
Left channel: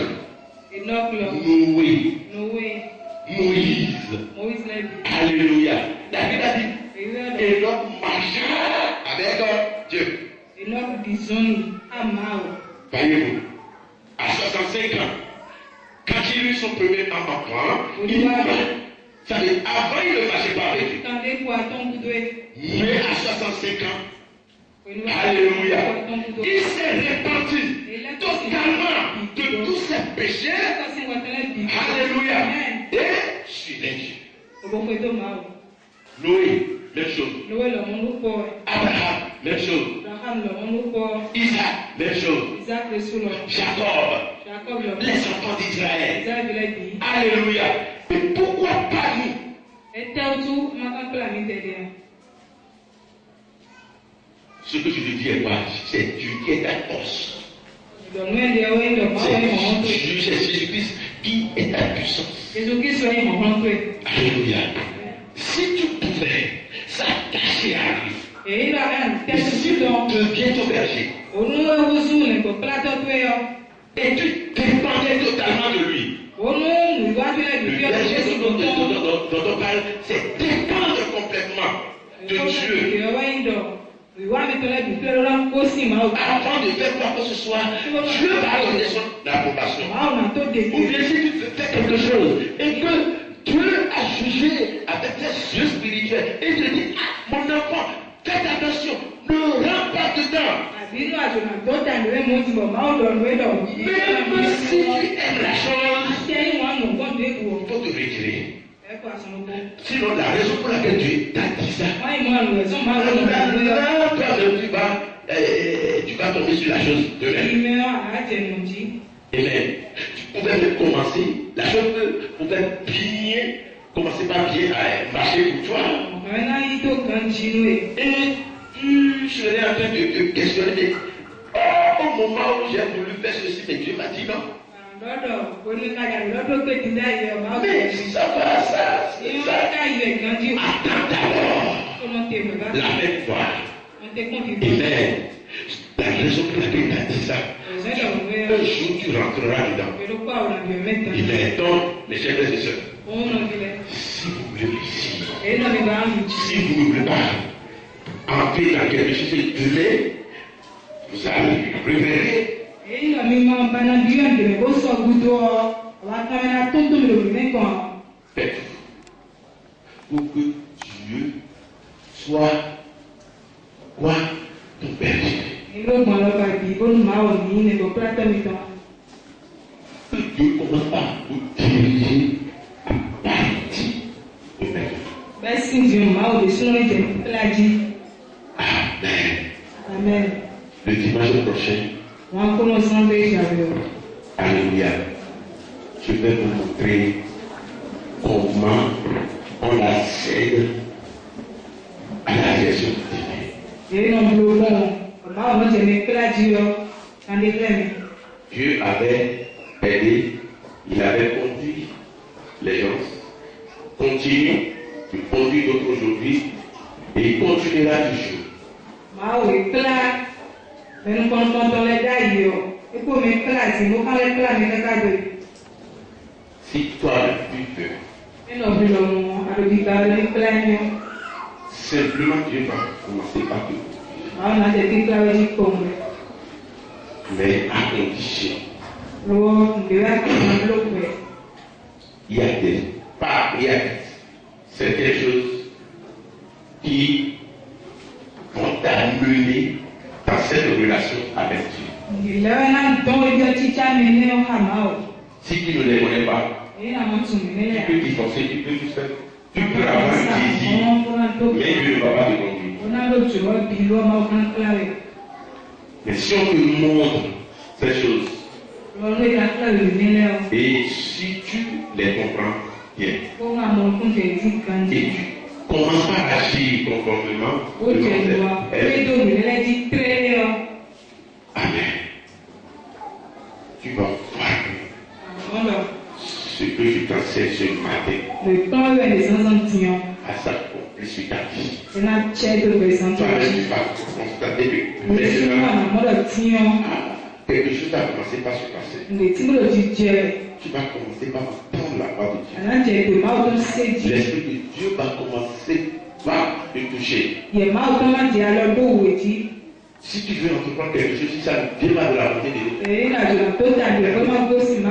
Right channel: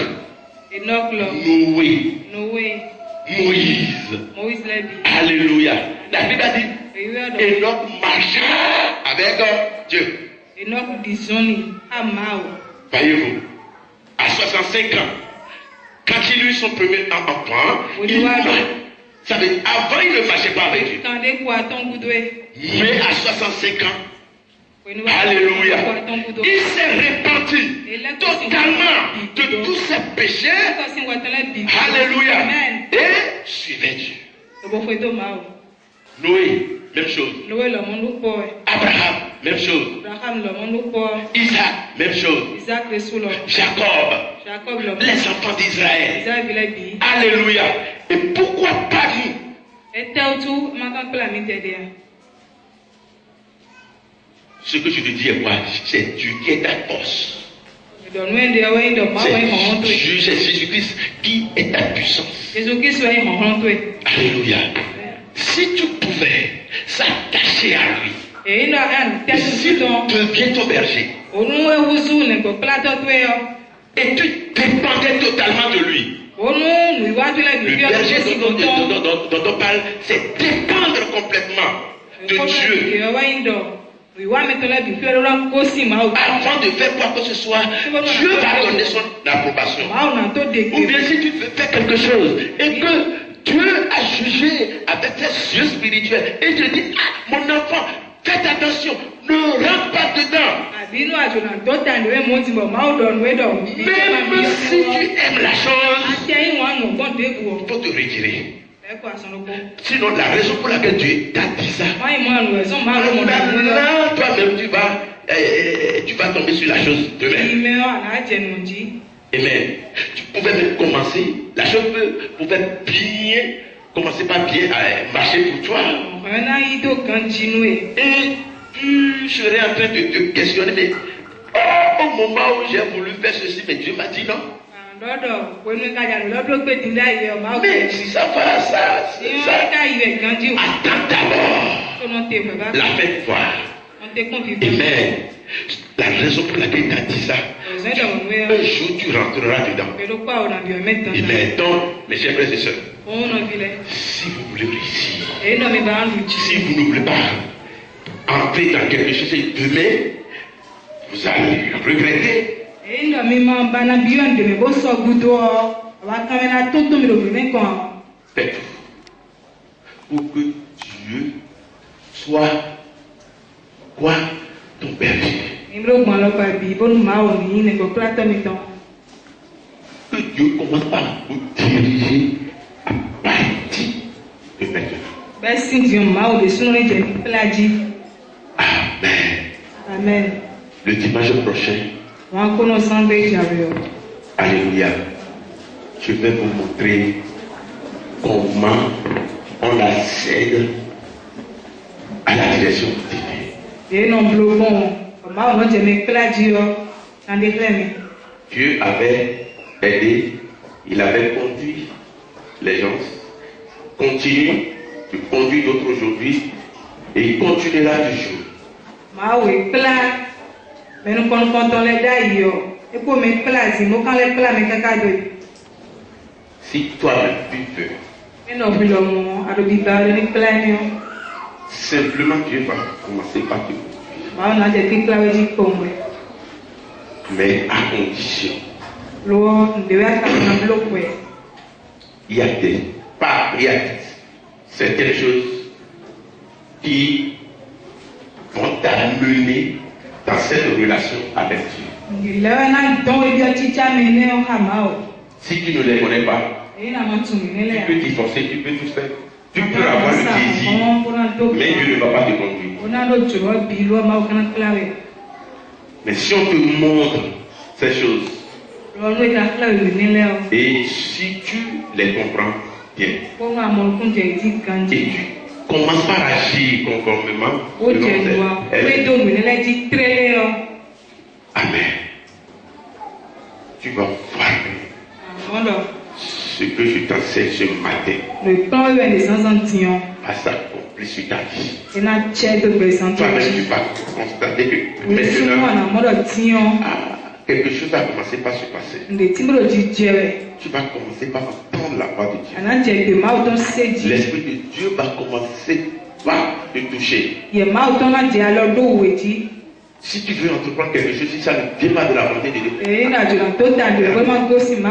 Noé, Moïse. Alléluia. La Bible a dit, Enoch marcha avec Dieu. Voyez-vous, à 65 ans, quand il eut son premier enfant, avant il ne marchait pas avec lui. Mais à 65 ans, alléluia, il s'est repenti totalement de tous ses péchés. Alléluia. Et suivait Dieu. Noé, même chose. Abraham, même chose. Isaac, même chose. Jacob, les enfants d'Israël. Alléluia. Et pourquoi pas nous? Ce que je te dis est quoi? C'est Dieu qui est ta force. C'est Dieu, c'est Jésus-Christ qui est ta puissance. Alléluia. Si tu pouvais s'attacher à lui, et si tu deviens ton berger, et tu dépendais totalement de lui, le berger dont on parle, c'est dépendre complètement de Dieu. Avant de faire quoi que ce soit, Dieu va donner son approbation. Ou bien si tu fais quelque chose et que Dieu a jugé avec ses yeux spirituels et te dit, ah, mon enfant, faites attention, ne rentre pas dedans. Même si tu aimes la chose, il faut te retirer. Sinon, la raison pour laquelle Dieu t'a dit ça, maintenant, toi-même, tu vas tomber sur la chose demain. Amen. Tu pouvais même commencer, la chose pouvait bien, commencer par bien à marcher pour toi. Et tu serais en train de te questionner, mais au moment où j'ai voulu faire ceci, mais Dieu m'a dit non. Mais ça va, ça. Attends d'abord. La fête voir. Amen. La raison pour laquelle il a dit ça, un jour tu rentreras dedans. Amen. Donc, mes chers frères et sœurs, si vous voulez réussir, si vous ne voulez pas entrer dans quelque chose et demain, vous allez regretter. Faites pour que Dieu soit quoi? Ton berger. Que Dieu commence par vous diriger à partir de maintenant. Amen. Le dimanche prochain, alléluia, je vais vous montrer comment on accède à la direction divine. Dieu avait aidé, il avait conduit les gens, continue de conduire d'autres aujourd'hui et il continuera toujours. Si toi tu veux, simplement Dieu va commencer par te conduire. Mais à condition, il y a certaines choses qui vont t'amener dans cette relation avec Dieu. Si tu ne les connais pas, tu peux t'y forcer, tu peux tout faire. Tu peux avoir le désir, mais Dieu ne va pas te conduire. Mais si on te montre ces choses, Et si tu les comprends bien, et tu commences par agir conformément, amen. Tu vas voir ce que je t'enseigne ce matin va s'accomplir sur ta vie. Toi-même, tu vas constater que maintenant, quelque chose va commencer par se passer. Tu vas commencer par entendre la voix de Dieu. L'Esprit de Dieu va commencer par te toucher. Si tu veux entreprendre quelque chose, si ça ne vient pas de la volonté de Dieu,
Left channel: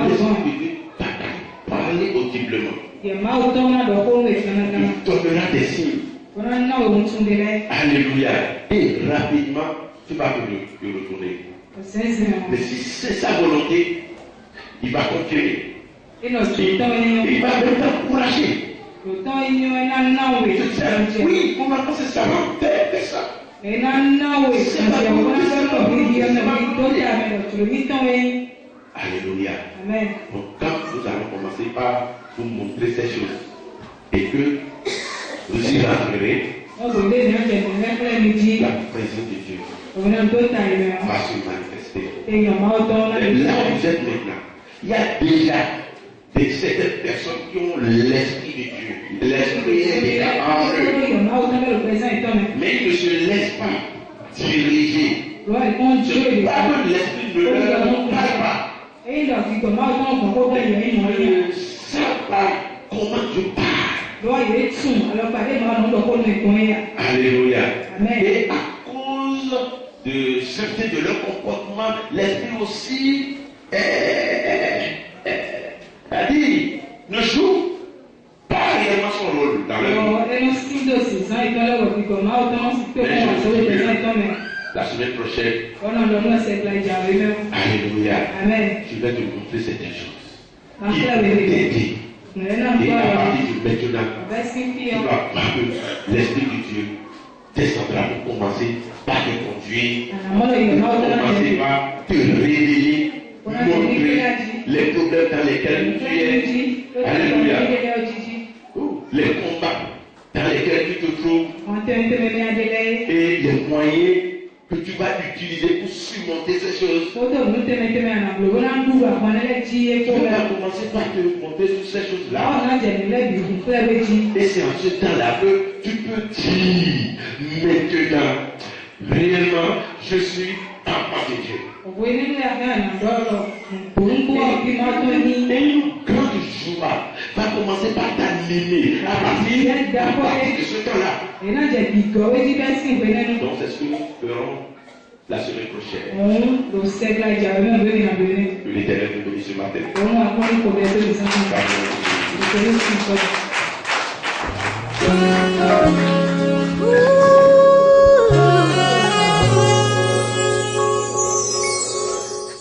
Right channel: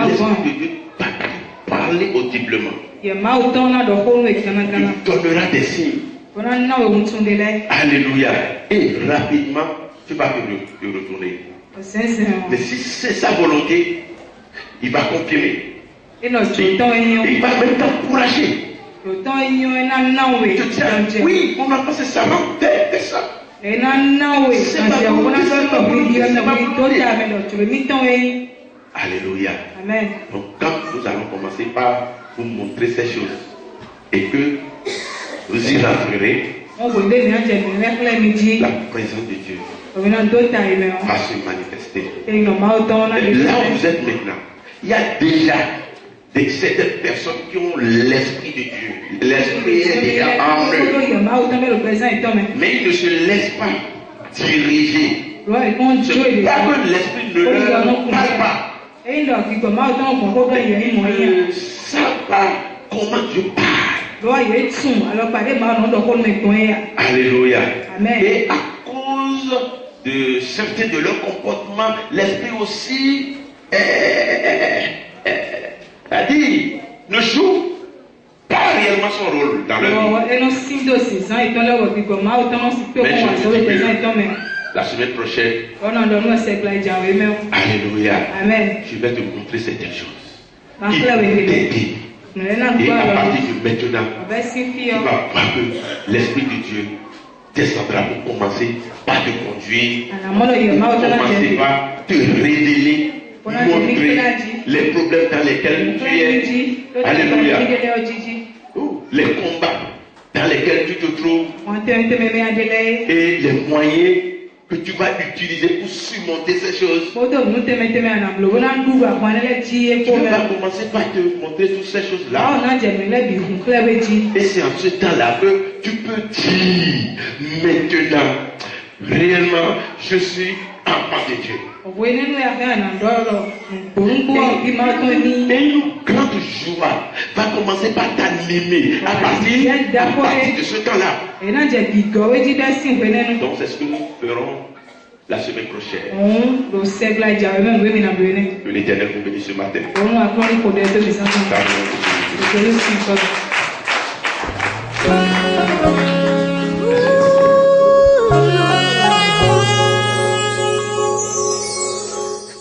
l'Esprit de Dieu va parler audiblement. Il donnera des signes. Alléluia. Et rapidement, tu vas te retourner. Mais si c'est sa volonté, il va confirmer. Il va même t'encourager. Oui, on a passé ça, fais ça. Alléluia. Amen. Donc quand nous allons commencer par vous montrer ces choses et que vous y rentrerez, la présence de Dieu va se manifester. Là où vous êtes maintenant, il y a déjà certaines personnes qui ont l'Esprit de Dieu. L'Esprit est déjà en eux. Mais ils ne se laissent pas diriger. C'est pas que l'Esprit ne leur parle pas. Ils ne savent pas comment Dieu parle. Alléluia. Amen. Et à cause de certains de leurs comportements, l'Esprit aussi a dit, ne joue pas réellement son rôle dans leur vie. La semaine prochaine, alléluia, Amen. je vais te montrer certaines choses qui vont t'aider. Et à partir de maintenant, tu vas voir que l'Esprit de Dieu descendra pour commencer par te conduire, pour commencer par te révéler, montrer les problèmes dans lesquels tu es. Alléluia. Les combats dans lesquels tu te trouves et les moyens que tu vas utiliser pour surmonter ces choses. Tu vas commencer par te montrer toutes ces choses-là. Et c'est en ce temps-là que tu peux dire maintenant, réellement, je suis enfant de Dieu. Et une grande joie va commencer par t'animer à partir de ce temps-là. Donc c'est ce que nous ferons la semaine prochaine. Que l'Éternel vous bénisse ce matin.